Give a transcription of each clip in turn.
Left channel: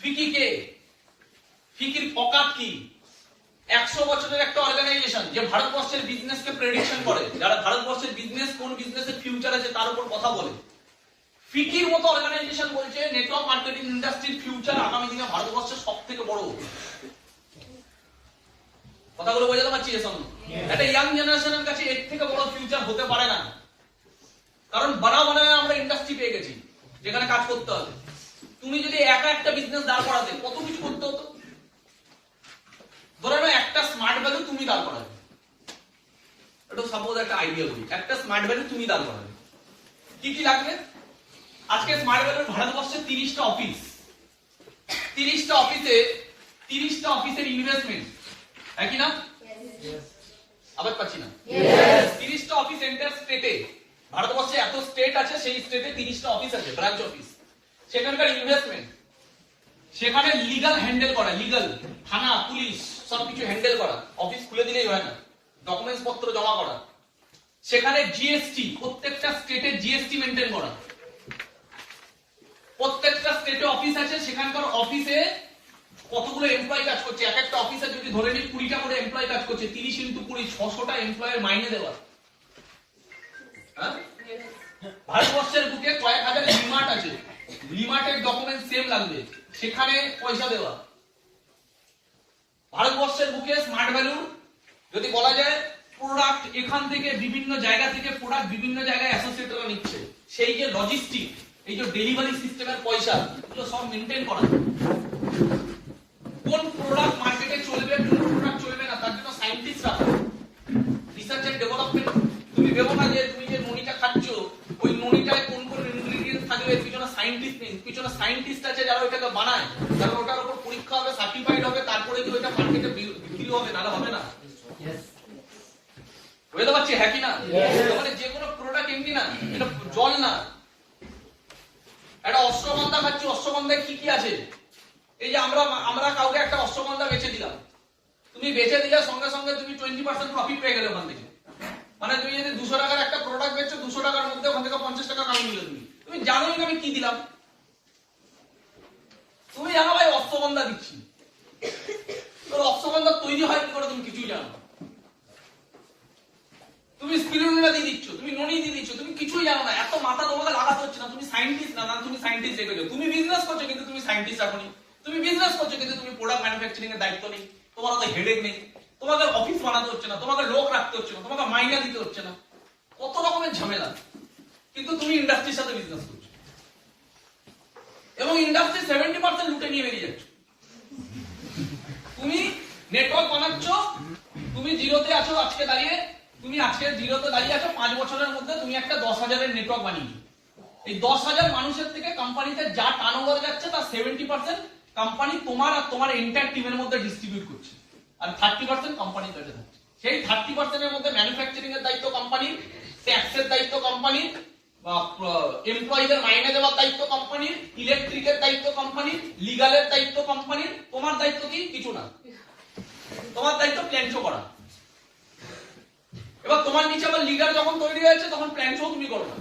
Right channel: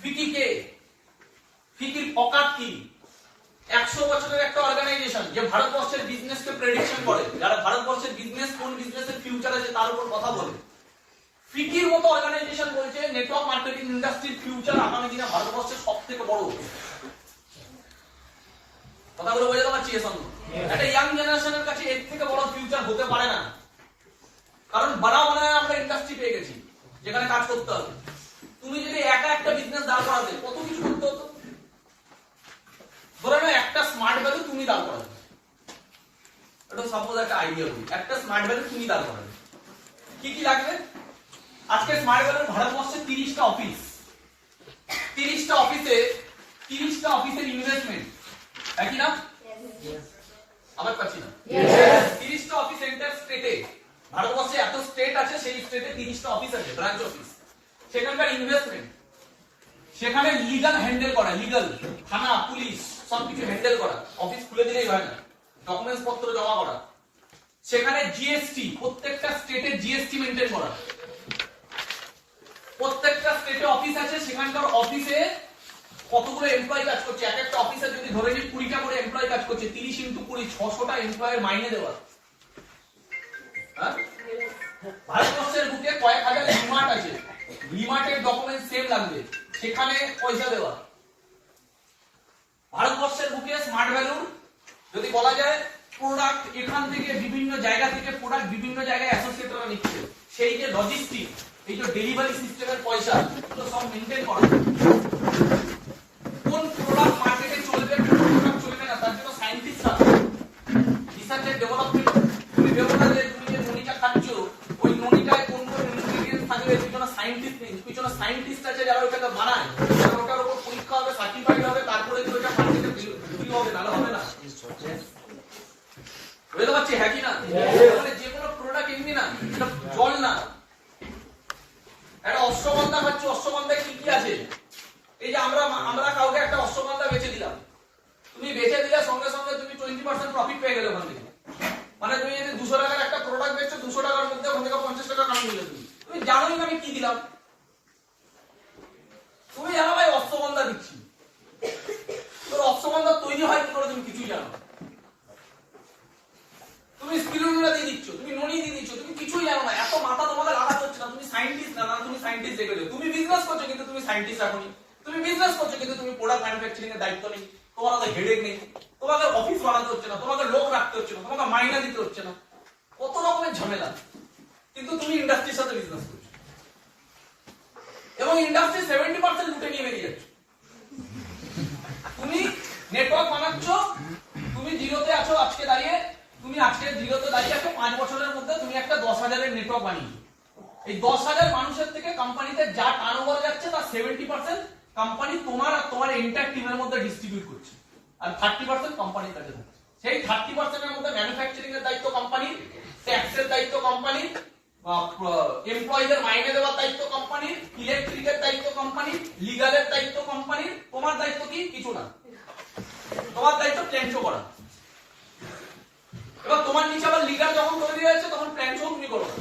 ফিকি কে? ফিকির অকাত কি? 100 বছরের একটা অর্গানাইজেশন যে ভারতবর্ষের বিজনেসকে প্রেডিকশন করে, যারা ভারতবর্ষের বিজনেস কোন বিজনেসের ফিউচার আছে তার উপর কথা বলে। ফিকির মতো অর্গানাইজেশন বলছে নেটওয়ার্ক মার্কেটিং ইন্ডাস্ট্রির ফিউচার আগামী দিনে ভারতবর্ষের সবথেকে বড়। কথাগুলো বোঝাতে পারছি? একটা ইয়াং জেনারেশনের কাছে এর থেকে বড় ফিউচার হতে পারে না, কারণ বাড়া বানায় আমরা ইন্ডাস্ট্রি পেয়ে গেছি যেখানে কাজ করতে হবে। তুমি যদি একা একটা বিজনেস দাঁড় করাতে কত কিছু করতে হতো। ধরো না একটা স্মার্ট ভ্যালু তুমি দাঁড় করাবে, এটা সাপোজ একটা আইডিয়া বলি, একটা স্মার্ট ভ্যালু তুমি দাঁড় করাবে, কি কি লাগবে? আজকে স্মার্ট ভ্যালুর ভারতবর্ষে 30টা অফিস, 30টা অফিসে 30টা অফিসের ইনভেস্টমেন্ট একই না? আবার পাচ্ছি না। 30টা অফিস সেন্টার স্টেটে, ভারতবর্ষে এত স্টেট আছে, সেই স্টেটে 30টা অফিস আছে, ব্রাঞ্চ অফিস। সেখানকার ইনভেস্টমেন্ট, সেখানে লিগ্যাল হ্যান্ডেল করা, লিগ্যাল থানা পুলিশ সবকিছু হ্যান্ডেল করা, অফিস খুলে দিলেই হয় না, ডকুমেন্টস পত্র জমা করা। সেখানে জিএসটি, প্রত্যেকটা স্টেটে জিএসটি মেইনটেইন করা। প্রত্যেকটা স্টেটে অফিস আছে, সেখানকার অফিসে কতগুলো এমপ্লয়ি কাজ করছে, এক একটা অফিসে যদি ধরে নিই 20টা করে এমপ্লয়ি কাজ করছে, 30 × 20 600টা এমপ্লয়ের মাইনে দেওয়া। ভারতবর্ষের বুকে কয়েক হাজার লিমার্ট আছে, লিমার্টের ডকুমেন্ট সেম লাগবে, সেখানে পয়সা দেওয়া। ভারতবর্ষের বুকে স্মার্ট ভ্যালু যদি বলা যায় প্রোডাক্ট এখান থেকে বিভিন্ন জায়গা থেকে প্রোডাক্ট বিভিন্ন জায়গায় অ্যাসোসিয়েটরা নিচ্ছে, সেই যে লজিস্টিক, এই যে ডেলিভারি সিস্টেমের পয়সা, এগুলো সব মেইনটেইন করা। কোন প্রোডাক্ট মার্কেটে চলবে, কোন প্রোডাক্ট চলবে না, তার জন্য সায়েন্টিস্ট আছে, রিসার্চ এন্ড ডেভেলপমেন্ট। তুমি ভেবো না যে তুমি যে ননিটা খাচ্ছ ওই ননিটায় কোন কোন ইনগ্রেডিয়েন্টস থাকবে, পিছনে সায়েন্টিস্ট নেই, পিছনে সায়েন্টিস্ট আছে যারা ওটাকে বানায়, যারা ওটার উপর পরীক্ষা হবে, সার্টিফাইড হবে, তারপরে কি ওটা মার্কেটে বিক্রি হবে, নালে হবে না। বুঝতে পারছি? হ্যাঁ কি না? মানে যে কোনো প্রোডাক্ট এমনি না, এটা জল না। একটা অশ্বগন্ধা খাচ্ছি, অশ্বগন্ধায় কি কি আছে? এই যে আমরা কাউকে একটা অশ্বগন্ধা বেচে দিলাম, তুমি বেচে দিলে সঙ্গে সঙ্গে তুমি 20% প্রফিট পেয়ে গেলে ওখান থেকে। মানে তুমি যদি 200 টাকার একটা প্রোডাক্ট বেচছো, 200 টাকার মধ্যে ওখান থেকে 50 টাকা কামাই নিলে তুমি জানোই না আমি কি দিলাম। তুমি জানো ভাই অশ্বগন্ধা দিচ্ছি, তোর অশ্বগন্ধা তৈরি হয় কি করে তুমি কিছুই জানো না। তুমি স্পিরুলিনা দিয়ে দিচ্ছ, তুমি ননি দিয়ে দিচ্ছ, তুমি কিছুই জানো না। এত মাথা তোমাকে লাগাতে হচ্ছে না, তুমি সায়েন্টিস্ট না, তুমি সায়েন্টিস্ট রেখে দেবে। তুমি বিজনেস করছো কিন্তু তুমি সায়েন্টিস্ট রাখোনি, তুমি বিজনেস করছো কিন্তু তুমি প্রোডাক্ট ম্যানুফ্যাকচারিং এর দায়িত্ব নেই, তোমার হাতে হেডেক নেই, তোমাকে অফিস বানাতে হচ্ছে না, তোমাকে লোক রাখতে হচ্ছে না, তোমাকে মাইনা দিতে হচ্ছে না, কত রকমের ঝামেলা। কিন্তু তুমি ইন্ডাস্ট্রির সাথে বিজনেস করছো এবং ইন্ডাস্ট্রি 70% লুটে নিয়ে বেরিয়ে যাচ্ছ। তুমি নেটওয়ার্ক বানাচ্ছ, তুমি জিরোতে আছো আজকে দাঁড়িয়ে, তুমি আজকে জিরোতে দাঁড়িয়ে আছো, 5 বছরের মধ্যে তুমি একটা 10,000-এর নেটওয়ার্ক বানিয়েছো। এই 10,000 মানুষের থেকে কোম্পানিতে যা টার্নওভার যাচ্ছে তার 70% কোম্পানি তোমার আর তোমার এন্টায়ার টিমের মধ্যে ডিস্ট্রিবিউট করছে, আর 30% কোম্পানির কাছে থাকছে। সেই 30% এর মধ্যে ম্যানুফ্যাকচারিং এর দায়িত্ব কোম্পানি, ট্যাক্সের দায়িত্ব কোম্পানি, এমপ্লয়িদের মাইনে দেওয়ার দায়িত্ব কোম্পানি, ইলেকট্রিকের দায়িত্ব কোম্পানি, লিগ্যালের দায়িত্ব কোম্পানি। তোমার দায়িত্ব কি? কিছু না, তোমার দায়িত্ব প্ল্যান শো করা। এবার তোমার নিচে আবার লিডার যখন তৈরি হয়েছে তখন প্ল্যান শো তুমি করো না,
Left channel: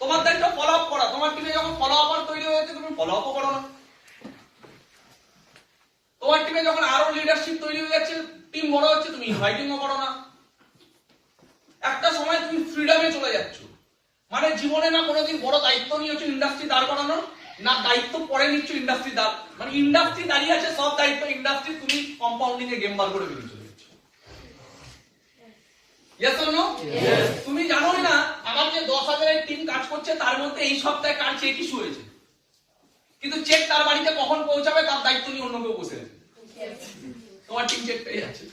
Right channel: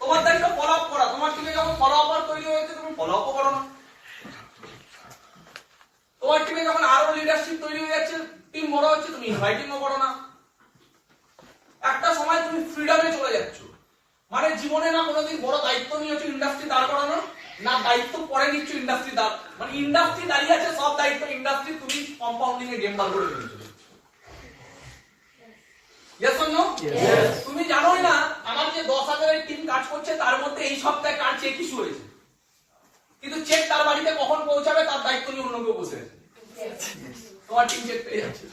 তোমার দায়িত্ব ফলো আপ করা। তোমার টিমে যখন ফলো আপ তৈরি হয়েছে তুমি ফলো আপ করো না। তোমার টিমে যখন আরো লিডারশিপ তৈরি হয়ে যাচ্ছে, টিম বড় হচ্ছে, তুমি ইনভাইটিংও করো না। একটা সময় তুমি ফ্রিডমে চলে যাচ্ছ, মানে জীবনে না কোনোদিন বড় দায়িত্ব নিয়েছো ইন্ডাস্ট্রি দাঁড় করানো, না দায়িত্ব পরে নিচ্ছ ইন্ডাস্ট্রি দাঁড়, মানে ইন্ডাস্ট্রি দাঁড়িয়ে আছে, সব দায়িত্ব ইন্ডাস্ট্রি, তুমি কম্পাউন্ডিং এ গেম বার করে দিয়েছো। Yes or no? Yes. তুমি জানোই না আমার যে 10,000-এর টিম কাজ করছে তার মধ্যে এই সপ্তাহে কার চেক ইস্যু হয়েছে, কিন্তু চেক তার বাড়িতে কখন পৌঁছাবে তার দায়িত্ব নিয়ে অন্য কেউ বসে আছে। তোমার টিম চেক পেয়ে যাচ্ছে,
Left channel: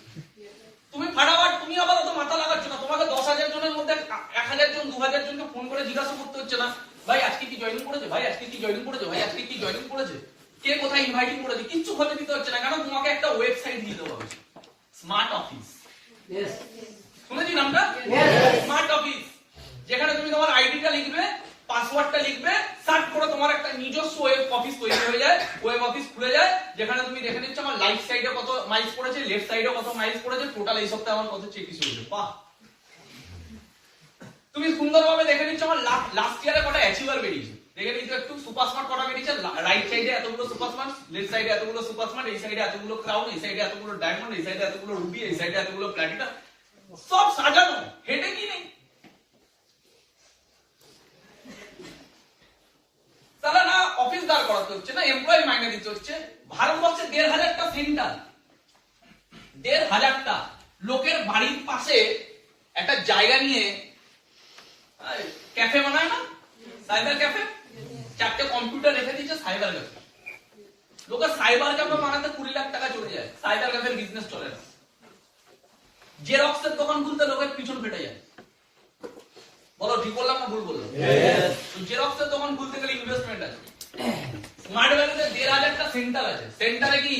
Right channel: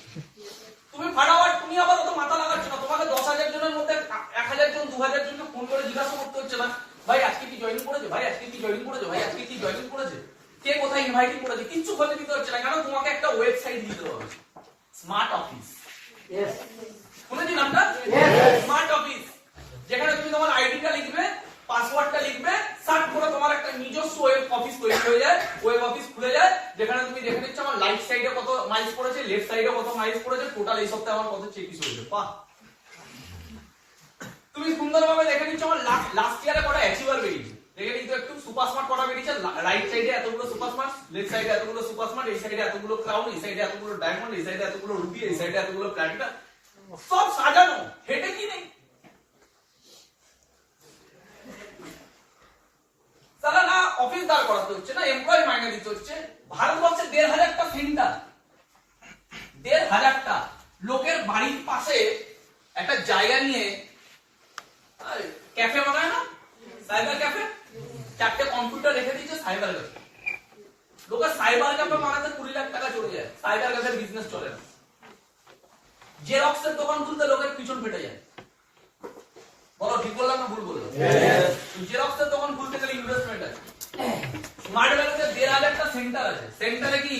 তুমি ফাটাফাট, তুমি আবার অত মাথা লাগাচ্ছ না। তোমাকে 10,000 জনের মধ্যে 1,000 জন 2,000 জনকে ফোন করে জিজ্ঞাসা করতে হচ্ছে না, ভাই আজকে কি জয়েনিং করেছে, ভাই আজকে কি জয়েনিং করেছে, ভাই আজকে কি জয়েনিং করেছে, কে কোথায় ইনভাইটিং করেছে, কিচ্ছু খোঁজে দিতে হচ্ছে না। কারণ তোমাকে একটা ওয়েবসাইট দিতে হবে, স্মার্ট অফিস। শুনেছি নামটা? স্মার্ট অফিস, যেখানে তুমি তোমার আইডিটা লিখবে, পাসওয়ার্ডটা লিখবে, সার্চ করে তোমার একটা নিজস্ব ওয়েব অফিস তৈরি হয়ে যায়, ওয়েব অফিস খুলে যায়, যেখানে তুমি দেখে নিচ্ছ আমার রাইট সাইডে কত মাইলস পড়েছে, লেফট সাইডে কত মাইলস পড়েছে, টোটাল এই সপ্তাহে আমার কত চেক ইস্যু হয়েছে। বাহ, তুমি সুন্দরভাবে দেখে নিচ্ছ আমার লাস্ট ইয়ারে কটা অ্যাচিভার বেরিয়েছে। দেখে নিতে একটু সুপার স্মার্ট কটা বেরিয়েছে, রাইট সাইডে এতগুলো সুপার স্মার্ট, লেফট সাইডে এতগুলো সুপার স্মার্ট, এই সাইডে এতগুলো ক্রাউন, এই সাইডে এতগুলো ডায়মন্ড, এই সাইডে এতগুলো রুবি, এই সাইডে এতগুলো প্ল্যাটিনাম, সব সাজানো, হেডে কি নেই। তারা না অফিস দাঁড় করাতে হচ্ছে, না এমপ্লয়ি মাইনে দিতে হচ্ছে। ভারতবর্ষে ১,৫০০টা সেন্টার, ১,৫০০টা লোকের বাড়ির পাশে একটা জায়গা নিয়ে ক্যাফে বানায় না, সাইবার ক্যাফে, 4টে কম্পিউটার রেখে দিচ্ছে সাইবার ক্যাফে। লোকের সাইবার ক্যাফে বানাতে 20 লাখ টাকা চলে যায়, সাইবার ক্যাফের বিজনেস চলে না। জেরক্সের দোকান খুলতে লোকের পিছন ফেটে যায়। বলো ঠিক বললাম না ভুল বললাম? জেরক্সের দোকান খুলতে গেলে ইনভেস্টমেন্ট আছে। স্মার্ট ভ্যালিতে ১,৫০০টা সেন্টার আছে, সেন্টারে কি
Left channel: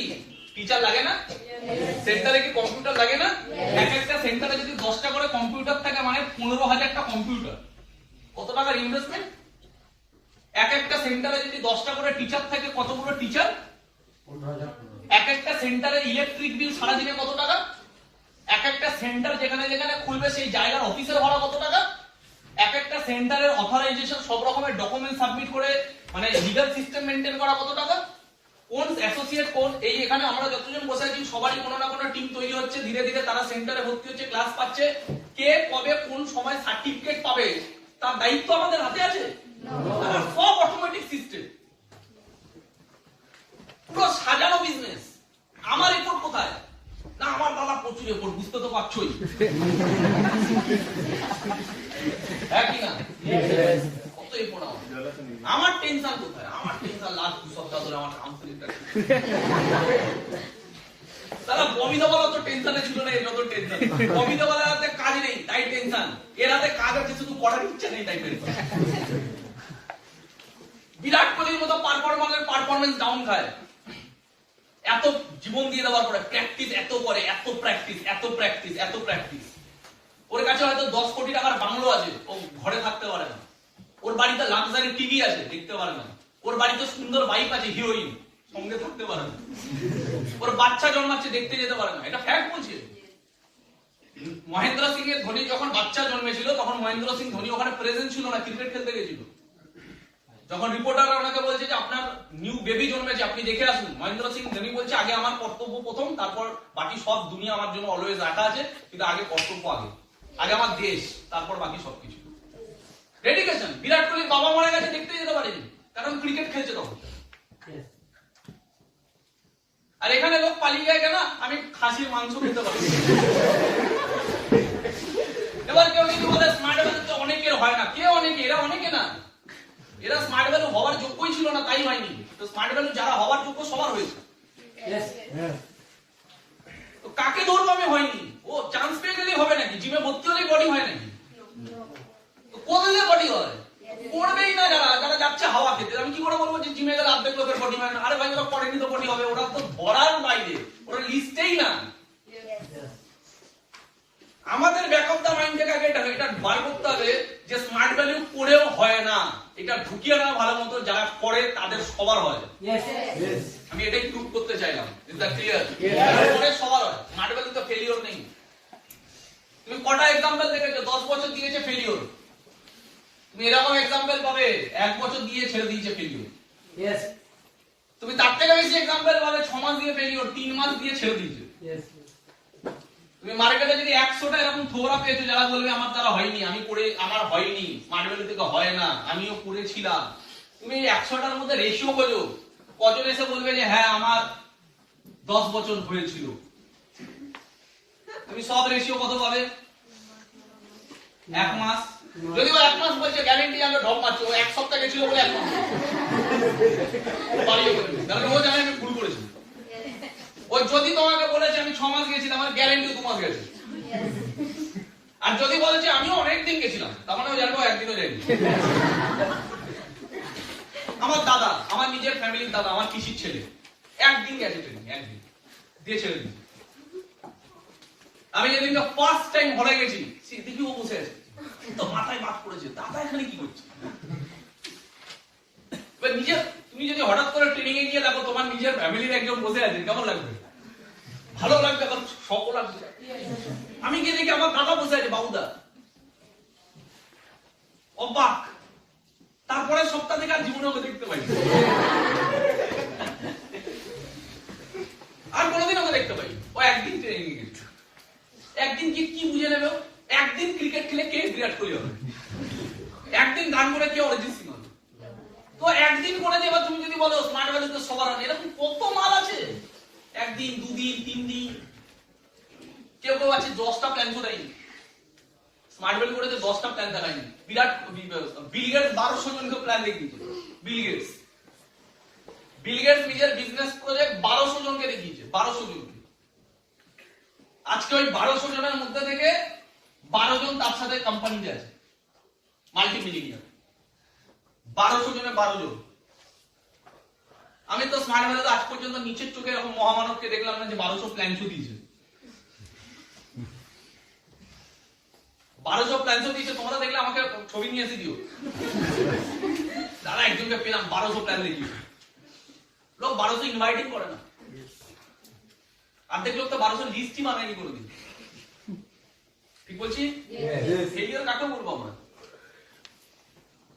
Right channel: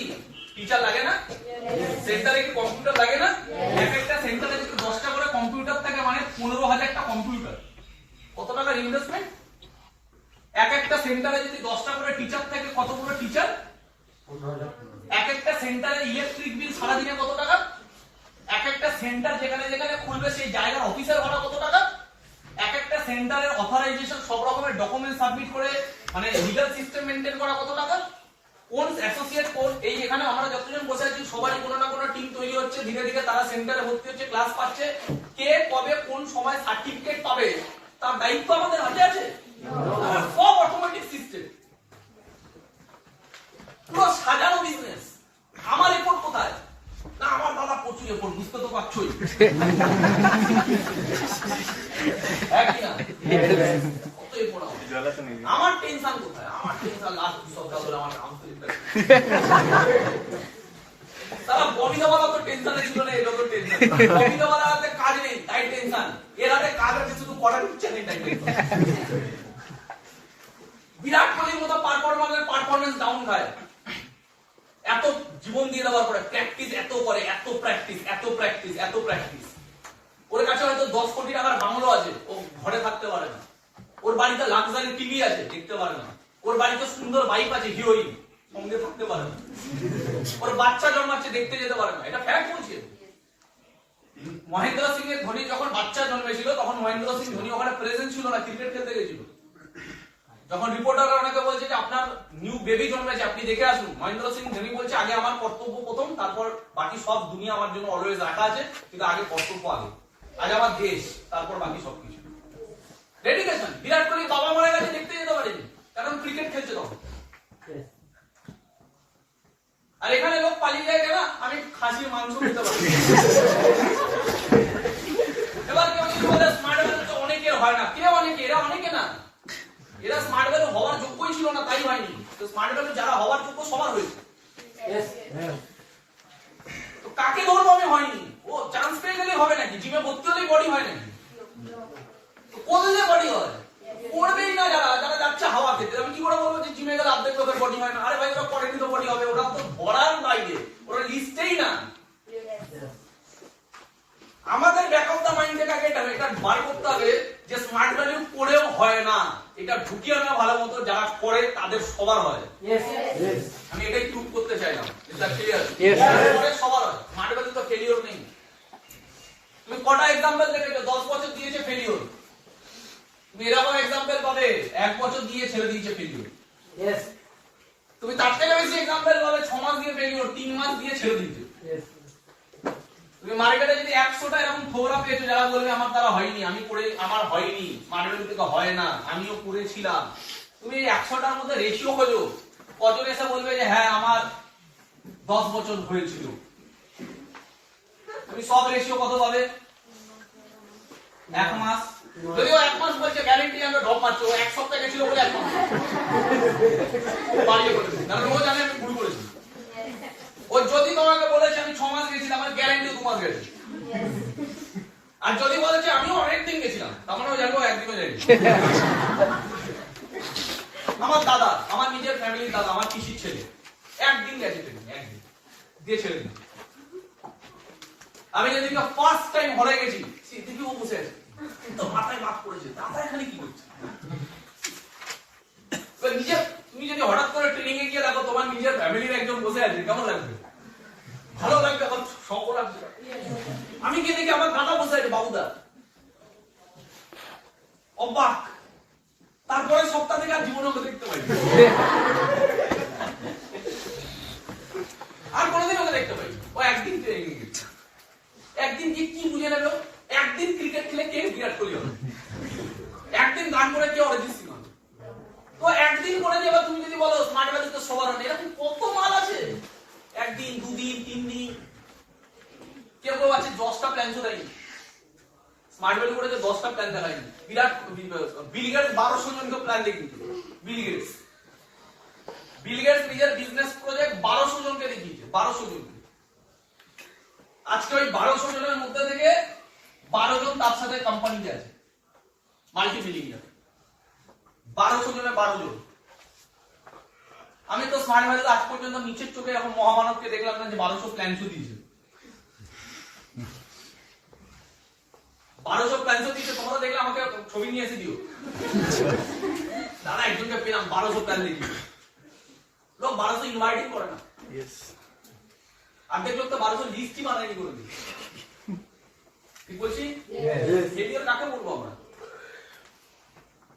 টিচার লাগে না? সেন্টারে কি কম্পিউটার লাগে না? এক একটা সেন্টারে যদি 10টা করে কম্পিউটার থাকে মানে 15,০০০টা কম্পিউটার, কত টাকার ইনভেস্টমেন্ট? এক একটা সেন্টারে যদি 10টা করে টিচার থাকে, কতগুলো টিচার? এক একটা সেন্টারে ইলেকট্রিক বিল সারাদিনে কত টাকা? এক একটা সেন্টার যেখানে যেখানে খুলবে সেই জায়গার অফিসের ভাড়া কত টাকা? এক একটা সেন্টারের অথরাইজেশন, সব রকমের ডকুমেন্ট সাবমিট করে মানে লিগ্যাল সিস্টেম মেইনটেইন করা কত টাকা? কোন অ্যাসোসিয়েট কোর্স, এই এখানে আমরা যতজন বসে আছি সবারই কোনো না কোনো টিম তৈরি হচ্ছে, ধীরে ধীরে তারা সেন্টারে ভর্তি হচ্ছে, ক্লাস পাচ্ছে। কে কবে কোন সময় সার্টিফিকেট পাবে তার দায়িত্ব আমাদের হাতে আছে? সব অটোমেটিক সিস্টেম, পুরো সাজানো বিজনেস। আমার রিপোর্ট কোথায়? না আমার দাদা প্রচুর রিপোর্ট, বুঝতে তো পারছোই। কত রিপোর্ট আমার টেনশন কোথায়? আমার টেনশন লাখ 2 সপ্তাহ ধরে আমার কাউন্সিলিংটা। তারা ববিদাওয়ালা তো টেনশনে ছিল না, এটা তো টেনশন। ববিদাওয়ালা হাতে কাজ নেই তাই টেনশন, এর হাতে কাজ আছে শুধু করার ইচ্ছা নেই তাই টেনশন। বিরাট কোহলির মতো পারফরম্যান্স ডাউন খায়, এত জীবন দিয়ে দেওয়ার পরে প্র্যাকটিস এত করে, এত প্র্যাকটিস, এত প্র্যাকটিস, এত প্র্যাকটিস। ওর কাছে হয়তো 10 কোটি টাকার বাংলো আছে, ও ঘরে থাকতে পারে না। ওর বাড়িতে লাক্সারি টিভি আছে, দেখতে পারে না। ওর বাড়িতে সুন্দর বাইক আছে, হিরোইন, সঙ্গে থাকতে পারে না। ওর বাচ্চা জন্মাচ্ছে, দেখতে যেতে পারে না। এটা ফ্যাক্ট বলছে। মহেন্দ্র সিং এর ধোনি যখন বাচ্চা জন্মেছিল তখন মহেন্দ্র সিং ধোনি ওখানে প্রেজেন্ট ছিল না, ক্রিকেট খেলতে গেছিল। যখন রিপোর্টার ওনাকে বলছে যে আপনার নিউ বেবি জন্মেছে, আপনি দেখে আসুন, মহেন্দ্র সিং ধোনি বলছে আগে আমার কর্তব্য প্রথম, তারপর বাকি সব দুনিয়া আমার জন্য অলওয়েজ রাখা আছে, কিন্তু আগে কর্তব্য আগে, আগে আমার দেশ, তারপর বাকি সবকিছু। ডেডিকেশন। বিরাট কোহলি বাবা মারা গেছে, দেখতে যেতে পারেনি, কারণ ক্রিকেট খেলছে তখন। আর এখানে লোক পালিয়ে যায় কেন? আমি খাসির মাংস খেতে পারি। এবার কেউ যদি বলে স্মার্ট ভ্যালু তো অনেকের হয় না, কে অনেকে? এরা অনেকে না, এরা স্মার্ট ভ্যালু হওয়ার যোগ্যই ছিল না, তাই হয়নি। তো স্মার্ট ভ্যালু যারা হওয়ার যোগ্য সবার হয়েছে। তো কাকে ধরবো আমি? হয়নি। ও চান্স পেয়ে গেলেই হবে নাকি? জিমে ভর্তি হলেই বডি হয় নাকি? তো কোথায় বডি হয়? করবেই না যারা, যারা যাচ্ছে হাওয়া খেতে। আমি কি করে বলবো যে জিমে গেলে অর্ধেক লোকের বডি হয় না? আরে ভাই ওরা করেনি তো বডি হবে, ওরা তো ধরার বাইরে, ওরা লিস্টেই না। আমাদের ব্যাক অফ দা মাইন্ড থেকে আগে এটা বার করতে হবে যে স্মার্ট ভ্যালু পড়েও হয় না, এটা ঢুকিয়ে না ভালো মতো, যারা করে তাদের সবার হয়। আমি এটাই প্রুভ করতে চাইলাম। Is that clear? করে সবার হয়, স্মার্ট ভ্যালু তো ফেলিওর নেই। তুমি কটা एग्जांपल দেখেছো 10 বছর দিয়েছে ফেলিওর? তুমি এরকম एग्जांपल পাবে 1 বছর দিয়ে ছেড়ে দিয়েছে ফেলিওর। তুমি তার থেকে বেশি एग्जांपल পাবে 6 মাস দিয়ে ফেলিওর, 3 মাস দিয়ে ছেড়ে দিয়েছে। তুমি মার্কেটে যদি 100টা এরকম থোড়া পেয়েছো যারা বলবে আমার দ্বারা হয়নি, আমি করে আমার হয়নি, স্মার্ট ভ্যালু থেকে হয় না, আমিও করেছিলাম। তুমি এই 100টার মধ্যে রেশিও খোঁজো, কজন এসে বলবে যে হ্যাঁ আমার 10 বছর হয়েছিল। তুমি সব রেশিও কত পাবে? 1 মাস। যদি ও 1 মাস বলছে, গ্যারান্টি জানবে ড্রপ মারছে, ও 1 সপ্তাহ গেছিল বলে 1 মাস বাড়িয়ে বলবে, কারণ ও জানে আমি ভুল করেছি। ও যদি তোমাকে বলেছে আমি 6 মাস গেছিলাম, আমার গ্যারান্টি 2 মাস গেছে। আর যদি বলেছে আমিও অনেক দিন গেছিলাম, তার মানে ও জানবে একদিনও যায়নি। আমার দাদা, আমার নিজের ফ্যামিলির দাদা, আমার পিসির ছেলে একদিন গেছে ট্রেনিং, একদিন দিয়ে ছেড়ে দিয়েছে। আমি যেদিন ফার্স্ট টাইম হলে গেছি, দেখি ও বসে আছে, তো মাথায় বাত পড়েছে, দাদা এখানে কি করছে? নিজে তুমি যদি হঠাৎ করে ট্রেনিং এ গিয়ে দেখো তোমার নিজের ফ্যামিলির একজন বসে আছে, কেমন লাগবে? ভালো লাগবে, শখ লাগবে। আমি গিয়ে দেখি আমার দাদা বসে আছে, বাবুদা, অবাক। তারপরে সপ্তাহ থেকে আর জীবনে ওকে দেখতে পাই আর কোনোদিন ওকে দেখতে পাই। ও একদিন ট্রেনিং গেছে, একদিন কি বুঝে নেবে, একদিন ক্রিকেট খেলে কে বিরাট কোহলি হবে, একদিন গান করে কে অরিজিৎ সিং হবে। তো একদিন করে দেবা, তুমি যদি বলো স্মার্ট ভ্যালু তো সবার আছে, এরকম কত মাল আছে, একদিন, দুদিন, 3 দিন, কেউ কেউ আছে 10টা প্ল্যান তো দেয়নি। স্মার্ট ভ্যালু করেছে 10টা প্ল্যান দেয়নি। বিরাট বিল গেটস 1200 জনকে প্ল্যান দেখিয়েছে। বিল গেটস নিজের বিজনেস প্রজেক্ট 1200 জনকে দেখিয়েছে, 1200 জনকে। আজকে ওই 1200 জনের মধ্যে থেকে 12 জন তার সাথে কোম্পানিতে আছে, মাল্টি মিলিয়নিয়ার। 1200 জনের 12 জন। আমি তো স্মার্ট ভ্যালুতে আজ পর্যন্ত নিচের চোখে এরকম মহামানবকে দেখলাম না যে 1200 প্ল্যান দিয়েছে। 1200 প্ল্যান দিয়েছে, তোমরা দেখলে আমাকে ছবি নিয়ে এসে দিও, দাদা একজনকে পেলাম 1200 প্ল্যান দেখিয়ে। লোক 1200 ইনভাইটিং করে না, অর্ধেক লোক তো 1200 লিস্টই বানায়নি করে দিল। ঠিক বলছি? ফেলিওর কাকে বলবো আমরা?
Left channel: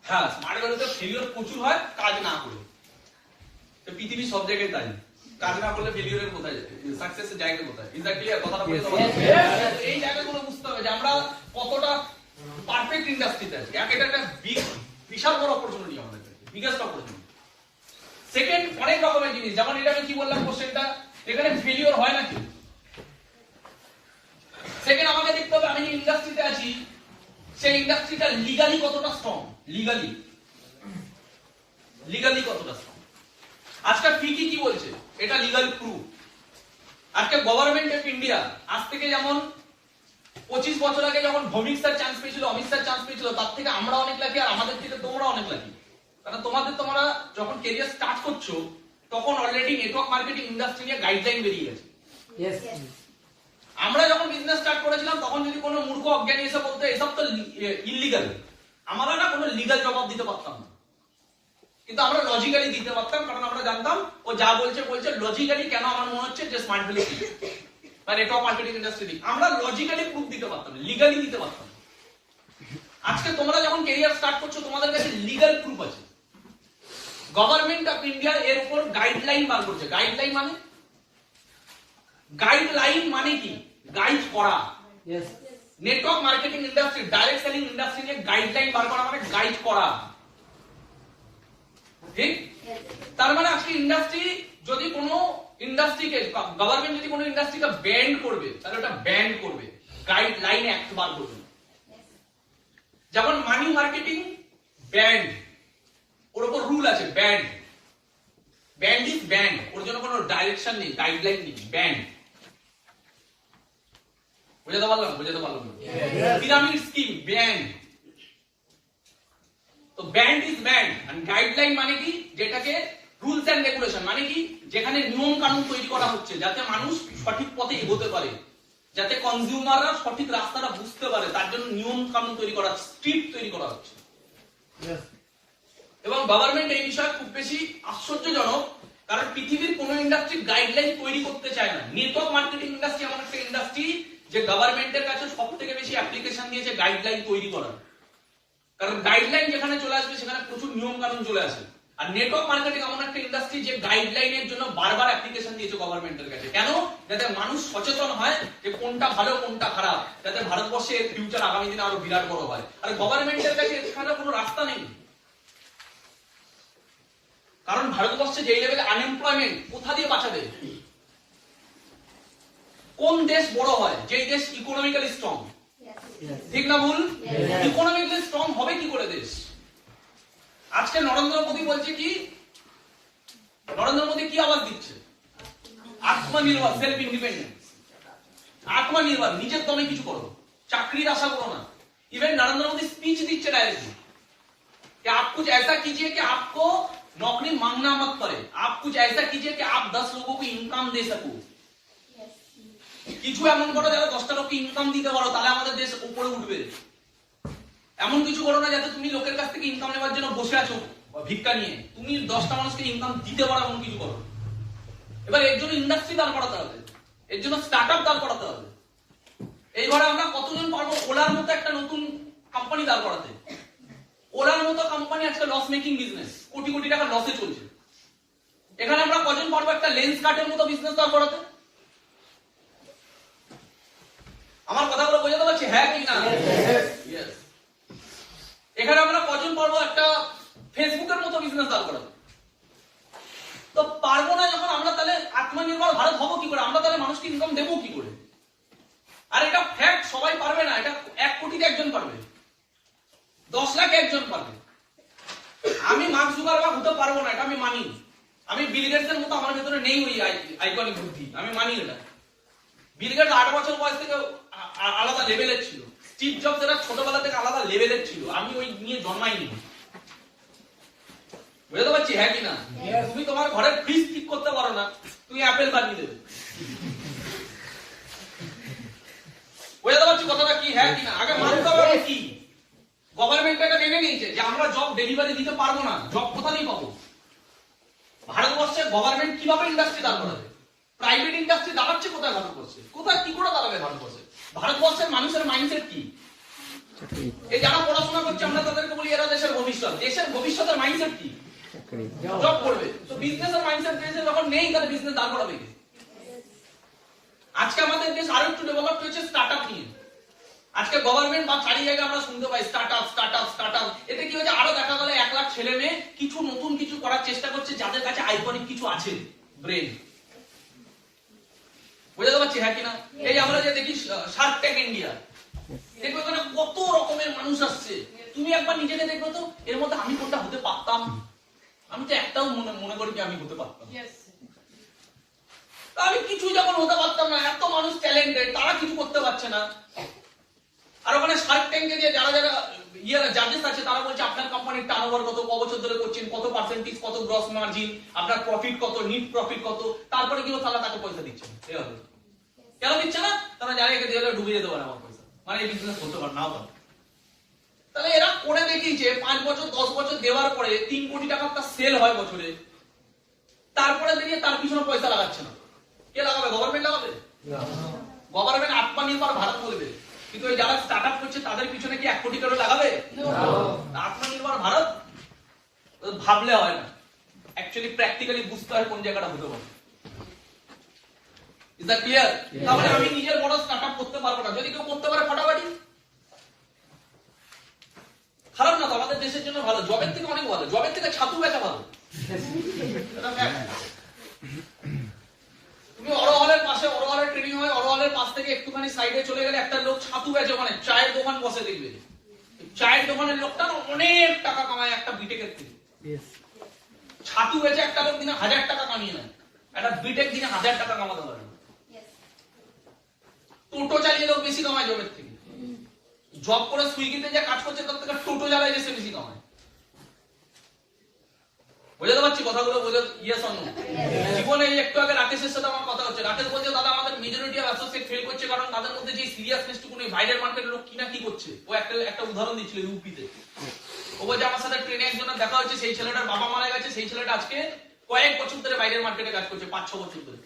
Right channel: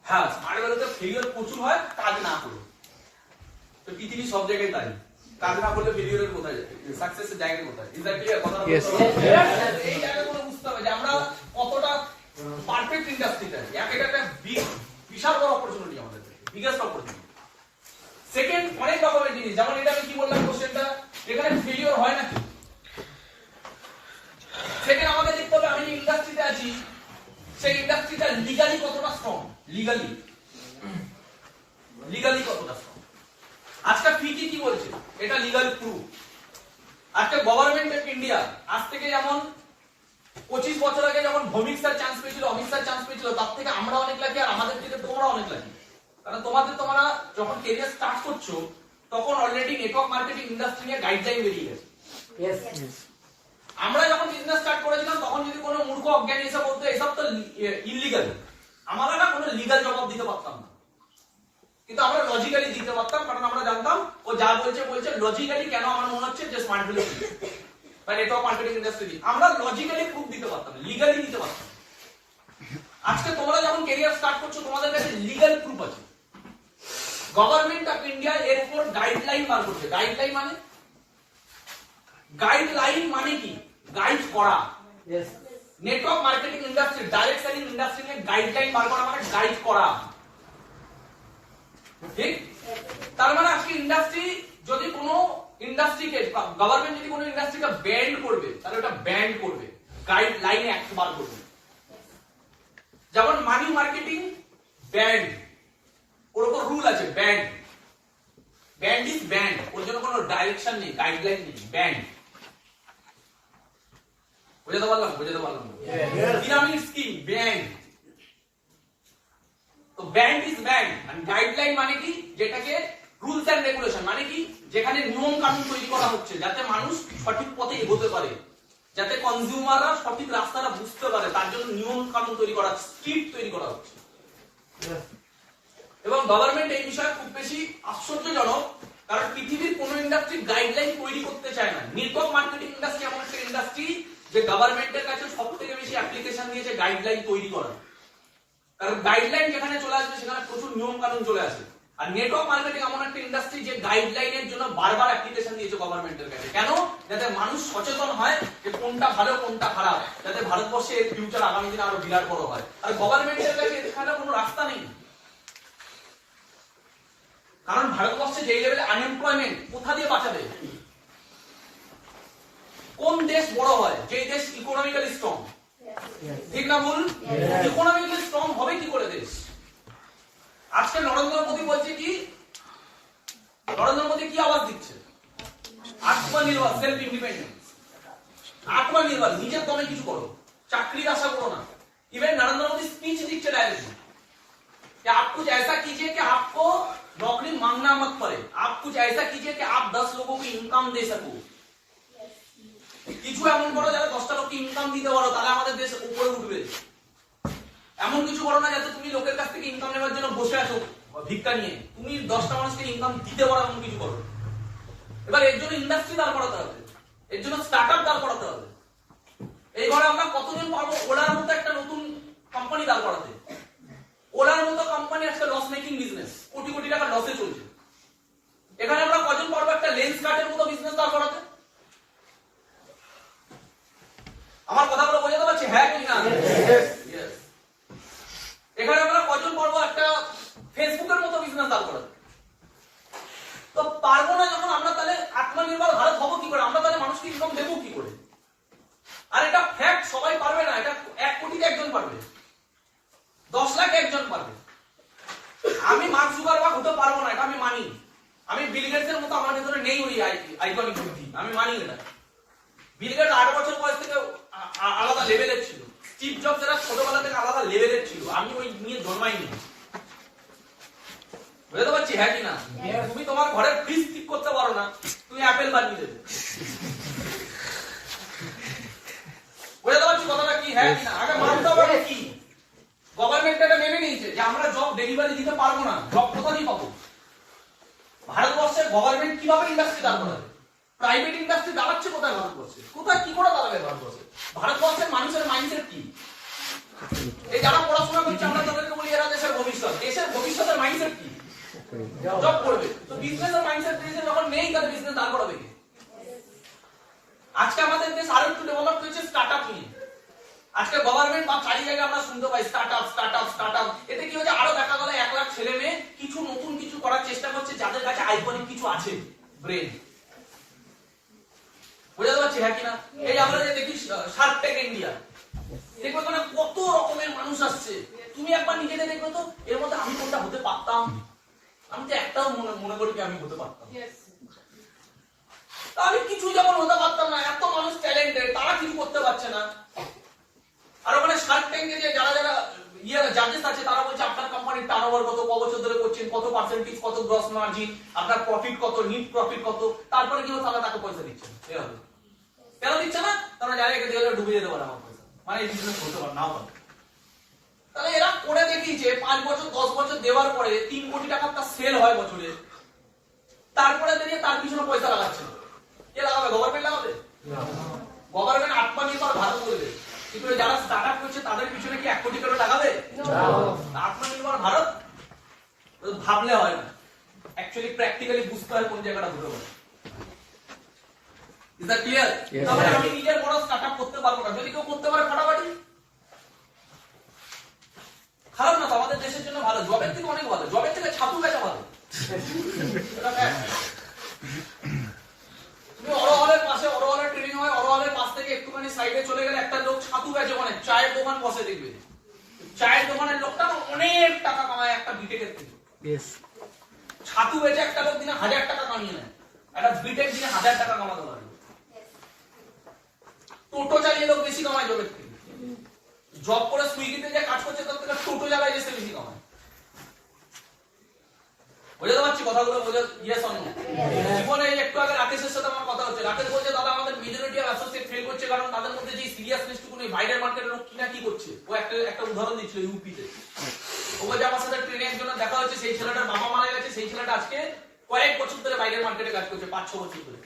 হ্যাঁ, স্মার্ট ভ্যালুতে ফেলিওর প্রচুর হয় কাজ না করে। তো পৃথিবী সব জায়গায় তাই, কাজ না করলে ফেলিওরের কোথায় যায়, সাকসেসের জায়গা কোথায়? Is that clear? কথাটা বুঝতে হবে। এই জায়গাগুলো বুঝতে হবে যে আমরা কতটা পারফেক্ট ইন্ডাস্ট্রিতে আছি। এটা একটা বিশাল বড় অপরচুনিটি আমাদের, বিগেস্ট অপরচুনিটি। সেকেন্ড, অনেক রকমের জিনিস, যেমন এটা আমি কি বললাম কোশ্চেনটা, এখানে ফেলিওর হয় নাকি? সেকেন্ড, আমাকে দেখতে হবে আমি যে ইন্ডাস্ট্রিতে আছি সেই ইন্ডাস্ট্রিটা লিগালি কতটা স্ট্রং, লিগালি কতটা স্ট্রং। আজকে ফিকি কি বলছে, এটা লিগাল প্রুফ। আজকে গভর্নমেন্ট অফ ইন্ডিয়া আজ থেকে যেমন 25 বছর আগে যখন ভৌমিক স্যার চান্স পেয়েছিল, অমিত স্যার চান্স পেয়েছিল, তার থেকে আমরা অনেক লাকি, আর আমাদের থেকে তোমরা অনেক লাকি। কারণ তোমরা যখন ক্যারিয়ার স্টার্ট করছো তখন অলরেডি নেটওয়ার্ক মার্কেটিং ইন্ডাস্ট্রি নিয়ে গাইডলাইন বেরিয়ে গেছে। আমরা যখন বিজনেস স্টার্ট করেছিলাম তখন যদি কোনো মূর্খ অজ্ঞানী এসে বলতো এসব তো ইল্লিগাল, আমরা না কোনো লিগাল জবাব দিতে পারতাম না, কিন্তু আমরা লজিক্যালি দিতে পারতাম। কারণ আমরা জানতাম ও যা বলছে লজিক্যালি। কেন আমার মনে হচ্ছে যে স্মার্ট ভ্যালু বা নেটওয়ার্ক মার্কেটিং ইন্ডাস্ট্রি, আমরা লজিক্যালি প্রুফ দিতে পারতাম, লিগালি দিতে পারতাম। আজকে তোমরা যখন ক্যারিয়ার স্টার্ট করছো তোমাদের কাছে লিগাল প্রুফ আছে। গভর্নমেন্ট অফ ইন্ডিয়া এর উপর গাইডলাইন বার করছে। গাইডলাইন মানে কি? গাইড করা। Network marketing industry, direct selling industry নিয়ে গাইডলাইন বার করা মানে গাইড করা, ঠিক? তার মানে আজকে ইন্ডাস্ট্রি যদি কোনো ইন্ডাস্ট্রিকে, গভর্নমেন্ট যদি কোনো ইন্ডাস্ট্রিকে ব্যান্ড করবে তাহলে ওটা ব্যান্ড করবে, গাইডলাইনে অ্যাক্ট বার করবে। যেমন মানি মার্কেটিং ব্যান্ড, ওর উপর রুল আছে, ব্যান্ড ইজ ব্যান্ড, ওর জন্য কোনো ডাইরেকশন নেই, গাইডলাইন নেই, ব্যান্ড। বুঝাতে পারলাম? Pyramid scheme banned. তো banned is banned, and guideline মানে কি? যেটাকে রুলস এন্ড রেগুলেশন মানে কি? যেখানে নিয়ম কানুন তৈরি করা হচ্ছে যাতে মানুষ সঠিক পথে এগোতে পারে, যাতে কনজিউমাররা সঠিক রাস্তাটা বুঝতে পারে, তার জন্য নিয়ম কানুন তৈরি করা, স্ট্রিক্ট তৈরি করা হচ্ছে। এবং গভর্নমেন্ট এই বিষয়ে খুব বেশি আশ্চর্যজনক, কারণ পৃথিবীর কোন ইন্ডাস্ট্রি গাইডলাইন তৈরি করতে চায় না। নেটওয়ার্ক মার্কেটিং ইন্ডাস্ট্রি এমন একটা ইন্ডাস্ট্রি যে গভর্নমেন্টের কাছে সবথেকে বেশি অ্যাপ্লিকেশন দিয়েছে গাইডলাইন তৈরি করার। কারণ গাইডলাইন যেখানে চলে আসবে সেখানে প্রচুর নিয়ম কানুন চলে আসে। আর নেটওয়ার্ক মার্কেটিং এমন একটা ইন্ডাস্ট্রি যে গাইডলাইনের জন্য বারবার অ্যাপ্লিকেশন দিয়েছে গভর্নমেন্টের কাছে। কেন? যাতে মানুষ সচেতন হয় যে কোনটা ভালো কোনটা খারাপ, যাতে ভারতবর্ষে এর ফিউচার আগামী দিনে আরো বিরাট বড় হয়। আর গভর্নমেন্টের কাছে এখানে কোনো রাস্তা নেই, কারণ ভারতবর্ষে যেই লেভেলে আনএমপ্লয়মেন্ট, কোথা দিয়ে বাঁচাবে? কোন দেশ বড় হয়? যেই দেশ ইকোনমিক্যালি স্ট্রং, ঠিক না ভুল? ইকোনমিক্যালি স্ট্রং হবে কি করে দেশ? আজকে নরেন্দ্র মোদী বলছে কি, নরেন্দ্র মোদী কি আওয়াজ দিচ্ছে? আত্মনির্ভর, সেলফ ইন্ডিপেন্ডেন্স, আত্মনির্ভর, নিজের দমে কিছু করো, চাকরির আশা করো না। इवन नरेंद्र मोदी स्पीच दीजिए डायरेक्टली कि आप कुछ ऐसा कीजिए कि आपको नौकरी मांगना मत पड़े, आप कुछ ऐसा कीजिए कि आप 10 लोगों को इनकम दे सको। কিছু এমন করো যাতে 10টা লোককে ইনকাম দিতে পারো, তাহলে আমাদের দেশ উপরে উঠবে। এমন কিছু করো না যাতে তুমি লোকের কাছ থেকে ইনকাম নেওয়ার জন্য বসে আছো ভিক্ষা নিয়ে, তুমি 10টা মানুষকে ইনকাম দিতে পারো এমন কিছু করো। এবার এর জন্য ইন্ডাস্ট্রি দাঁড় করাতে হবে, এর জন্য স্টার্টআপ দাঁড় করাতে হবে। এইবারে আমরা কতজন পারবো ওলার মতো একটা নতুন কোম্পানি দাঁড় করাতে? ওলার মতো কোম্পানি আজকে loss making business, crore crore টাকা লসে চলছে। এখানে আমরা কজন পারবো একটা লেন্স কাটের মতো বিজনেস দাঁড় করাতে? আমার কথাগুলো বোঝাতে পারছি হ্যাঁ কি না? Yes. এখানে আমরা কজন পারবো একটা ফেসবুকের মতো বিজনেস দাঁড় করাতে? তো পারবো না যখন আমরা, তাহলে আত্মনির্ভর ভারত হবো কি করে? আমরা তাহলে মানুষকে ইনকাম দেবো কি করে? আর এটা ফ্যাক্ট, সবাই পারবে না, এটা 1 কোটিতে একজন পারবে, 10 লাখ একজন পারবে। আমি মার্ক জুকারবার্গ হতে পারবো না, এটা আমি মানি। আমি বিল গেটসের মতো আমার ভেতরে নেই ওই আইকনিক বুদ্ধি, আমি মানি এটা। বিল গেটস 8 বছর বয়স থেকে আলাদা লেভেলের ছিল, স্টিভ জবস এরা ছোটবেলা থেকে আলাদা লেভেলের ছিল, আমি ওই নিয়ে জন্মাইনি। বুঝতে পারছি হ্যাঁ কি না? তুমি তোমার ঘরের ফ্রিজ ঠিক করতে পারো না, তুমি অ্যাপেল বানিয়ে দেবে। বুঝতে পারছি কথাটা কি হ্যাঁ কি না? আগে মানতে হবে কি গভর্নমেন্ট এটা মেনে নিয়েছে যে আমরা জব ডেলিভারি দিতে পারবো না, জব কোথায় পাবো? ভারতবর্ষে গভর্নমেন্ট কিভাবে ইন্ডাস্ট্রি দাঁড় করাবে? প্রাইভেট ইন্ডাস্ট্রি দাঁড়াচ্ছে কোথায় ভারতবর্ষে? কোথায় কি করে দাঁড়াবে ভারতবর্ষে? ভারতবর্ষের মানুষের মাইন্ডসেট কি? এই যারা পড়াশোনা করছে আমরা তাদেরকে বলি এরা দেশের ভবিষ্যৎ। দেশের ভবিষ্যতের মাইন্ডসেট কি? জব করবে। তো বিজনেসের মাইন্ডসেট দেশে যখন নেই, তাহলে বিজনেস দাঁড় করাবে কি? আজকে আমাদের দেশ আরো একটু ডেভেলপ হয়েছে স্টার্টআপ নিয়ে। আজকে গভর্নমেন্ট বা চারি জায়গায় আমরা শুনতে পাই স্টার্টআপ স্টার্টআপ স্টার্টআপ। এতে কি হচ্ছে? আরো দেখা গেল 1 লাখ ছেলে মেয়ে কিছু নতুন কিছু করার চেষ্টা করছে, যাদের কাছে আইকনিক কিছু আছে, ব্রেন। বুঝতে পারছি হ্যাঁ কিনা? এই আমরা যে দেখি শার্ক ট্যাঙ্ক ইন্ডিয়া, দেখো এখানে কত রকমের মানুষ আসছে। তুমি একবার নিজেকে দেখবে তো, এর মধ্যে আমি কোনটা হতে পারতাম? আমি তো একটাও মনে করি যে আমি হতে পারতাম। আমি কিছু যখন হতে পারতাম না, এত মানুষ ট্যালেন্টেড, তারা কিছু করতে পারছে না। আর ওখানে শার্ক ট্যাঙ্কে যে যারা যারা জাজেস আছে, তারা বলছে আপনার কোম্পানির টার্নওভার কত, ক বছর ধরে করছেন, কত পার্সেন্টেজ, কত গ্রস মার্জিন, আপনার প্রফিট কত, নিট প্রফিট কত, তারপরে কি তারা তাকে পয়সা দিচ্ছে। কেন দিচ্ছে না? তারা জানে একে দিয়ে ডুবে যেতে পারে আমার পয়সা, মানে এই বিজনেস হতে পারে না পারে। তাহলে এরা করে দেখিয়েছে 5 বছর 10 বছর দেওয়ার পরে 3 কোটি টাকা তার সেল হয় বছরে, তারপরে বেরিয়ে তার পিছনে পয়সা লাগাচ্ছে না। কে লাগাবে? গভর্নমেন্ট লাগাবে? গভর্নমেন্ট আত্মনির্ভর ভারত বলবে, কিন্তু যারা স্টার্টআপ করছে তাদের পিছনে কি 1 কোটি করে লাগাবে? আত্মনির্ভর ভারত ভাবলে হয় না, অ্যাকচুয়ালি প্র্যাকটিক্যালি বুঝতে হয় কোন জায়গাটা হতে পারে। Is that clear? তাহলে আমি নিজের বড় স্টার্টআপ করতে পারবো না, যদি কেউ করতে পারে ফাটাফাটি। খারাপ না তো, আমাদের দেশের জন্য ভালো, জবের থেকে অনেক ভালো, জবের থেকে ছাতু বেচা ভালো। এটা ফ্যাক্ট। তুমি অরহলের পাশে, অরহলের ট্রেনিং হয়, অরহলের পাশ থেকে একটুখানি সাইডে চলে গেলে একটা লোক ছাতু বেচে, ওখানে চায়ের দোকান বসে, দেখবে চায়ের দোকানের লোকটা অনেক টাকা কামায় একটা বিটেকের থেকে। ছাতু বেচে একটা লোক দিনে 1000 টাকা কামিয়ে নেয়, একটা বিটেক দিনে 1000 টাকা কামাতে পারে। টোটো চালিয়ে লোক বেশি কামায় জবের থেকে। জব করে সুইগিতে যে কাজ করছে তার থেকে টোটো চালায় বেশি কামায়। বুঝতে পারছি কথাগুলো? বুঝে ইয়েস অন নো? জীবনে একটু আগে রাকেশের সাথে আমার কথা হচ্ছে, রাকেশ বলছে দাদা আমাদের মেজরিটি অফ অ্যাসোসিয়েট ফেল করছে, কারণ তাদের মধ্যে যে সিরিয়াসনেসটুকু নেই। বাইরের মার্কেটের লোক কিনা কি করছে, ও একটা উদাহরণ দিচ্ছিল ইউপিতে। ও বলছে আমার সাথে ট্রেনে একজনের দেখা হচ্ছে, সেই ছেলেটার বাবা মারা গেছে, সেই ছেলেটা আজকে কয়েক বছর ধরে বাইরের মার্কেটে কাজ করছে, 5-6 বছর ধরে।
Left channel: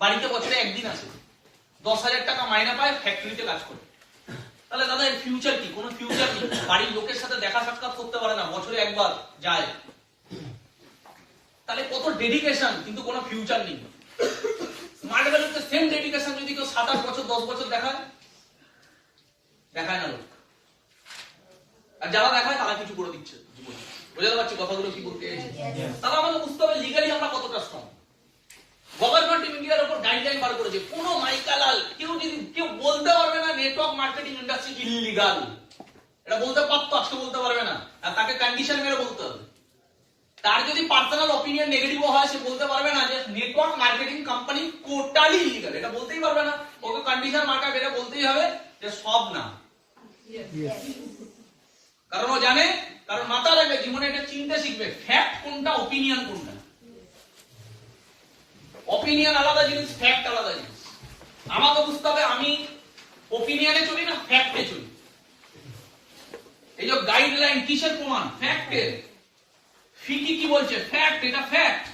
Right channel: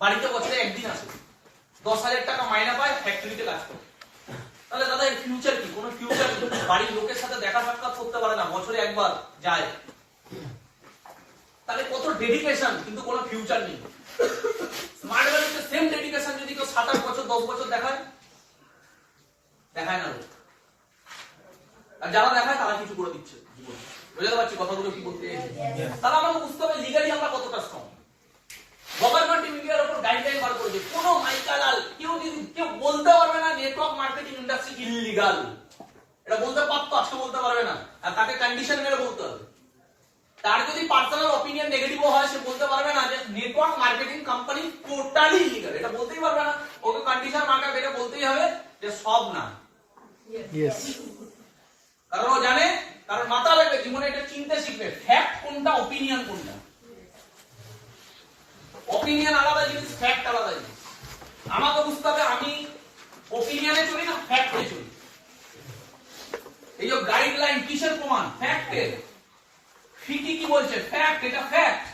বাড়িতে বছরে একদিন আসে, 10,000 টাকা মাইনা পায়, ফ্যাক্টরিতে কাজ করে। তাহলে দাদা এর ফিউচার কি? কোনো ফিউচার নেই। বাড়ির লোকের সাথে দেখা সাক্ষাৎ করতে পারে না, বছরে একবার যায়। তাহলে কত ডেডিকেশন, কিন্তু কোনো ফিউচার নেই। স্মার্ট ভ্যালুতে সেম ডেডিকেশন যদি কেউ 7-8 বছর 10 বছর দেখায় না লোক। আর যারা দেখায় তারা কিছু করে দিচ্ছে জীবনে। বুঝতে পারছি কথাগুলো কি বলতে চাইছি? তাহলে আমাকে বুঝতে হবে লিগালি আমরা কতটা স্ট্রং। গভর্নমেন্ট ইন্ডিয়ার উপর গাইডলাইন বার করেছে, কোনো মাইকালাল কেউ বলতে পারবে না নেটওয়ার্ক মার্কেটিং ইন্ডাস্ট্রি ইলিগাল। এটা বলতে পারতো, আজকে বলতে পারবে না, আর তাকে কন্ডিশন মেরে বলতে হবে। তার যদি পার্সোনাল অপিনিয়ন নেগেটিভ হয়, সে বলতে পারবে না যে network marketing company totally illegal, এটা বলতেই পারবে না। ওকে কন্ডিশন মার্কা বেরে বলতেই হবে যে সব না। কারণ ও জানে, কারণ মাথা লাগবে, জীবনে এটা চিনতে শিখবে, ফ্যাক্ট কোনটা, অপিনিয়ন কোনটা। অপিনিয়ন আলাদা জিনিস, ফ্যাক্ট আলাদা জিনিস। আমাকে বুঝতে হবে আমি অপিনিয়নে চলি না ফ্যাক্টে চলি। এই যে গাইডলাইন কিসের প্রমাণ? ফ্যাক্টের। ফিকি কি বলছে? ফ্যাক্ট, এটা ফ্যাক্ট।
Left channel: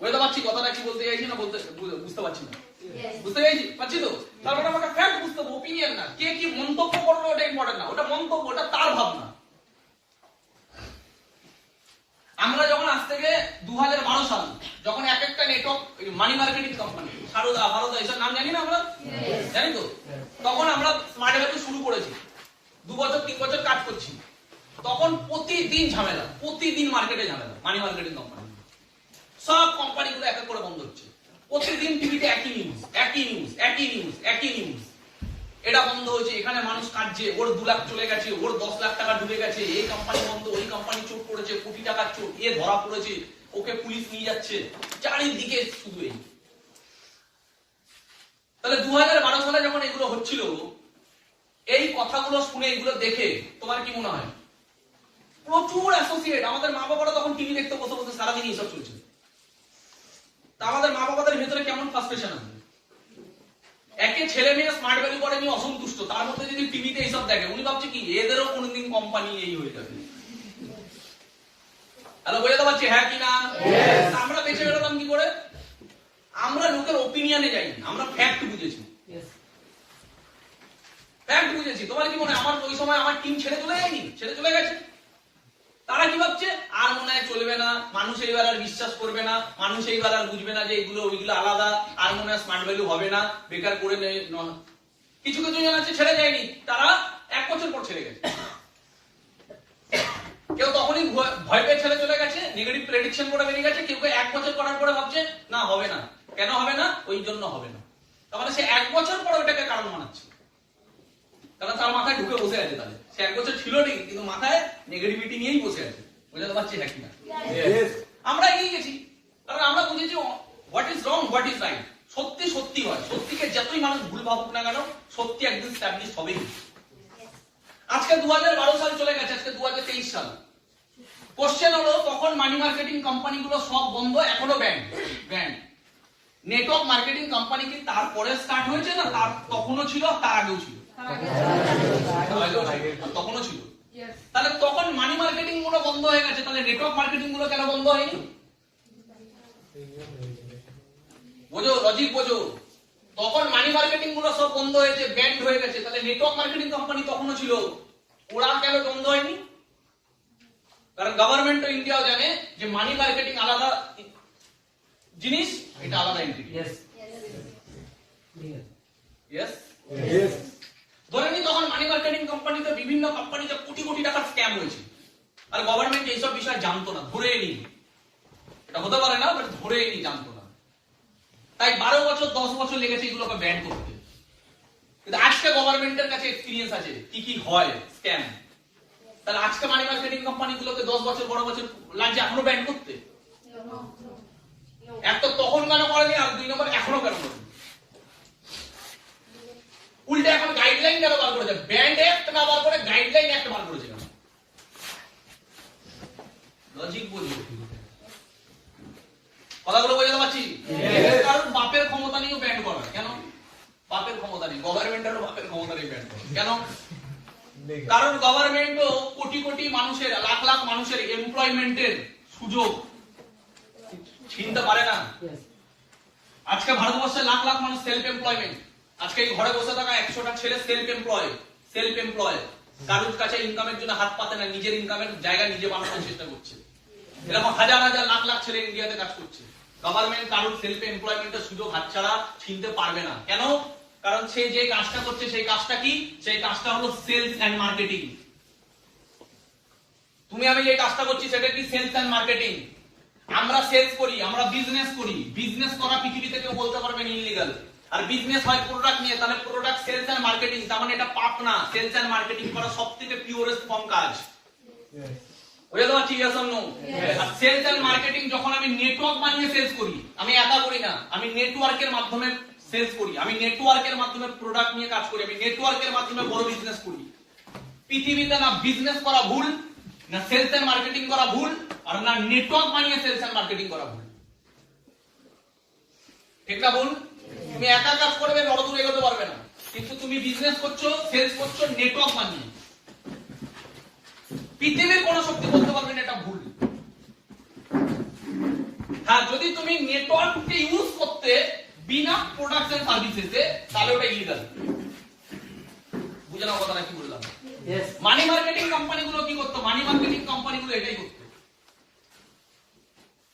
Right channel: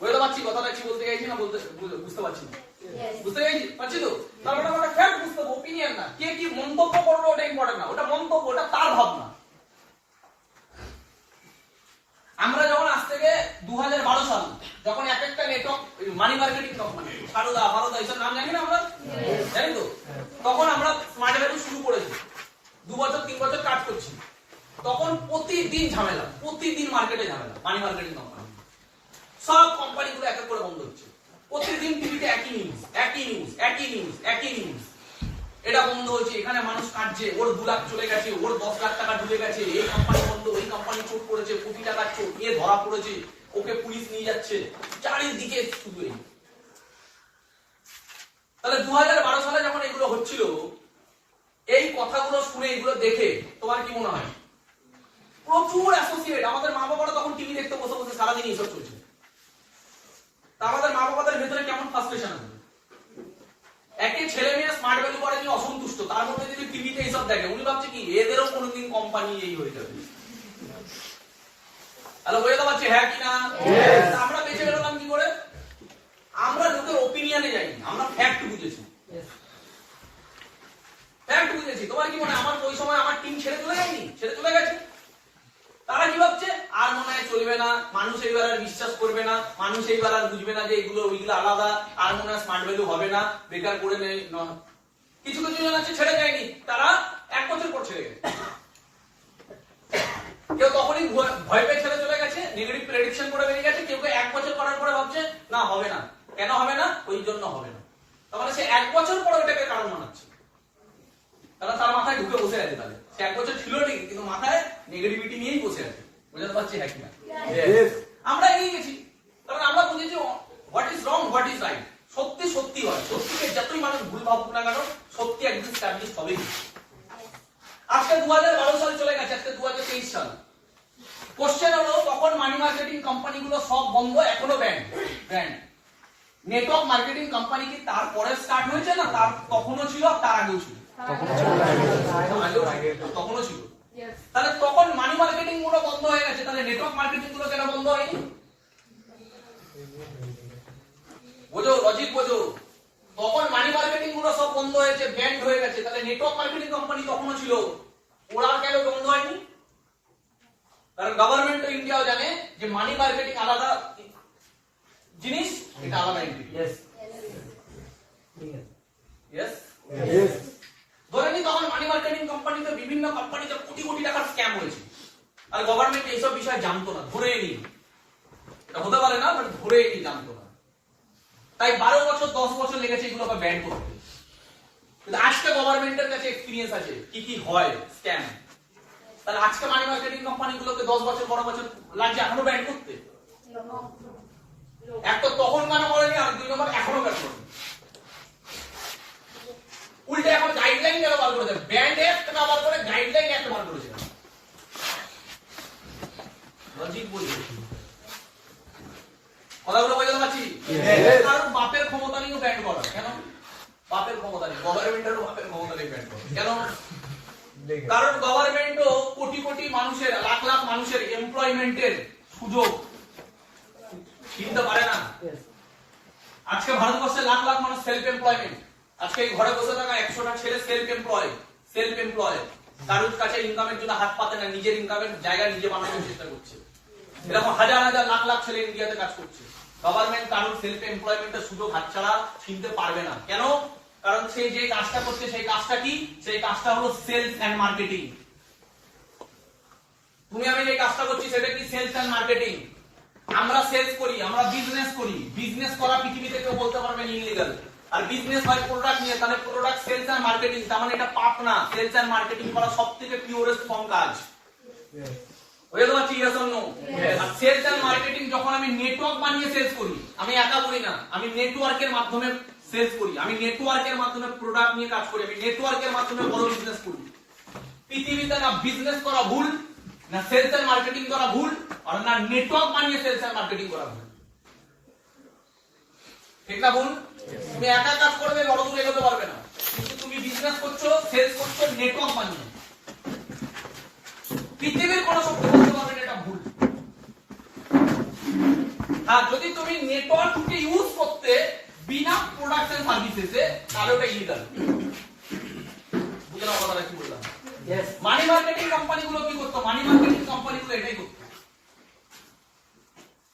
বুঝতে পারছি কথাটা কি বলতে চাইছি না? বুঝতে পারছি না? বুঝতে পারছি তো? তারপরে আমাকে ফ্যাক্ট বুঝতে বুঝতে হবে, ওপিনিয়ন না। কে কি মন্তব্য করবে ওটা ইম্পর্টেন্ট না, ওটা মন্তব্য, ওটা তার ভাবনা। আমরা যখন আজ থেকে 2012 সাল যখন এক একটা network money marketing company Saradha Bharat এইসব নাম জানি না আমরা, জানি তো, তখন আমরা স্মার্ট ভ্যালু শুরু করেছি, 2 বছর 3 বছর কাজ করছি। তখন প্রতিদিন ঝামেলা, প্রতিদিন মার্কেটে ঝামেলা, মানি মার্কেটিং কোম্পানি সব কোম্পানিগুলো এক এক করে বন্ধ হচ্ছে। প্রতিদিন টিভিতে একই নিউজ, একই নিউজ, একই নিউজ, একই নিউজ। এটা বন্ধ হচ্ছে, এখানে মানুষ কাটছে, ওর 2 লাখ চলে গেছে, ওর 10 লাখ টাকা ঢুকে গেছে, এই কোম্পানি বন্ধ, ওই কোম্পানি চোট করেছে, কোটি টাকার চোট, এ ধরা পড়েছে, ওকে পুলিশ নিয়ে যাচ্ছে, চারিদিকে শুধু এই। তাহলে 2012 সালে যখন এগুলো হচ্ছিল, এই কথাগুলো শুনে, এগুলো দেখে তোমার কি মনে হয়? প্রচুর অ্যাসোসিয়েট, আমাদের মা বাবারা তখন টিভি দেখতে বসে বসে সারাদিন এইসব চলছে। তা আমাদের মা বাবাদের ভেতরে কেমন ফ্রাস্ট্রেশন আছে? একে ছেলে মেয়ে স্মার্ট ভ্যালু করে নিয়ে অসন্তুষ্ট, তার মধ্যে যদি টিভিতে এইসব দেখে, উনি ভাবছে কি এদেরও কোনোদিন কোম্পানি এই হয়ে যাবে। হ্যালো, বুঝতে পারছি হ্যাঁ কি না? আমরা বেঁচে বেরোলাম কি করে? আমরা লোকের ওপিনিয়নে যাইনি, আমরা ফ্যাক্ট বুঝেছি। ফ্যাক্ট বুঝেছি। তোমার কি মনে হয় আমার ওই সময় আমার টিম ছেড়ে চলে যায়নি? ছেড়ে চলে গেছে। তারা কি ভাবছে? আর মনে হয় চলবে না, মানুষ এইবার আর বিশ্বাস করবে না, মানুষ এইবার আর বুঝবে না যে এগুলো ওইগুলো আলাদা, আর মনে হয় স্মার্ট ভ্যালু হবে না, বেকার করে নেই। কিছু কিছু জন আছে ছেড়ে যায়নি, তারা 1 বছর পর ছেড়ে গেছে। কেউ তখনই ভয় পেয়ে ছেড়ে চলে গেছে, নেগেটিভ প্রেডিকশন করে বেরিয়ে গেছে। কেউ 1 বছর করার পরে ভাবছে না হবে না। কেন হবে না? ওই জন্য হবে না। তার মানে সে 1 বছর পরে ওটাকে কারণ মানাচ্ছে, কারণ তার মাথায় ঢুকে বসে আছে। তাহলে সে 1 বছর ছিল ঠিক, কিন্তু মাথায় নেগেটিভিটি নিয়েই বসে আছে। বুঝতে পারছি হ্যাঁ কিনা? আমরা এগিয়ে গেছি, কারণ আমরা বুঝেছি what is wrong, what is right. সত্যি সত্যি হয়, সত্যিকে যতই মানুষ ভুল ভাবুক না কেন, সত্যি একদিন স্ট্যাবলিশ হবেই। আজকে 2012 সাল চলে গেছে, আজকে 2023 সাল। কোশ্চেন হলো, তখন মানি মার্কেটিং কোম্পানিগুলো সব বন্ধ, এখনো ব্যান্ড। নেটওয়ার্ক মার্কেটিং কোম্পানি কি তারপরে স্টার্ট হয়েছে না তার তখনও ছিল, তার আগেও ছিল? তখনও ছিল। তাহলে তখন মানি মার্কেটিং গুলো বন্ধ হয়ে গেছে, তাহলে নেটওয়ার্ক মার্কেটিং গুলো কেন বন্ধ হয়নি? বোঝো, লজিক বোঝো। তখন মানি মার্কেটিং গুলো সব বন্ধ হয়েছে, ব্যান্ড হয়ে গেছে, তাহলে নেটওয়ার্ক মার্কেটিং কোম্পানি তখনও ছিল, ওরা কেন বন্ধ হয়নি? কারণ গভর্নমেন্ট অফ ইন্ডিয়াও জানে যে মানি মার্কেটিং আলাদা জিনিস, এটা আলাদা এন্টিটি। ধরে নি তখন মানি মার্কেটিং কোম্পানিতে, বিভিন্ন কোম্পানিতে কোটি কোটি টাকার স্ক্যাম হয়েছে, আর গভর্নমেন্ট এইসব বিষয় জানতো না, ধরে নি। এটা হতে পারে না, বাট ধরে নি, জানতো না। তাই 12 বছর 10 বছর লেগেছে এগুলোকে ব্যান করতে। কিন্তু আজকে গভর্নমেন্টের কাছে এক্সপেরিয়েন্স আছে কি কি হয় স্ক্যাম। তাহলে আজকে মানি মার্কেটিং কোম্পানিগুলোকে 10 বছর 12 বছর লাগছে এখনো ব্যান করতে? এক তো তখন কেন করেনি, আর 2 নম্বর এখনো কেন করেনি? উল্টে এখন গাইডলাইন কেন বার করেছে? ব্যান্ড অ্যাক্ট না বার করে গাইডলাইন অ্যাক্ট বার করেছে। লজিক বুঝো, কথাগুলো বোঝাতে পারছি? কারণ বাপের ক্ষমতা নিয়েও ব্যান্ড করা। কেন বাপের ক্ষমতা নেই? গভর্নমেন্টেরও বাপের ক্ষমতা নেই ব্যান্ড করা। কেন? কারণ গভর্নমেন্টও কোটি কোটি মানুষের, লাখ লাখ মানুষের এমপ্লয়মেন্টের সুযোগ চিনতে পারে না। আজকে ভারতবর্ষে লাখ লাখ মানুষ সেলফ এমপ্লয়মেন্ট। আজকে এই ঘরে বসে থাকা 100টা ছেলে সেলফ এমপ্লয়, কারোর কাছে ইনকামের জন্য হাত পাতে না, নিজের ইনকামের জায়গা নিজে বানানোর চেষ্টা করছে। এরকম হাজার হাজার লাখ লাখ ছেলে ইন্ডিয়াতে কাজ করছে। গভর্নমেন্ট কারোর সেলফ এমপ্লয়মেন্টের সুযোগ হাতছাড়া চিনতে পারবে না। কেন? কারণ সে যে কাজটা করছে সেই কাজটা কি? সেই কাজটা হলো সেলস এন্ড মার্কেটিং। তুমি আমি যে কাজটা করছি সেটা কি? Sales and marketing. আমরা সেলস করি, আমরা বিজনেস করি। বিজনেস করা পৃথিবীতে কেউ বলতে পারবে না ইলিগাল। আর বিজনেস হয় প্রোডাক্ট নিয়ে, তাহলে প্রোডাক্ট সেলস এন্ড মার্কেটিং, তার মানে এটা পাপ না। সেলস এন্ড মার্কেটিং করা সবথেকে পিওরেস্ট ফর্ম কাজ। বুঝতে পারছি? Yes or no? আর সেলস এন্ড মার্কেটিং যখন আমি নেটওয়ার্ক বানিয়ে সেলস করি, আমি একা করি না, আমি নেটওয়ার্কের মাধ্যমে সেলস করি, আমি নেটওয়ার্কের মাধ্যমে প্রোডাক্ট নিয়ে কাজ করি, আমি নেটওয়ার্কের মাধ্যমে বড় বিজনেস করি। পৃথিবীতে না বিজনেস করা ভুল, না সেলস এন্ড মার্কেটিং করা ভুল, আর না নেটওয়ার্ক বানিয়ে সেলস এন্ড মার্কেটিং করা ভুল। ঠিক না ভুল? তুমি একা কাজ করবে, বড় দূর এগোতে পারবে না। কিন্তু তুমি বিজনেস করছো, সেলস করছো নেটওয়ার্ক বানিয়ে, পৃথিবীর কোন শক্তি বলতে পারবে না এটা ভুল। হ্যাঁ, যদি তুমি নেটওয়ার্ককে ইউজ করতে বিনা প্রোডাক্ট এন্ড সার্ভিসেসে, তাহলে ওটা ইলিগাল। বুঝে নাও কথাটা কি বললাম। মানি মার্কেটিং কোম্পানিগুলো কি করতো? মানি মার্কেটিং কোম্পানিগুলো এটাই করতো,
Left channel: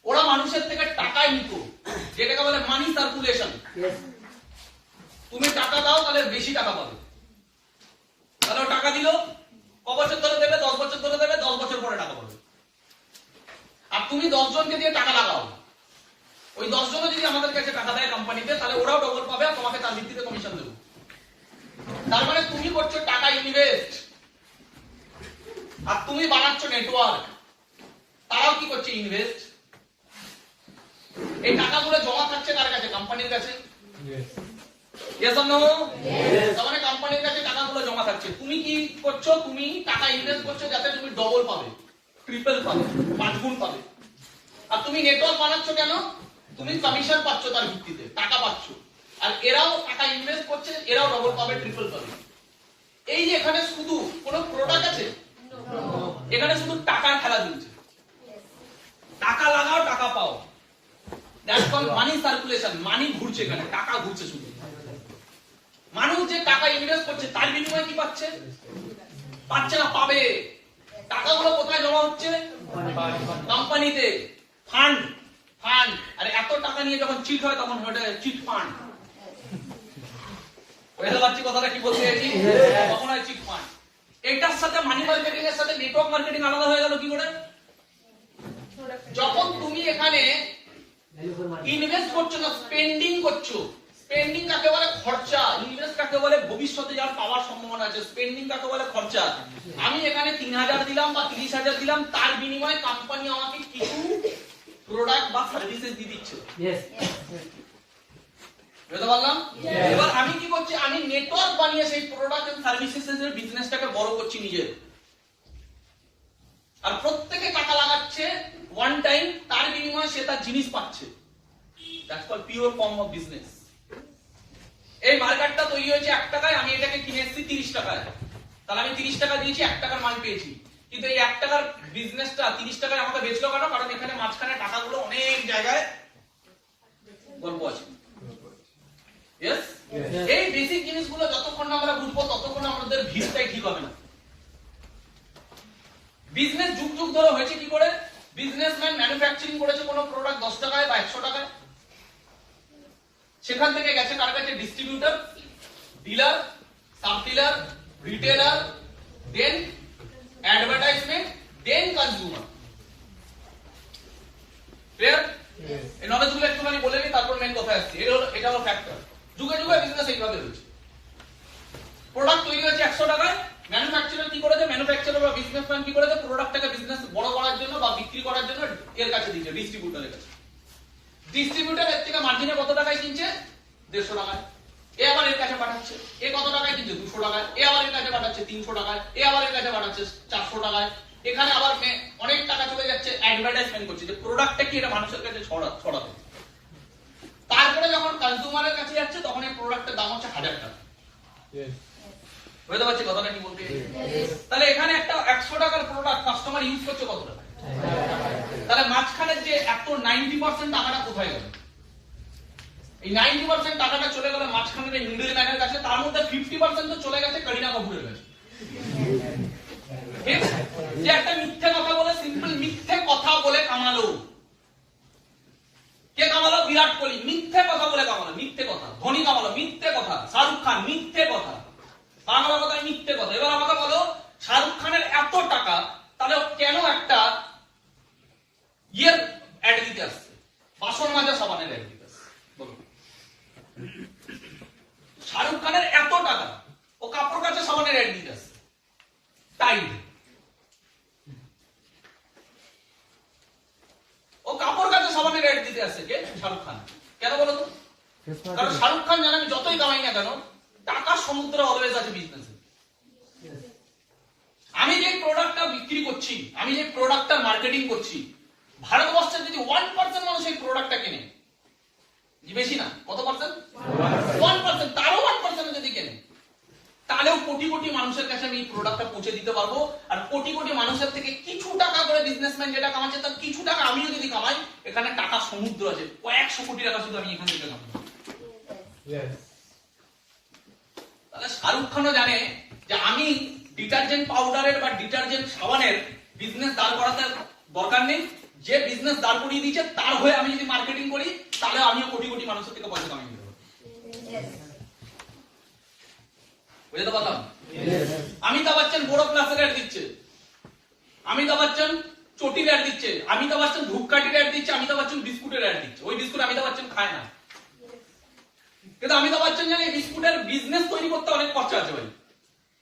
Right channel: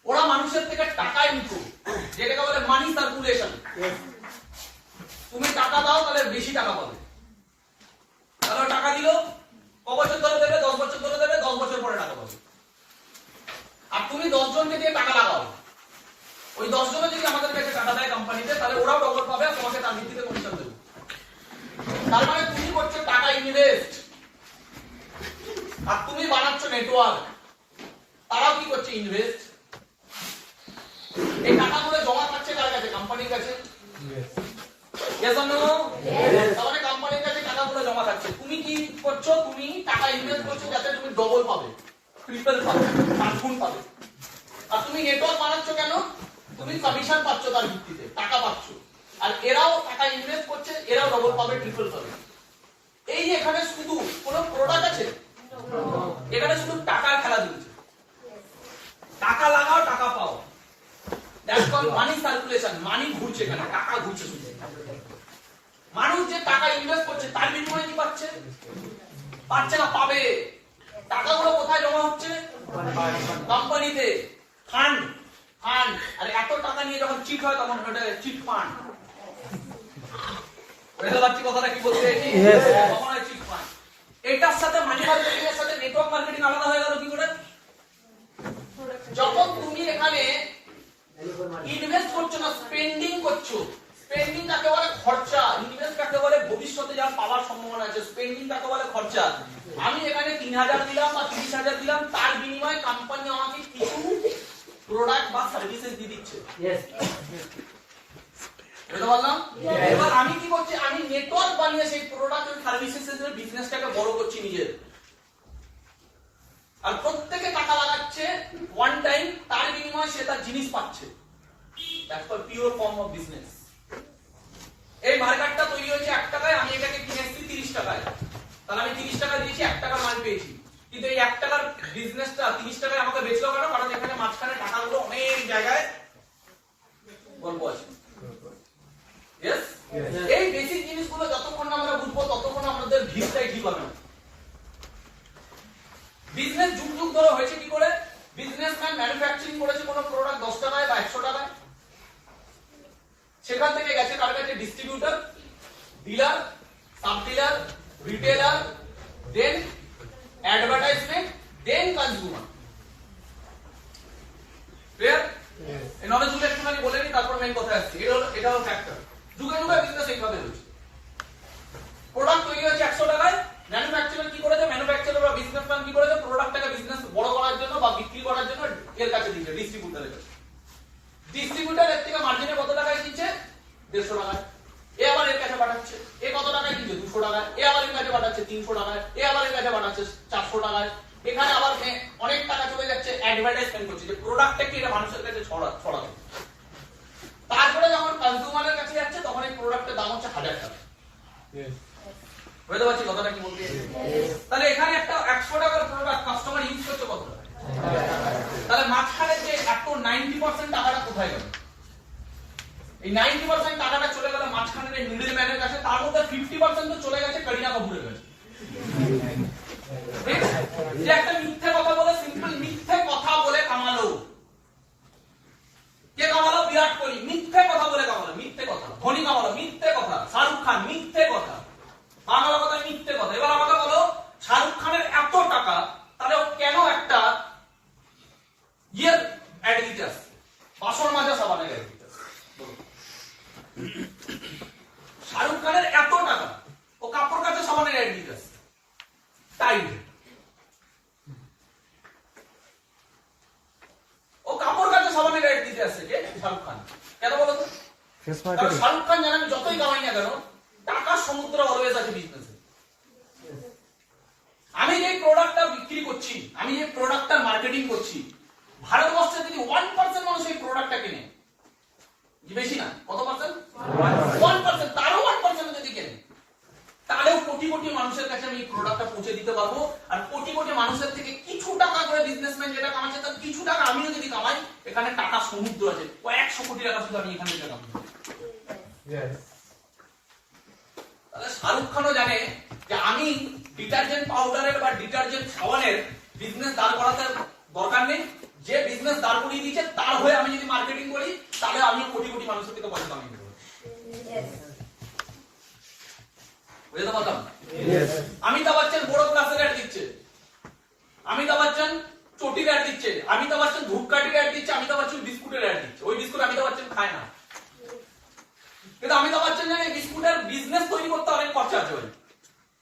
ওরা মানুষের থেকে টাকা নিত, যেটাকে বলে মানি সার্কুলেশন। তুমি টাকা দাও তাহলে বেশি টাকা পাবে, তাহলে টাকা দিল, ক বছর ধরে দেবে? 10 বছর ধরে দেবে, 10 বছর পরে টাকা পাবে। আর তুমি 10 জনকে দিয়ে টাকা লাগাও, ওই 10 জনও যদি আমাদের কাছে টাকা দেয় কোম্পানিতে, তাহলে ওরাও ডবল পাবে আর তোমাকে তার ভিত্তিতে কমিশন দেবে। তার মানে তুমি করছো টাকা ইনভেস্ট, আর তুমি বানাচ্ছ নেটওয়ার্ক, তারাও কি করছে? ইনভেস্ট। এই টাকাগুলো জমা থাকছে কার কাছে? কোম্পানির কাছে। Yes or no? তার মানে কোম্পানির কাছে টাকাগুলো জমা থাকছে। তুমি কি করছো? তুমি টাকা ইনভেস্ট করছো যাতে তুমি ডবল পাবে, ট্রিপল পাবে, 5 গুণ পাবে। আর তুমি নেটওয়ার্ক বানাচ্ছ কেন? তুমি কমিশন পাচ্ছ, তার ভিত্তিতে টাকা পাচ্ছ। আর এরাও টাকা ইনভেস্ট করছে, এরাও ডবল পাবে, ট্রিপল পাবে। এই যে এখানে শুধু কোনো প্রোডাক্ট আছে? এখানে শুধু টাকার খেলা চলছে। টাকা লাগাও, টাকা পাও। That's called money circulation. Money ঘুরছে, এখানে টাকা ঘুরছে শুধু। মানুষ যে টাকা ইনভেস্ট করছে তার বিনিময়ে কি পাচ্ছে? পাচ্ছে না, পাবে। টাকাগুলো কোথায় জমা হচ্ছে? কোম্পানিতে। Fund, fund. আর এত টাকা নিয়ে যখন চিট হয় তখন ওটা চিট ফান্ড। বুঝতে পারছি কথাটা কি বলতে চাইছি? তখন হয় চিট ফান্ড। এটার সাথে মানি মার্কেটিং এর সাথে নেটওয়ার্ক মার্কেটিং আলাদা হয়ে গেল কি করে? যখন তুমি এখানে ইনভেস্ট করছো না, স্পেন্ডিং করছো। স্পেন্ডিং কাকে বলে? খরচা। ইনভেস্ট কাকে বলে? ভবিষ্যতে যা পাওয়ার সম্ভাবনা আছে। স্পেন্ডিং কাকে বলে? খরচা। আমি এখানে 3000 দিলাম বা 30000 দিলাম, তার বিনিময়ে কোম্পানি আমাকে কিছু প্রোডাক্ট বা সার্ভিসেস দিয়ে দিচ্ছে। বুঝতে পারলাম? এবার আমি কি করছি? আমি নেটওয়ার্ক বানিয়ে সেই প্রোডাক্ট এন্ড সার্ভিসেস এর বিজনেসটাকে বড় করছি নিজের। আর প্রত্যেকে টাকা লাগাচ্ছে ওয়ান টাইম, তার বিনিময়ে সে তার জিনিস পাচ্ছে। That's called pure form of business. এই মার্কেটটা তৈরি হয়েছে 1 টাকায়, আমি এটাকে কিনে এসেছি 30 টাকায়। তাহলে আমি 30 টাকা দিয়েছি, 1 টাকার মাল পেয়েছি। কিন্তু এই 1 টাকার বিজনেসটা 30 টাকায় আমাকে বেচলো কেন? কারণ এখানে মাঝখানে টাকাগুলো অনেক জায়গায় গল্প আছে। ইয়েস? এই বেসিক জিনিসগুলো যতক্ষণ না আমরা বুঝবো ততক্ষণ আমাদের ভিড়টাই ঠিক হবে না। বিজনেস যুগ যুগ ধরে হয়েছে কি করে? বিজনেসম্যান ম্যানুফ্যাকচারিং করেছে কোনো প্রোডাক্ট 10 টাকায় বা 100 টাকায়, সেখান থেকে গেছে কার কাছে? Distributor, dealer, sub dealer, retailer, then advertisement, then consumer. Clear? এই নলেজ গুলো একটুখানি বলে নিই, তারপর মেইন কথা আসছে। এটা হলো ফ্যাক্টর। যুগে যুগে বিজনেস এইভাবে হচ্ছে। প্রোডাক্ট তৈরি হয়েছে 100 টাকায়, ম্যানুফ্যাকচারার কি করেছে? ম্যানুফ্যাকচারার বা বিজনেসম্যান কি করেছে? প্রোডাক্টটাকে বিজনেস বড় করার জন্য বা বিক্রি করার জন্য এর কাছে দিয়েছে, ডিস্ট্রিবিউটরের কাছে। ডিস্ট্রিবিউটর এর থেকে মার্জিনে কত টাকায় কিনছে? 150 টাকায়। এ আবার এর কাছে পাঠাচ্ছে। এ কত টাকায় কিনছে? 200 টাকায়। এ আবার এর কাছে পাঠাচ্ছে 300 টাকায়। এ আবার এর কাছে পাঠাচ্ছে 400 টাকায়। এখানে আবার অনেক টাকা চলে যাচ্ছে অ্যাডভার্টাইজমেন্ট করছে যে প্রোডাক্টটা কি এটা মানুষের কাছে ছড়াবে। তারপরে যখন কনজিউমারের কাছে যাচ্ছে তখন এই প্রোডাক্টের দাম হচ্ছে 1000 টাকা। বুঝতে পারছি কথাটা কি বলতে? তাহলে এখানে একটা 100 টাকার প্রোডাক্ট কাস্টমার ইউজ করছে কত টাকা? তাহলে মাঝখানে যে এত 90% টাকাটা কোথায় গেল? এই 90% টাকাটা চলে গেল মাঝখানে এই মিডল ম্যানের কাছে, তার মধ্যে 50% তো চলে গেছে করিনা কাপুরের কাছে। যে একটা মিথ্যে কথা বলে, সিম্পল মিথ্যে কথা বলে কামালো। কে কামালো? বিরাট কোহলি। মিথ্যে কথা বলে কামালো, মিথ্যে কথা। ধোনি কামালো, মিথ্যে কথা। শাহরুখ খান, মিথ্যে কথা। বাংলা কথা, মিথ্যে কথা। এবার আমাকে বলো, শাহরুখ খানের এত টাকা, তাহলে কেন একটা ইয়ের অ্যাড দিতে আসছে? বাসন মাজা সাবানের অ্যাড দিতে আসছে। শাহরুখ খানের এত টাকা, ও কাপড় কাচা সাবানের অ্যাড দিতে আসছে। টাইড। ও কাপড় কাচা সাবানের অ্যাড দিতে আসছে কে? শাহরুখ খান। কেন বলো তো? কারণ শাহরুখ খান জানে আমি যতই কামাই না কেন, টাকার সমুদ্র অলওয়েজ আছে বিজনেসে। আমি যে প্রোডাক্টটা বিক্রি করছি, আমি যে প্রোডাক্টটা মার্কেটিং করছি, ভারতবর্ষে যদি 1% মানুষ এই প্রোডাক্টটা কেনে, বেশি না, কত পার্সেন্ট? 1%। তারও 1% যদি কেনে, তাহলেও কোটি কোটি মানুষের কাছে আমি এই প্রোডাক্টটা পৌঁছে দিতে পারবো। আর কোটি কোটি মানুষের থেকে কিছু টাকা করে বিজনেসম্যান যেটা কামাচ্ছে, তার কিছু টাকা আমিও যদি কামাই, এখানে টাকা সমুদ্র আছে। কয়েকশো কোটি টাকা শুধু আমি এখান থেকে কামাবো। তাহলে শাহরুখ খানও জানে যে আমি ডিটারজেন্ট পাউডারের বা ডিটারজেন্ট সাবানের বিজনেস দাঁড় করাতে দরকার নেই, যে বিজনেস দাঁড় করিয়ে দিয়েছে তার হয়ে আমি যদি মার্কেটিং করি তাহলে আমিও কোটি কোটি মানুষের থেকে পয়সা কামিয়ে দেবো। বুঝতে পারলাম? অমিতাভ বচ্চন বড় ক্লাসের অ্যাড দিচ্ছে, অমিতাভ বচ্চন চটির অ্যাড দিচ্ছে, অমিতাভ বচ্চন ধূপকাঠির অ্যাড দিচ্ছে, অমিতাভ বচ্চন বিস্কুটের অ্যাড দিচ্ছে। ওই বিস্কুট অমিতাভ বচ্চন খায় না, কিন্তু অমিতাভ বচ্চন জানে বিস্কুটের বিজনেস তৈরি করতে অনেক খরচা আছে। ভাই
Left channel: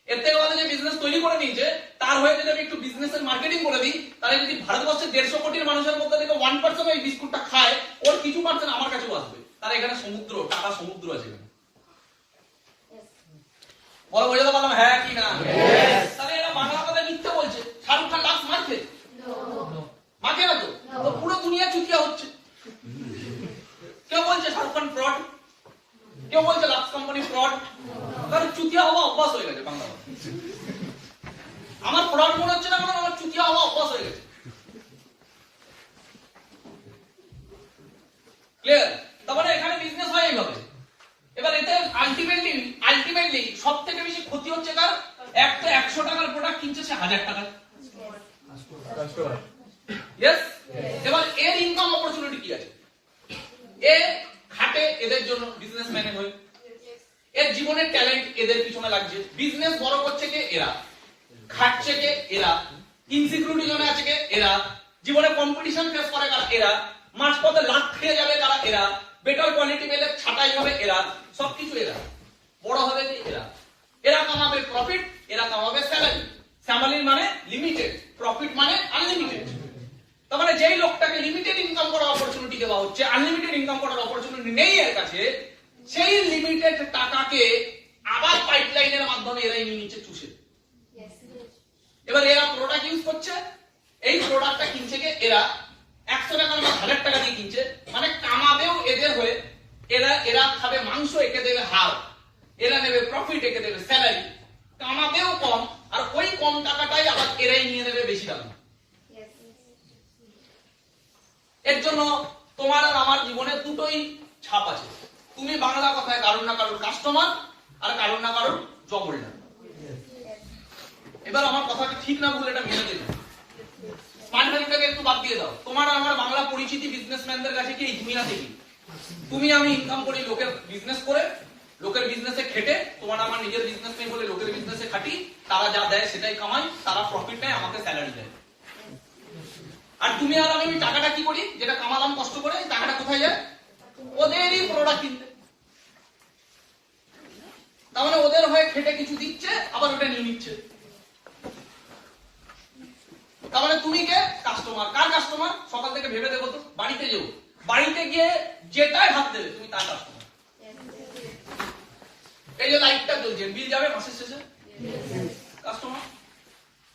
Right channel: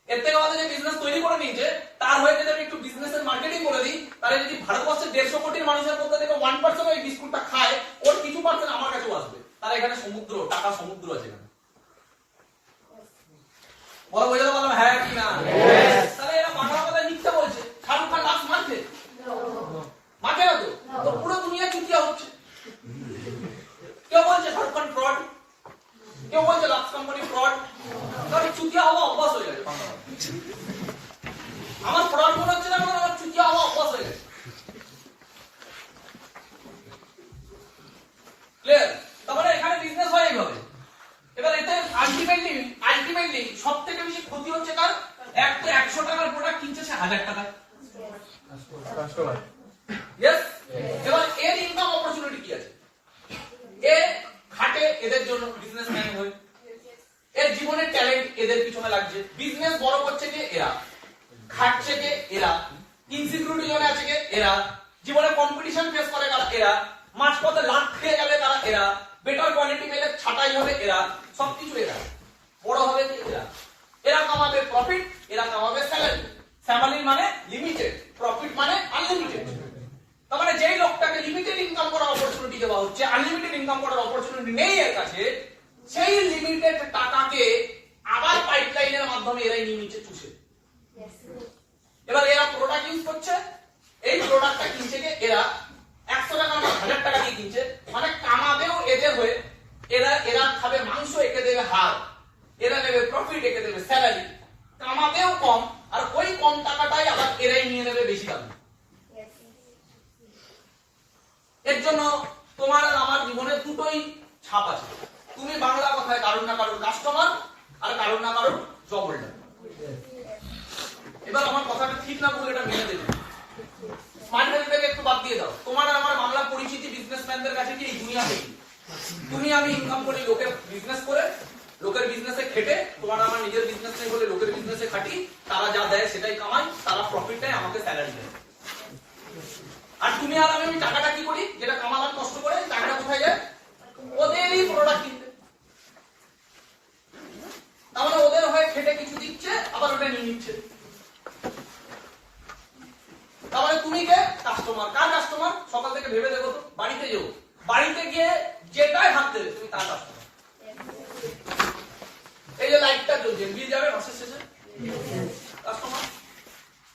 এর থেকে ভালো যে বিজনেস তৈরি করে নিয়েছে তার হয়ে যদি আমি একটু বিজনেসের মার্কেটিং করে দিই, তাহলে যদি ভারতবর্ষের 150 কোটির মানুষের মধ্যে থেকে 1% ওই বিস্কুটটা খায়, ওর কিছু পার্সেন্ট আমার কাছেও আসবে। তার এখানে সমুদ্র, টাকা সমুদ্র আছে এখানে। বলো বুঝতে পারলাম? হ্যাঁ কি না? তাহলে এরা বাংলা কথা মিথ্যে বলছে। শাহরুখ খান লাক্স মারছে, মারছে না তো? তো পুরো দুনিয়া চুতিয়া হচ্ছে। কেউ বলছে শাহরুখ খান ফ্রড, কেউ বলছে লাক্স কোম্পানি ফ্রড। কারণ চুতিয়া হওয়া অভ্যাস হয়ে গেছে বাংলা কথা। আমার ফ্রড মনে হচ্ছে না, কারণ আমার চুতিয়া হওয়া অভ্যাস হয়ে গেছে। ক্লিয়ার? তারপরে এখানে বিজনেস হয় এইভাবে। এবার এতে আলটিমেটলি সব থেকে বেশি ক্ষতি হচ্ছে কার? এক তো 100 টাকার প্রোডাক্ট কিনছে সে 1000 টাকায়। ইয়েস। এবার এর ইনকাম অপরচুনিটি কি আছে? এ খাটে এদের জন্য, বিজনেসম্যান হয়ে এর জীবনের ট্যালেন্ট এদের পিছনে লাগছে। বিজনেস বড় করছে কে? এরা। খাটছে কে? এরা। ইনসিকিউরিটি জোনে আছে কে? এরা। জীবনে কম্পিটিশন ফেস করে কারা? এরা। মাঝপথে লাখ খেয়ে যাবে কারা? এরা। বেটার কোয়ালিটি পেলে ছাঁটাই হবে এরা। সবকিছু এরা। বড় হবে কি? এরা। এরা কামাবে প্রফিট, এরা কামাবে স্যালারি। স্যালারি মানে লিমিটেড, প্রফিট মানে আনলিমিটেড। তার মানে যেই লোকটাকে লিমিটেড ইনকাম করার অপরচুনিটি দেওয়া হচ্ছে, আনলিমিটেড ইনকাম করার অপরচুনিটি নেই এর কাছে, সেই লিমিটেড টাকাকে আবার পাইপলাইনের মাধ্যমে এরাই নিয়ে নিচ্ছে চুষে। এবার এরা প্রোডাক্ট ইউজ করছে, এই প্রোডাক্টটা কিনছে কে? এরা। 100 টাকা না 1000 টাকা দিয়ে কিনছে, মানে কামাবেও এদের হয়ে। এরা খাবে মাংস, একে দেবে হাড়, এরা দেবে প্রফিট, একে দেবে স্যালারি। কামাবেও কম, আর ওই কম টাকাটাই আবার এরাই নিয়ে নেবে বেশি দাম। এর জন্য তোমার আর আমার জীবনে দুটোই ছাপ আছে। তুমি বাংলা কথায় কারণ না কারণ কাস্টমার, আর কারণ না কারণ জব হোল্ডার। এবার আমার কথাটা ঠিক না ভুল এটা মেনে দেবে। স্মার্ট ভ্যালুটাকে একটু বাদ দিয়ে দাও। তোমার আর আমার বাংলা পরিচিতি বিজনেসম্যানদের কাছে কি এই দুনিয়াতে কি? তুমি আমি ইনকাম করি লোকের বিজনেস করে, লোকের বিজনেসে খেটে। তোমার আমার নিজের বিজনেস নেই বলে লোকের বিজনেসে খাটি, তারা যা দেয় সেটাই কামাই, তারা প্রফিট দেয়, আমাকে স্যালারি দেয়। আর তুমি আর আমি টাকাটা কি করি? যেটা কামালাম কষ্ট করে, টাকাটা কোথায় যায়? ওদেরই প্রোডাক্ট কিনতে। তার মানে ওদের হয়ে খেটে কিছু দিচ্ছে, আবার ওটা নিয়ে নিচ্ছে। তার মানে তুমি কে? কাস্টমার। কার কাস্টমার? সকাল থেকে ভেবে দেখো তো, বাড়িতে যেও, বাড়িতে গিয়ে যেটাই হাত দেবে তুমি তার কাস্টমার। এই যে লাইটটা জ্বলছে, বিল যাবে মাসের শেষে, কাস্টমার।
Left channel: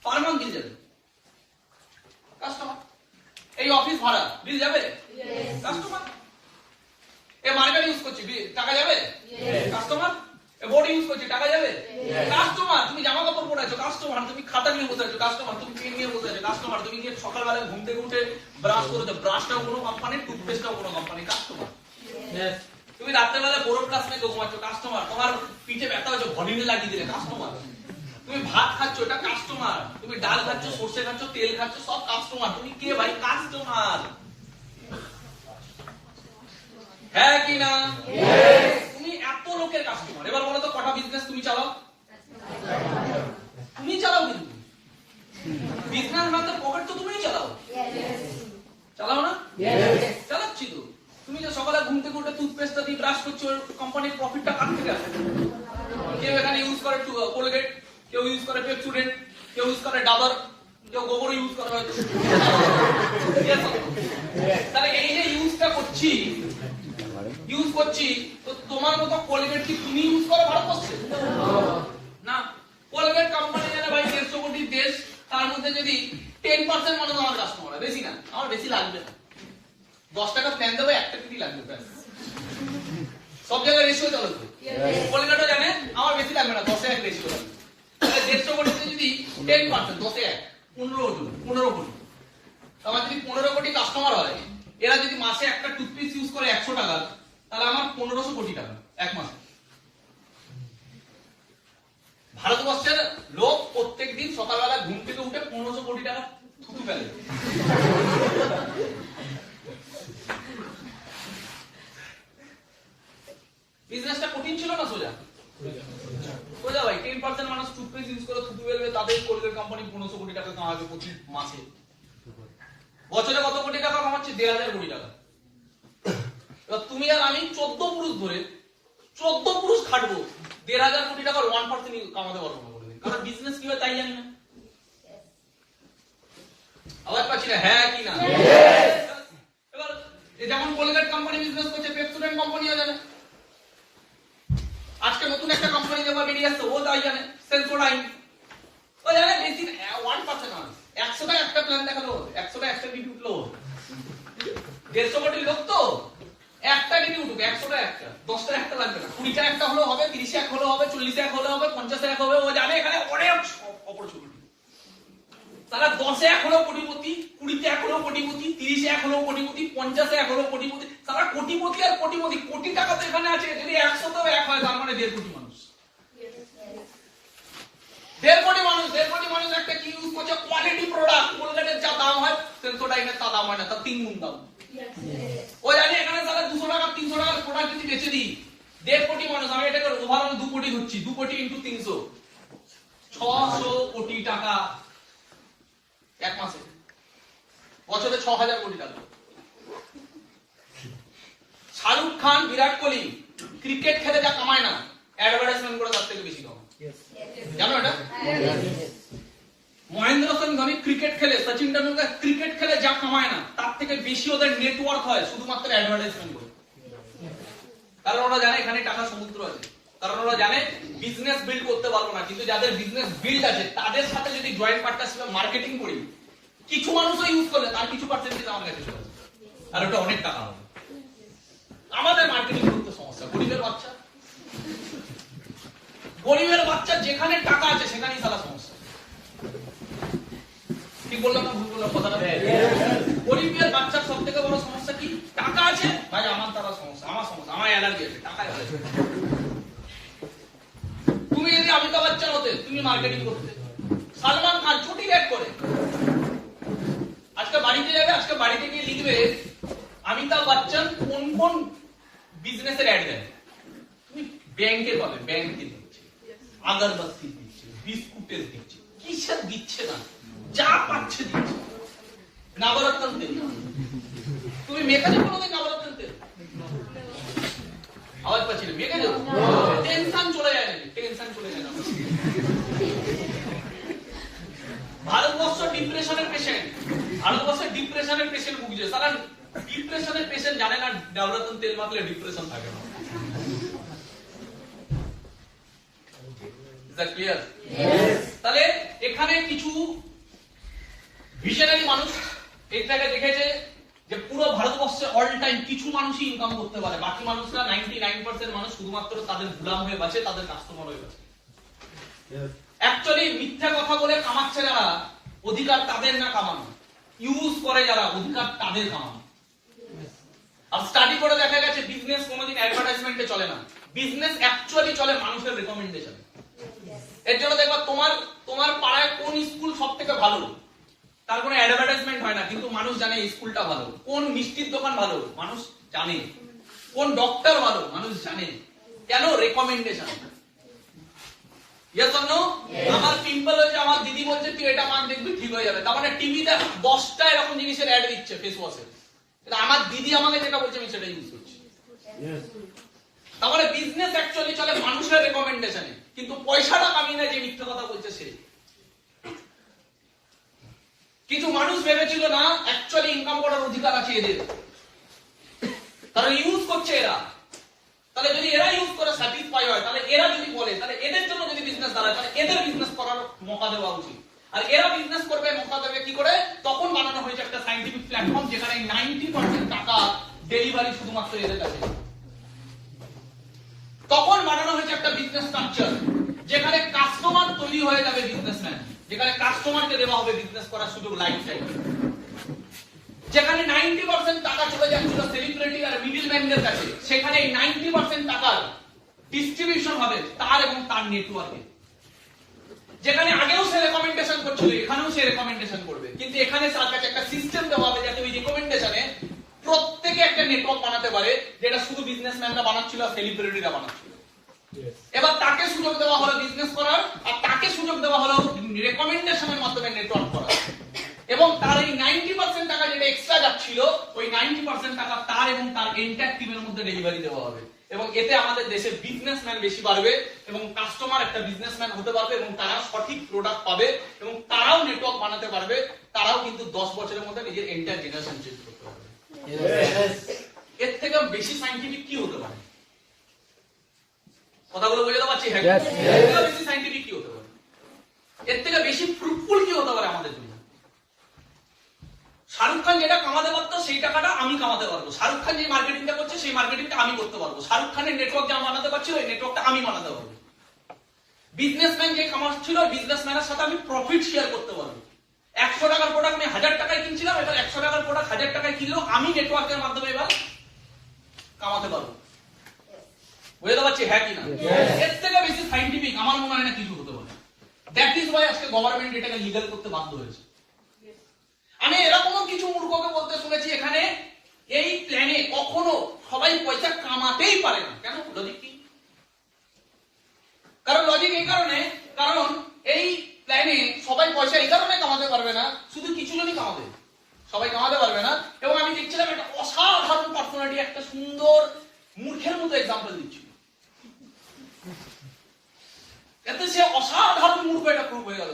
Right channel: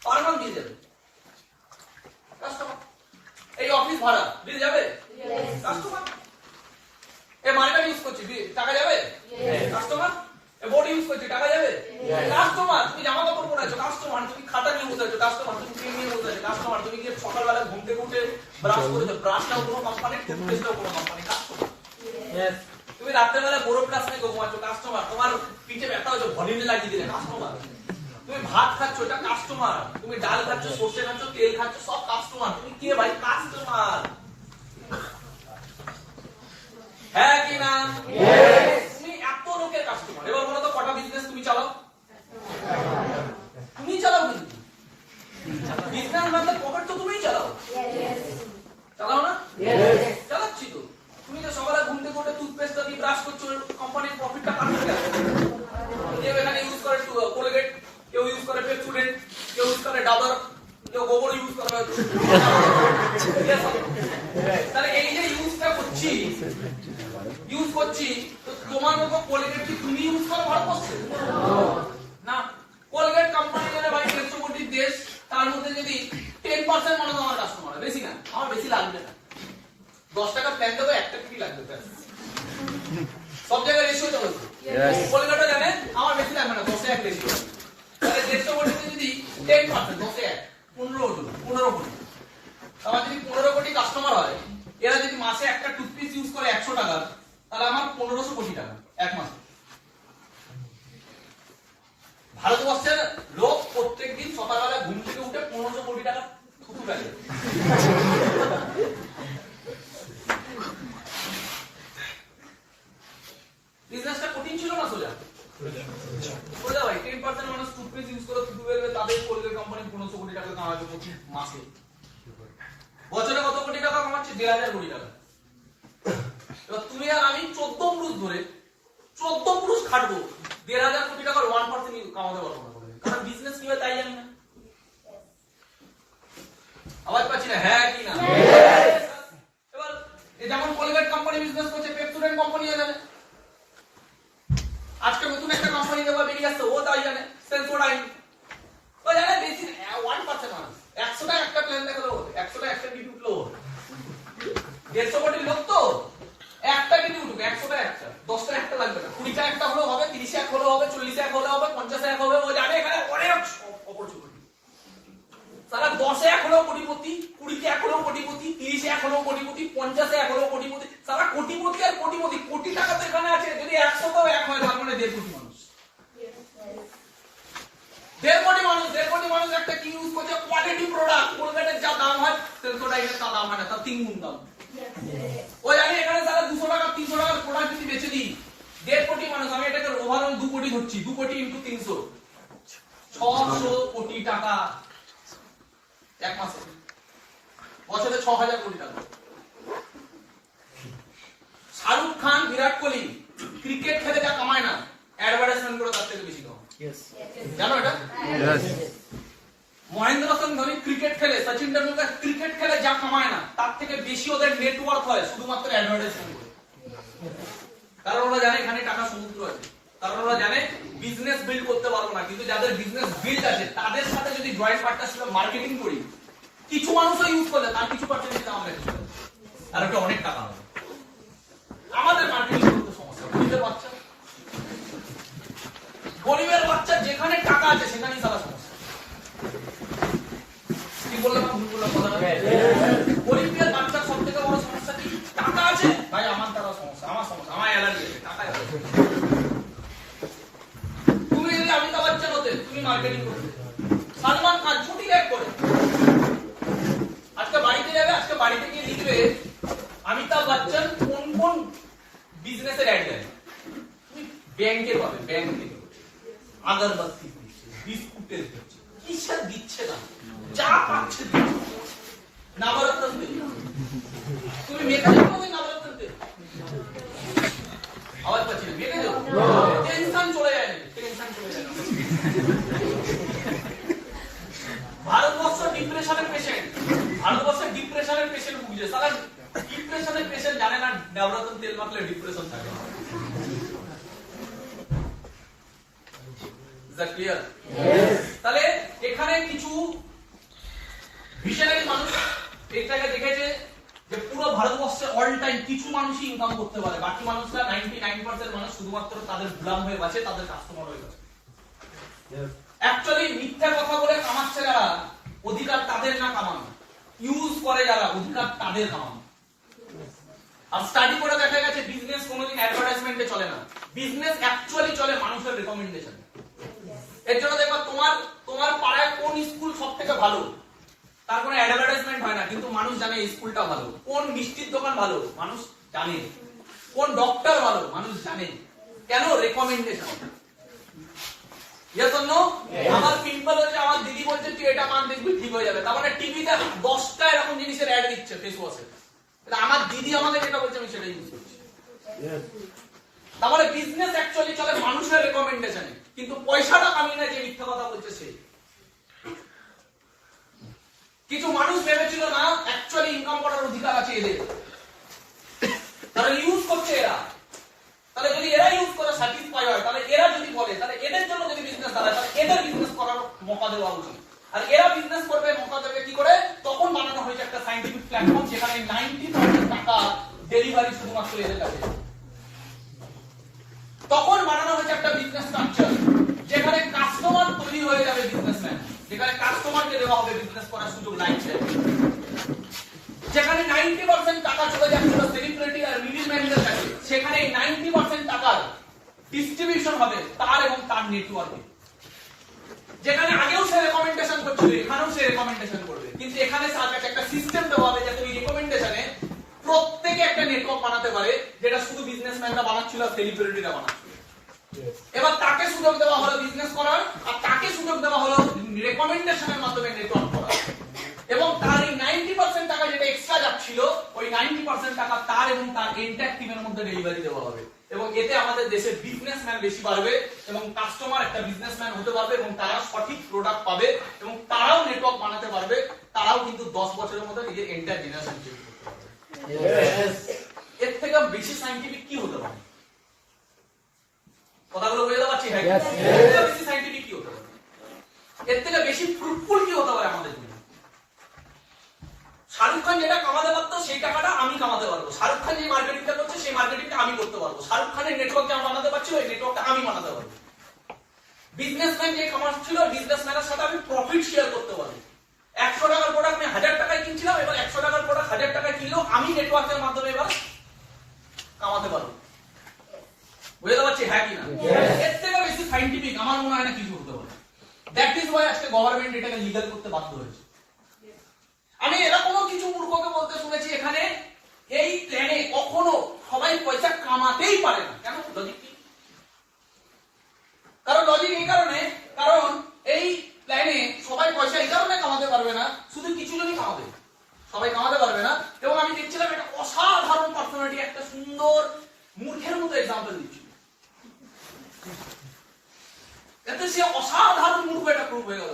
পার মান্থ বিল যাবে, কাস্টমার। এই অফিস ভাড়া বিল যাবে, কাস্টমার। এই মার্কেট ইউজ করছি, টাকা যাবে, কাস্টমার। এই বোর্ড ইউজ করছি, টাকা যাবে, কাস্টমার। তুমি জামা কাপড় পরে আছো, কাস্টমার। তুমি খাতা নিয়ে বসে আছো, কাস্টমার। তুমি পেন নিয়ে বসে আছো, কাস্টমার। তুমি গিয়ে সকালবেলা ঘুম থেকে উঠে ব্রাশ করেছো, ব্রাশটাও কোনো কোম্পানি, টুথপেস্টটাও কোনো কোম্পানি, কাস্টমার। তুমি রাত্রেবেলা বোরো প্লাস নিয়ে ঘুমাচ্ছো, কাস্টমার। তোমার পিঠে ব্যথা হয়েছে, ভলিনি লাগিয়ে দিলে, কাস্টমার। তুমি ভাত খাচ্ছ, এটা কাস্টমার। তুমি ডাল খাচ্ছ, সর্ষে খাচ্ছ, তেল খাচ্ছ, সব কাস্টমার। তুমি কে ভাই? কাস্টমার। হ্যাঁ কি না? তুমি এত লোকের কাস্টমার। এবার বলো তো কটা বিজনেস তুমি চালাও? তুমি চালাও, কিন্তু বিজনেস মানে পকেট তো তুমিই চালাও, চালাও না? চালাচ্ছি তো। তুমি যে সকালে ঘুম থেকে উঠে টুথপেস্টটা দিয়ে ব্রাশ করছো, কোম্পানির প্রফিটটা কাটতে গেছে। কেউ এখানে ইউজ করে কোলগেট, কেউ ইউজ করে পেপসুডেন্ট, কেউ ইউজ করে ডাবর, কেউ গোবর ইউজ করে হয়তো। তাহলে এই যে ইউজটা করছি, তো তোমার মতো কোলগেট কি তুমি ইউজ করো ভারতবর্ষে? না। কোলগেট কোম্পানি যারা ভাই 150 কোটির দেশ, তার মধ্যে যদি 10% মানুষ আমার কাস্টমার হয়, বেশি না, আমার বেশি লাগবে না। 10 টাকা প্ল্যান দেবো, 1 টাকা কি লাগবে? সব জায়গায় রেশিও চলে। কোলগেটও জানে আমার বেশি লাগবে না, 10 এ 1 রেশিও লাগবে। তাহলে 150 কোটিতে যদি 10%, 10 এ 1, 15 কোটি। আমার যদি 15 কোটি কাস্টমার হয়, এরা যদি মাসে একটা টুথপেস্ট ইউজ করে 100 টাকা, তাহলে আমার 1500 কোটি টাকা এক মাসে। ভারতবর্ষের লোক প্রত্যেকদিন সকালবেলা ঘুম থেকে উঠে 1500 কোটি টাকা থুতু ফেলে। বিজনেসটা কঠিন ছিল না সোজা? সোজা ভাই। 10% মানুষ টুথপেস্ট ইউজ করে থুতু ফেলবে, তাদের কোলগেট কোম্পানি 1500 কোটি টাকা কামাবে প্রতি মাসে। বছরে কত কোটি টাকা কামাচ্ছে? 1000 কোটি টাকা। এবার তুমি আর আমি 14 পুরুষ ধরে 14 পুরুষ খাটবো, 1500 কোটি টাকার 1% কামাতে পারবো না। কারণ বিজনেস কি হয় তাই জানি না। আওয়াজ পাচ্ছি না? হ্যাঁ কি না? এবার যেমন কোলগেট কোম্পানি বিজনেস করছে, পেপসোডেন্ট কোম্পানিও জানে। আজকে নতুন একটা কোম্পানি দেওয়া বেরিয়ে আসছে, ও তাই জানে। সেন্সোডাইন ও জানে। বেশি 1% মানুষ 100টা একটা প্ল্যান দেখালো, 100টা একটা ডিউটি উঠলো, 150 কোটি লোক তো একটা ডিউটি উঠুক, 100টা একটা, 10টা একটা লাগবে না, 20টা একটা হলেও হবে, 30 এক হলেও হবে, 40 এক হলেও হবে, 50 এক হবে। ও জানে এখানে অনেক অপরচুনিটি। তারা 10 এক হলেও কোটিপতি, 20 এক হলেও কোটিপতি, 30 এক হলেও কোটিপতি, 50 এক হলেও কোটিপতি। তারা কোটিপতি আর কোটিপতি, কোটি টাকা তো এখানে আছে। যদি 100টাও এক হয় তার মানে 1.5 কোটি মানুষ। 1.5 কোটি মানুষ, 1.5 কোটি মানুষ একটা কি ইউজ করছে? Quality product. কোলগেটের যা দাম হয় সেন্সোডাইনের তা দাম হয় না, তার 3 গুণ দাম। ও জানি এখানে তারা 200 টাকা 300 টাকার প্রোডাক্ট যদি বেচে দিই, 1.5 কোটি মানুষ, আমি এটাকে ওভারঅল 2 কোটি ধরছি, 2 কোটি ইনটু 300, 600 কোটি টাকা এক মাসে। বছরে 6000 কোটি টাকা। শাহরুখ খান, বিরাট কোহলি ক্রিকেট খেলে যা কামায় না, অ্যাডভার্টাইজমেন্ট করে তার থেকে বেশি কামায়। জানো এটা? মহেন্দ্র সিং ধোনি ক্রিকেট খেলে, সচিন তেন্ডুলকর ক্রিকেট খেলে যা কামায় না, তার থেকে বেশি ওদের নেটওয়ার্ক হয় শুধুমাত্র অ্যাডভার্টাইজমেন্ট করে। কারণ ওরা জানে এখানে টাকা সমুদ্র আছে। কারণ ওরা জানে বিজনেস বিল্ড করতে পারবো না, কিন্তু যাদের বিজনেস বিল্ড আছে তাদের সাথে যদি জয়েন্ট পার্টনারশিপে মার্কেটিং করি, কিছু মানুষও ইউজ করলে তার কিছু পার্সেন্টেজ আমরা কিছু, আর ওটা অনেক টাকা হবে। আমাদের মার্কেটিং করতে সমস্যা। গরিবের বাচ্চা যেখানে টাকা আছে সেখানেই সারা সমস্যা। কি বললাম? কথাটা গরিবের বাচ্চার সব থেকে বড় সমস্যা কি? টাকা আছে ভাই, আমার দ্বারা সমস্যা, আমার সমস্যা, আমার অ্যালার্জি আছে, টাকায় আছে। তুমি যদি অমিতাভ বচ্চন হতে, তুমি মার্কেটিং করতে। সালমান খান ছুটি ব্যাগ করে আজকে বাড়িতে যাবে, আজকে বাড়িতে গিয়ে লিখবে অমিতাভ বচ্চন কোন কোন বিজনেসের অ্যাড দেয়। তুমি ব্যাংকে পাবে, ব্যাংকে আগরবাতি দিচ্ছে, বিস্কুটের দিচ্ছে, কিসের দিচ্ছে না, যা পাচ্ছে দিচ্ছে। নবরত্ন তেল, তুমি মেখে যাবো না নবরত্ন তেল? আওয়াজ পাচ্ছি না? মেখে যাবো, টেনশন চলে যায় নাকি? টেনশন চলে যায় না। ভারতবর্ষ ডিপ্রেশনের পেশেন্ট, ভারতবর্ষের ডিপ্রেশনের পেশেন্ট ভুগছে। সারা ডিপ্রেশনের পেশেন্ট জানে না নবরত্ন তেল মাখলে ডিপ্রেশন থাকে না। Is that clear? Yes. তাহলে এখানে কিছু ভিশনারি মানুষ এটাকে দেখেছে যে পুরো ভারতবর্ষে অল টাইম কিছু মানুষই ইনকাম করতে পারে, বাকি মানুষরা 99% মানুষ শুধুমাত্র তাদের গোলাম হয়ে বাঁচে, তাদের কাস্টমার হয়ে বাঁচে। অ্যাকচুয়ালি মিথ্যা কথা বলে কামাচ্ছে যারা, অধিকার তাদের না কামানো। ইউজ করে যারা, অধিকার তাদের কামানো। আর স্টাডি করে দেখা গেছে বিজনেস কোনোদিন অ্যাডভার্টাইজমেন্টে চলে না। বিজনেস অ্যাকচুয়ালি চলে মানুষের রেকমেন্ডেশন। এর জন্য দেখবা তোমার পাড়ায় কোন স্কুল সবথেকে ভালো, তার কোনো অ্যাডভার্টাইজমেন্ট হয় না, কিন্তু মানুষ জানে এই স্কুলটা ভালো। কোন মিষ্টির দোকান ভালো, মানুষ জানে। কোন ডক্টর ভালো, মানুষ জানে। কেন? রেকমেন্ডেশন। Yes or no? আমার পিম্পল হয়েছে, আমার দিদি বলছে তুই এটা মাখ দেখবি ঠিক হয়ে যাবে। তার মানে টিভিতে 10টা এরকম জিনিসের অ্যাড দিচ্ছে ফেস ওয়াশে, কিন্তু আমার দিদি আমাকে যেটা বলছে আমি সেটাই ইউজ করছি। তার মানে বিজনেস অ্যাকচুয়ালি চলে মানুষের রেকমেন্ডেশনে, কিন্তু পয়সাটা কামিয়ে নেয় যে মিথ্যা কথা বলছে সে। কিছু মানুষ ভেবেছিল না অ্যাকচুয়ালি ইনকাম করার অধিকার আছে এদের, তারা ইউজ করছে এরা। তাহলে যদি এরা ইউজ করে স্যাটিসফাই হয়, তাহলে এরা যদি বলে, তাহলে এদের জন্য যদি বিজনেস দাঁড়ায়, তাহলে এদের বিজনেস করার মৌকা দেওয়া উচিত। আর এরা বিজনেস করবে, মৌকা দেবে কি করে? তখন বানানো হয়েছে একটা সায়েন্টিফিক প্ল্যাটফর্ম, যেখানে 90% টাকা ডেলিভারি শুধুমাত্র এদের কাছে। তখন বানানো হয়েছে একটা বিজনেস স্ট্রাকচার, যেখানে কাস্টমার তৈরি হয়ে যাবে বিজনেসম্যান, যেখানে কাস্টমারকে দেওয়া হবে বিজনেস করার সুযোগ লাইফ টাইম। যেখানে 90% টাকা চলে যাচ্ছিল সেলিব্রিটি আর মিডলম্যানদের কাছে, সেখানে 90% টাকার ডিস্ট্রিবিউশন হবে তার এবং তার নেটওয়ার্কে। যেখানে আগেও সে রেকমেন্ডেশন করছিল এখানেও সে রেকমেন্ডেশন করবে, কিন্তু এখানে তার কাছে একটা সিস্টেম দেওয়া হবে যাতে ওই রেকমেন্ডেশনে প্রত্যেকে একটা নেটওয়ার্ক বানাতে পারে, যেটা শুধু বিজনেসম্যানরা বানাচ্ছিল আর সেলিব্রিটিরা বানাচ্ছিল। এবার তাকে সুযোগ দেওয়া হলো বিজনেস করার, আর তাকে সুযোগ দেওয়া হলো রেকমেন্ডেশনের মাধ্যমে নেটওয়ার্ক করার। এবং তার এই 90% টাকা যেটা এক্সট্রা যাচ্ছিল, ওই 90% টাকা তার এবং তার এন্টায়ার টিমের মধ্যে ডেলিভারি দেওয়া হবে। এবং এতে আমাদের দেশে বিজনেসম্যান বেশি বাড়বে এবং কাস্টমার একটা বিজনেসম্যান হতে পারবে এবং তারা সঠিক প্রোডাক্ট পাবে এবং তারাও নেটওয়ার্ক বানাতে পারবে, তারাও কিন্তু 10 বছরের মধ্যে নিজের এন্টায়ার জেনারেশন চেঞ্জ করতে পারবে। এর থেকে বেশি সায়েন্টিফিক কি হতে পারে? কথাগুলো বোঝাতে পারছি? হ্যাঁ, এর থেকে বেশি সায়েন্টিফিক কি হতে পারে? এর থেকে বেশি ফ্রুটফুল কি হতে পারে আমাদের জন্য? শাহরুখ খান যেটা কামাতে পারতো সেই টাকাটা আমি কামাতে পারবো। শাহরুখ খান যে মার্কেটিংটা করছে সেই মার্কেটিংটা আমি করতে পারবো। শাহরুখ খানের নেটওয়ার্ক যা বানাতে পারছিল ওই নেটওয়ার্কটা আমি বানাতে পারবো। বিজনেসম্যান যে কামাচ্ছিল বিজনেসম্যানের সাথে আমি প্রফিট শেয়ার করতে পারবো। 100 টাকার প্রোডাক্ট আমি 1000 টাকায় কিনছিলাম, এবার 100 টাকার প্রোডাক্ট 1000 টাকায় কিনলেও আমি নেটওয়ার্কের মাধ্যমে এবার কামাতে পারবো। বুঝতে পারছি? হ্যাঁ কি না? এর থেকে বেশি সায়েন্টিফিক আমার মনে হয় না কিছু হতে পারে। দ্যাট ইজ ওয়াই আজকে গভর্নমেন্ট এটাকে লিগ্যাল করতে বাধ্য হয়েছে। আমি এরকমও কিছু মূর্খকে বলতে শুনেছি এখানে এই প্ল্যানে কখনো সবাই পয়সা কামাতেই পারে না। কেন? লজিক কি? কারণ লজিক এই কারণে, কারণ এই প্ল্যানে সবাই পয়সা এই কারণে কামাতে পারবে না, শুধু কিছু জনই কামাবে, সবাই কামাতে পারবে না। এবং আমি দেখছিলাম এটা অসাধারণ পার্সোনালিটি একটা সুন্দর মূর্খের মতো এক্সাম্পল দিচ্ছিল। এতে সে অসাধারণ মূর্খ এটা প্রুভ হয়ে গেল।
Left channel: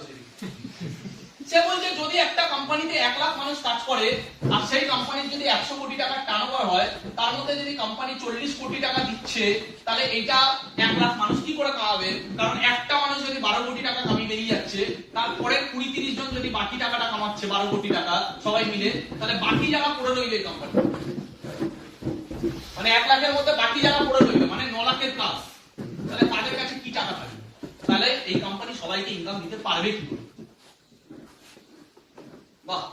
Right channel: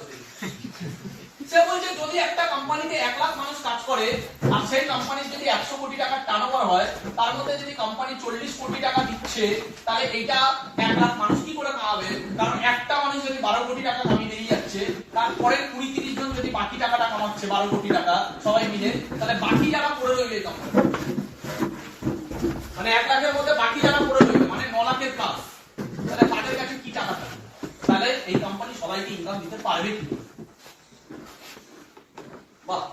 সে বলছে যদি একটা কোম্পানিতে 1 লাখ মানুষ কাজ করে আর সেই কোম্পানির যদি 100 কোটি টাকার টার্নওভার হয়, তার মধ্যে যদি কোম্পানি 40 কোটি টাকা দিচ্ছে, তাহলে এইটা 1 লাখ মানুষ কি করে কামাবে? কারণ একটা মানুষ যদি 12 কোটি টাকা কামিয়ে বেরিয়ে যাচ্ছে, তারপরে 20-30 জন যদি বাকি টাকাটা কামাচ্ছে 12 কোটি টাকা সবাই মিলে, তাহলে বাকি যারা পড়ে রইবে কোম্পানি, মানে 1 লাখের মধ্যে বাকি যারা পড়ে রইবে মানে 9 লাখের কাজ, তাহলে তাদের কাছে কি টাকা থাকবে? তাহলে এই কোম্পানি সবাইকে ইনকাম দিতে পারবে কি? বাহ,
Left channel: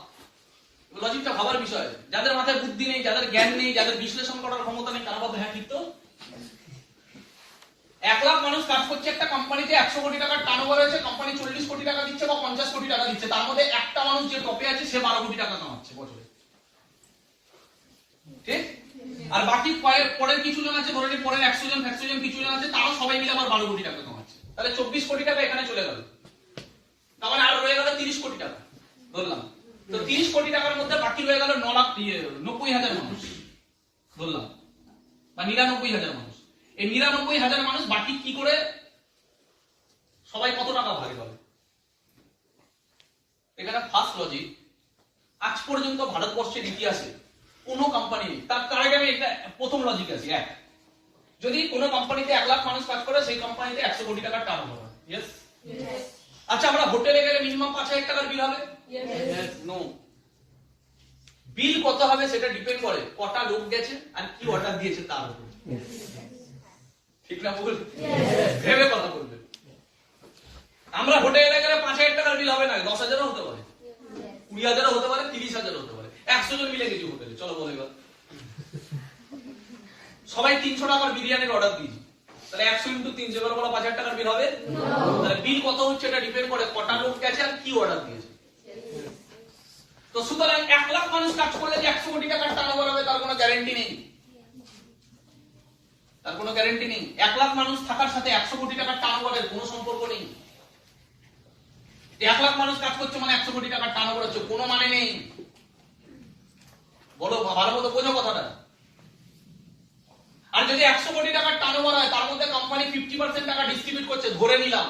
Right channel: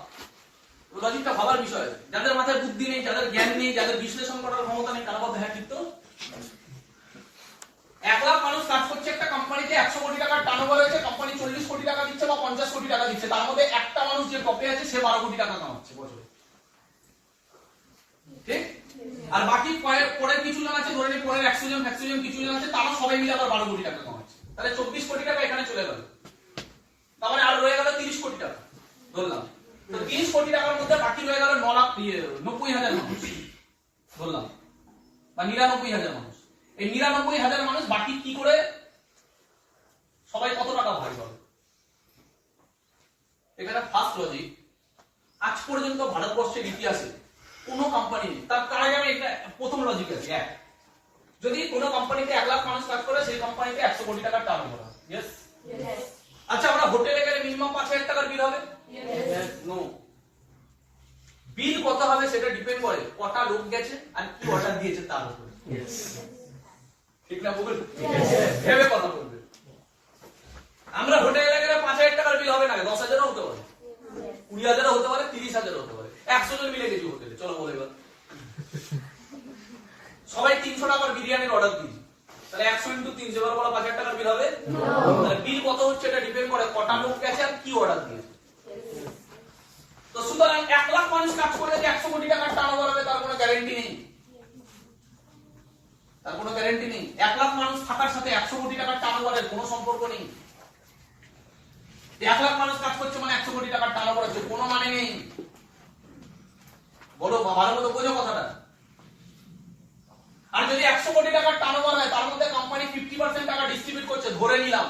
লজিকটা ভাবার বিষয়। যাদের মাথায় বুদ্ধি নেই, যাদের জ্ঞান নেই, যাদের বিশ্লেষণ করার ক্ষমতা নেই, তারা বলতে হ্যাঁ ঠিক তো। 1 লাখ মানুষ কাজ করছে একটা কোম্পানিতে, 100 কোটি টাকার টার্নওভার হয়েছে, কোম্পানি 40 কোটি টাকা দিচ্ছে বা 50 কোটি টাকা দিচ্ছে, তার মধ্যে একটা মানুষ যে টপে আছে সে 12 কোটি টাকা কামাচ্ছে বছরে, ঠিক? আর বাকি পরের কিছু জন আছে, ধরে নিই পরের 100 জন কিছু জন আছে, তারা সবাই মিলে আবার 12 কোটি টাকা কামাচ্ছে, তাহলে 24 কোটি টাকা এখানে চলে গেল। তার মানে আর রয়ে গেল 30 কোটি টাকা ধরলাম। তো 30 কোটি টাকার মধ্যে বাকি রয়ে গেল 90,000 মানুষ ধরলাম, বা 99,000 মানুষ। এই 99,000 মানুষ বাকি কি করে সবাই কত টাকা ভাগ পাবে? এখানে ফার্স্ট লজিক, আজ পর্যন্ত ভারতবর্ষের ইতিহাসে কোনো কোম্পানি, তার আগে আমি একটা প্রথম লজিক আছে, এক, যদি কোনো কোম্পানিতে 1 লাখ মানুষ কাজ করে সেই কোম্পানিতে 100 কোটি টাকার টার্নওভার হয়, ইয়েস? আচ্ছা, আমরা হোটেলে গেলে মিনিমাম 5,000 টাকার বিল হবে? নো। বিল কত হবে সেটা ডিপেন্ড করে কটা লোক গেছে আর কি অর্ডার দিয়েছে তার উপর, ঠিক না? বল, ভেবে কথা বলবে। আমরা হোটেলে গেলে 5,000 টাকার বিল হবে না, 10,000ও হতে পারে, 20,000ও হতে পারে, 30,000ও হতে পারে। 100 জন মিলে গেছি হোটেলে, চলো বলে এবার সবাই 300 টাকার বিরিয়ানির অর্ডার দিয়েছি, তাহলে 100 × 300 এবার বড় 5,000 টাকার বিল হবে? তাহলে বিল কত হচ্ছে এটা ডিপেন্ড করে কটা লোক গেছে আর কি অর্ডার দিয়েছে। তো সুতরাং 1 লাখ মানুষ কাজ করলে যে 100 কোটি টাকার টার্নওভার হবে তার কোনো গ্যারান্টি নেই, তার কোনো গ্যারান্টি নেই। 1 লাখ মানুষ থাকার সাথে 100 কোটি টাকার টার্নওভারের কোনো সম্পর্ক নেই। 1 লাখ মানুষ কাজ করছে মানে 100 কোটি টাকার টার্নওভার হচ্ছে, কোনো মানে নেই। বলো, ভালো মতো বোঝো কথাটা। আর যদি 100 কোটি টাকার টার্নওভার হয় তার মধ্যে কোম্পানি 50% টাকা ডিস্ট্রিবিউট করছে, ধরে নিলাম,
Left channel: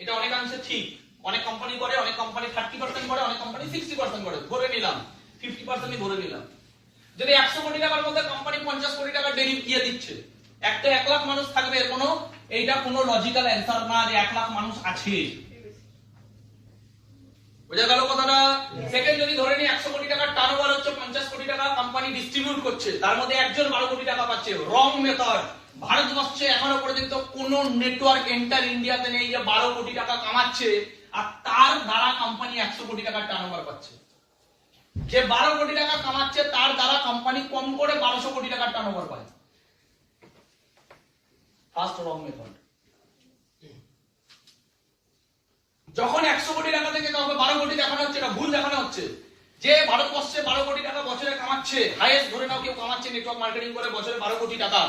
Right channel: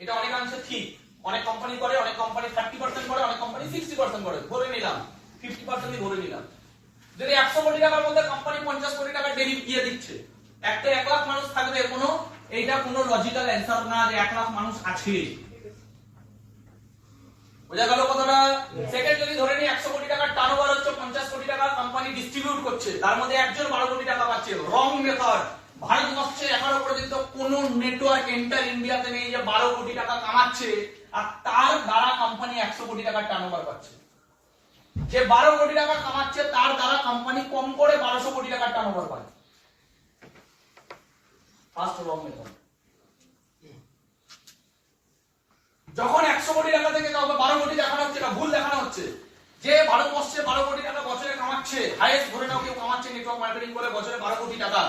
এটা অনেকাংশে ঠিক, অনেক কোম্পানি করে, অনেক কোম্পানি 30% করে, অনেক কোম্পানি 60% করে, ধরে নিলাম 50%ই ধরে নিলাম। যদি 100 কোটি টাকার মধ্যে কোম্পানি 50 কোটি টাকা দিয়ে দিচ্ছে, একটা 1 লাখ মানুষ থাকবে, এইটা কোনো লজিক্যাল অ্যানসার না যে 1 লাখ মানুষ আছে। বোঝা গেল কথাটা? সেকেন্ড, যদি ধরে নিই 100 কোটি টাকার টার্নওভার হচ্ছে, 50 কোটি টাকা কোম্পানি ডিস্ট্রিবিউট করছে, তার মধ্যে একজন 12 কোটি টাকা পাচ্ছে, রং মেথড। ভারতবর্ষে এখনো পর্যন্ত কোন নেটওয়ার্ক এন্টার ইন্ডিয়াতে নেই যে 12 কোটি টাকা কামাচ্ছে আর তার দ্বারা কোম্পানি 100 কোটি টাকার টার্নওভার পাচ্ছে। যে 12 কোটি টাকা কামাচ্ছে তার দ্বারা কোম্পানি কম করে 1200 কোটি টাকার টার্নওভার পায়। ফার্স্ট রং মেথড। যখন 100 কোটি টাকা থেকে কাউকে 12 কোটি দেখানো হচ্ছে, এটা ভুল দেখানো হচ্ছে। যে ভারতবর্ষে 12 কোটি টাকা বছরে কামাচ্ছে, হাইয়েস্ট ধরে নাও কেউ কামাচ্ছে নেটওয়ার্ক মার্কেটিং করে বছরে 12 কোটি টাকা,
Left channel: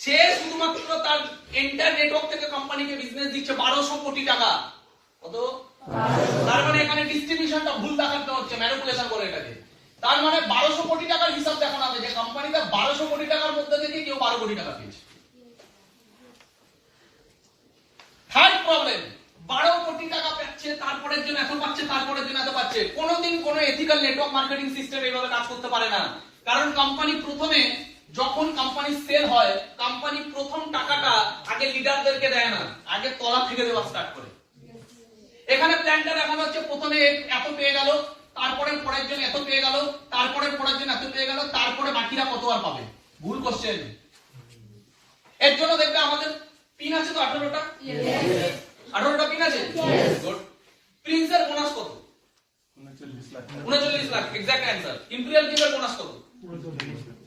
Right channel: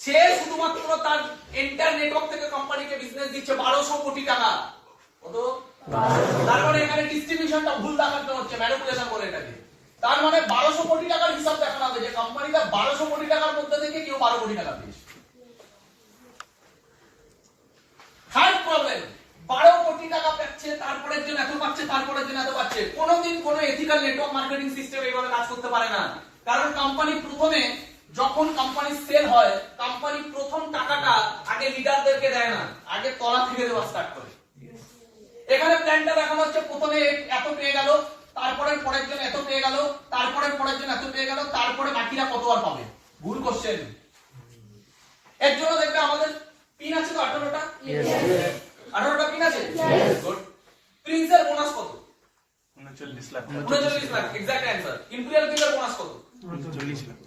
সে শুধুমাত্র তার এন্টার নেটওয়ার্ক থেকে কোম্পানিকে বিজনেস দিচ্ছে 1200 কোটি টাকা। কত? তার মানে এখানে ডিস্ট্রিবিউশনটা ভুল দেখানো হচ্ছে, ম্যানিপুলেশন বলে এটাকে। তার মানে 1200 কোটি টাকার হিসাব দেখানো হবে যে কোম্পানিটা 1200 কোটি টাকার মধ্যে থেকে কেউ 12 কোটি টাকা পেয়েছে। থার্ড প্রবলেম, 12 কোটি টাকা পাচ্ছে, তারপরের জন্য এত পাচ্ছে, তারপরের জন্য এত পাচ্ছে। কোনোদিন কোনো এথিক্যাল নেটওয়ার্ক মার্কেটিং সিস্টেম এইভাবে কাজ করতে পারে না। কারণ কোম্পানি প্রথমে যখন কোম্পানি সেল হয়, কোম্পানি প্রথম টাকাটা আগে লিডারদেরকে দেয় না, আগে তলা থেকে দেওয়া স্টার্ট করে। এখানে প্ল্যানটা দেখানো হচ্ছে প্রথমে এত পেয়ে গেল, তারপরে পরের জন্য এত পেয়ে গেল, তারপরে পরের জন্য এত পেয়ে গেল, তারপরে বাকিরা কত আর পাবে। ভুল কোশ্চেন। এর জন্য দেখবে আমাদের পিন আছে তো 18টা। 18টা পিন আছে। গুড। প্রিন্সের বোনাস কত? 39 lakh. 39 lakh exact answer. Imperial কিকের বোনাস কত? 40 লাখ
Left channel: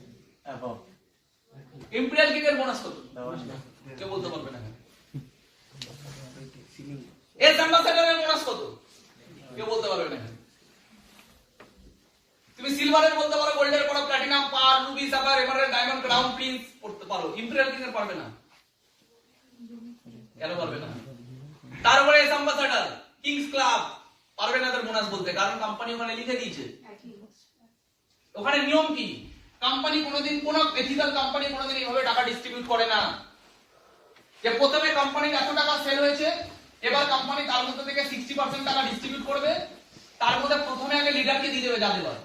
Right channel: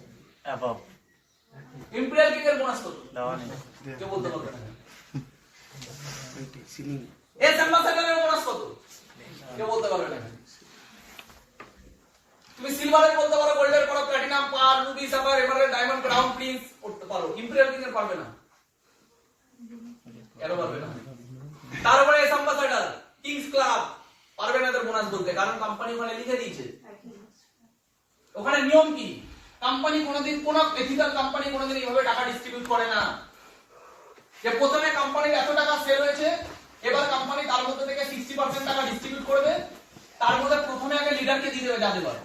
অ্যাবাভ। ইম্পেরিয়াল কিকের বোনাস কত? দাও না। কেউ বলতে পারবে না। সিলিং এর অ্যাম্বাসেডরের বোনাস কত? কেউ বলতে পারবে না। তুমি সিলভারের বলতে পারো, গোল্ডের পারো, প্ল্যাটিনাম, পার, ruby, sapphire, emerald, diamond, crown, prince করতে পারো। ইম্পেরিয়াল কিকের পারবে না। কেন পারবে না? তারপরে এস অ্যাম্বাসেডর, কিংস ক্লাব পারবে না এদের বোনাস বলতে, কারণ কোম্পানি ওখানে লিখে দিয়েছে। ওখানে নিয়ম কি? কোম্পানি কোনোদিন কোন এথিক্যাল কোম্পানি কোনোদিন এইভাবে টাকা ডিস্ট্রিবিউট করে না যে প্রথমে কোম্পানির এত টাকা সেল হয়েছে, এবার কোম্পানি তার মধ্যে থেকে 60% টাকা ডিস্ট্রিবিউট করবে, তার মধ্যে প্রথমে আগে লিডারকে দিয়ে দেবে যা দেবার,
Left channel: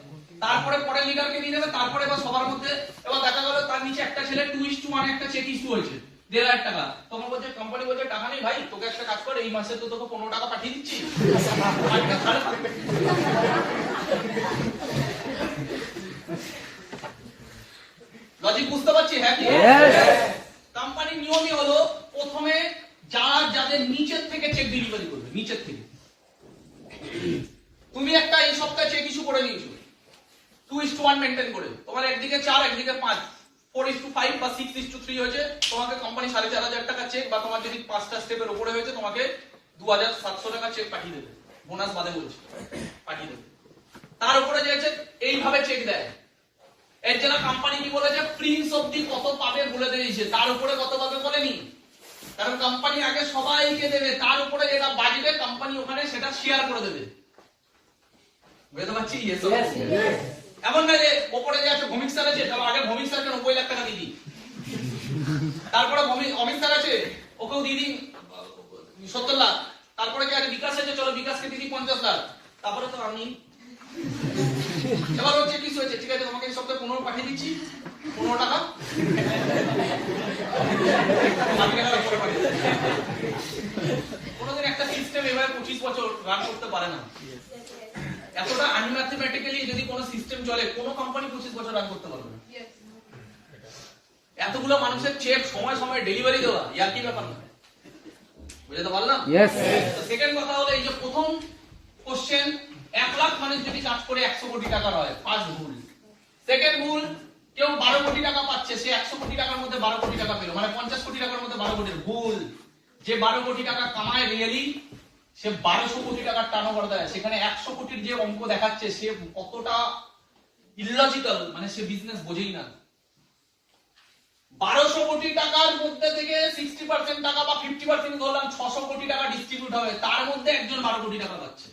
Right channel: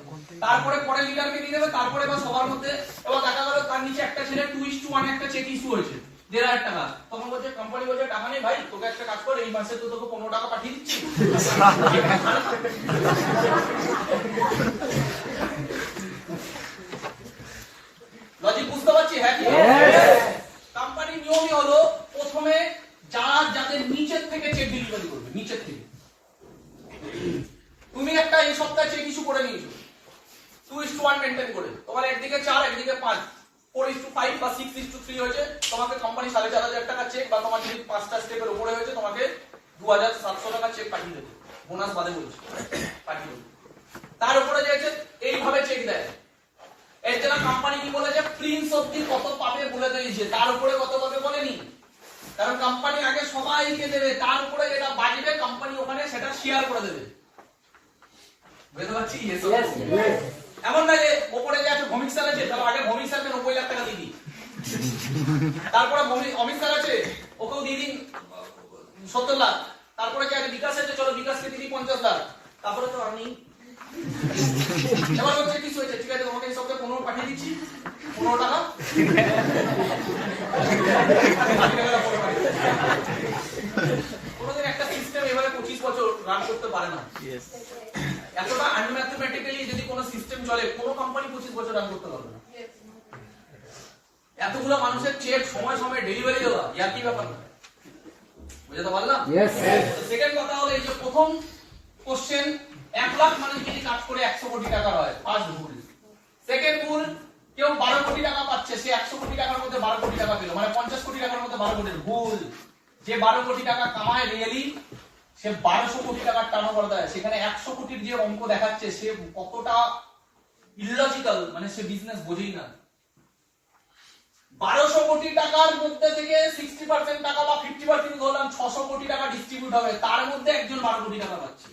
তারপরে পরে লিডারকে দিয়ে দেবে, তারপরে এবার সবার মধ্যে এবার দেখা গেল তার নিচে একটা ছেলে 2:1 একটা চেক ইস্যু হয়েছে 1,500 টাকা। তখন বলছে কোম্পানি বলছে টাকা নেই ভাই, তোকে একটা কাজ কর, এই মাসে তো তোকে 15 টাকা পাঠিয়ে দিচ্ছি। লজিক বুঝতে পারছি? হ্যাঁ কি? কোম্পানির নিয়মই হলো প্রথমে যাদের নিচের থেকে চেক ডেলিভারি করবে, নিচের থেকে। তুমি একটা এই সপ্তাহে চেক ইস্যু করে নিয়েছো 2:1 মেইনটেইন করে, তোমার একদিকে 4 একদিকে 5, 4:5 বা 6:3 হয়েছে, তোমাকে কোম্পানি 4,500 টাকা চেক, বা তোমার যদি 5টা স্টেপের উপরে হয়েছে তোমাকে 2,700 টাকা চেক পাঠিয়ে দেবে, বোনাস বাদে বলছে পাঠিয়ে দেবে। তার উপরে যে আছে এইভাবে চেক দেয়। এর জন্য কোম্পানি কি বলেছে, প্রিন্স অবধি কত পাবে বলে দিয়েছে, তার উপরে কত পাবে বলেনি। কারণ কোম্পানি আগে সবাইকে দেবে, তার উপরে যেটা বাজবে কোম্পানি ওখানে সেটা শেয়ার করে দেবে। বুঝতে পারছি? এমন না যে ওপরে যে আছে ভৌমিক স্যার আছে, তাহলে আগে ভৌমিক স্যারকে 90 লাখ টাকা দিয়ে দিই, তারপরে অমিত স্যার আছে ওকেও দিয়ে দিই 70 লাখ, তারপরে যে আছে বিকাশ আছে, চলো বিকাশকে দিয়ে দিই 50 লাখ, তারপরে তো আমি এবার হচ্ছে কিছু হয়েছে, ঠিক আছে তোমাকে এই সপ্তাহে 15 পাঠিয়ে দিচ্ছি, 15 টাকা কোনোদিন একটা সিস্টেম এভাবে 25 বছর রান করতে পারে না। এতটা আনম্যাথমেটিক্যালি যদি কোনো সিস্টেম চলে, কোনো কোম্পানি 25 বছর রান করতে পারবে না। এতগুলো মানুষের চেক সময় সময় ডেলিভারি দেওয়া ইয়ার কি ব্যাপার না। বুঝতে পারলাম? সেকেন্ড কথা হলো এই যে প্রথম কোশ্চেন, 1 লাখ মানুষ যদি কাজ করে 100 কোটি টাকা হয়, ফার্স্ট ভুল। সেকেন্ড ভুল, কেউ 12 কোটি টাকা পাচ্ছে, সে 100 কোটি টাকার মধ্যে 12 কোটি টাকা পেল, মানে 50 কোটি টাকার মধ্যে 12 কোটি। ভুল। যে 12 কোটি টাকা কামায় রিয়েলি, সে 1200 কোটি টাকার টার্নওভার দেয়, সেখানে 100 কোটির যে অঙ্ক দেখাচ্ছে সে কতটা ইললজিক্যাল, মানে সে বিজনেস বোঝেই না। 1200 কোটি টাকার মধ্যে থেকে 60% টাকা বা 50% ধরলাম 600 কোটি টাকা ডিস্ট্রিবিউট হবে, তার মধ্যে একজন 12 কোটি টাকা পাচ্ছে।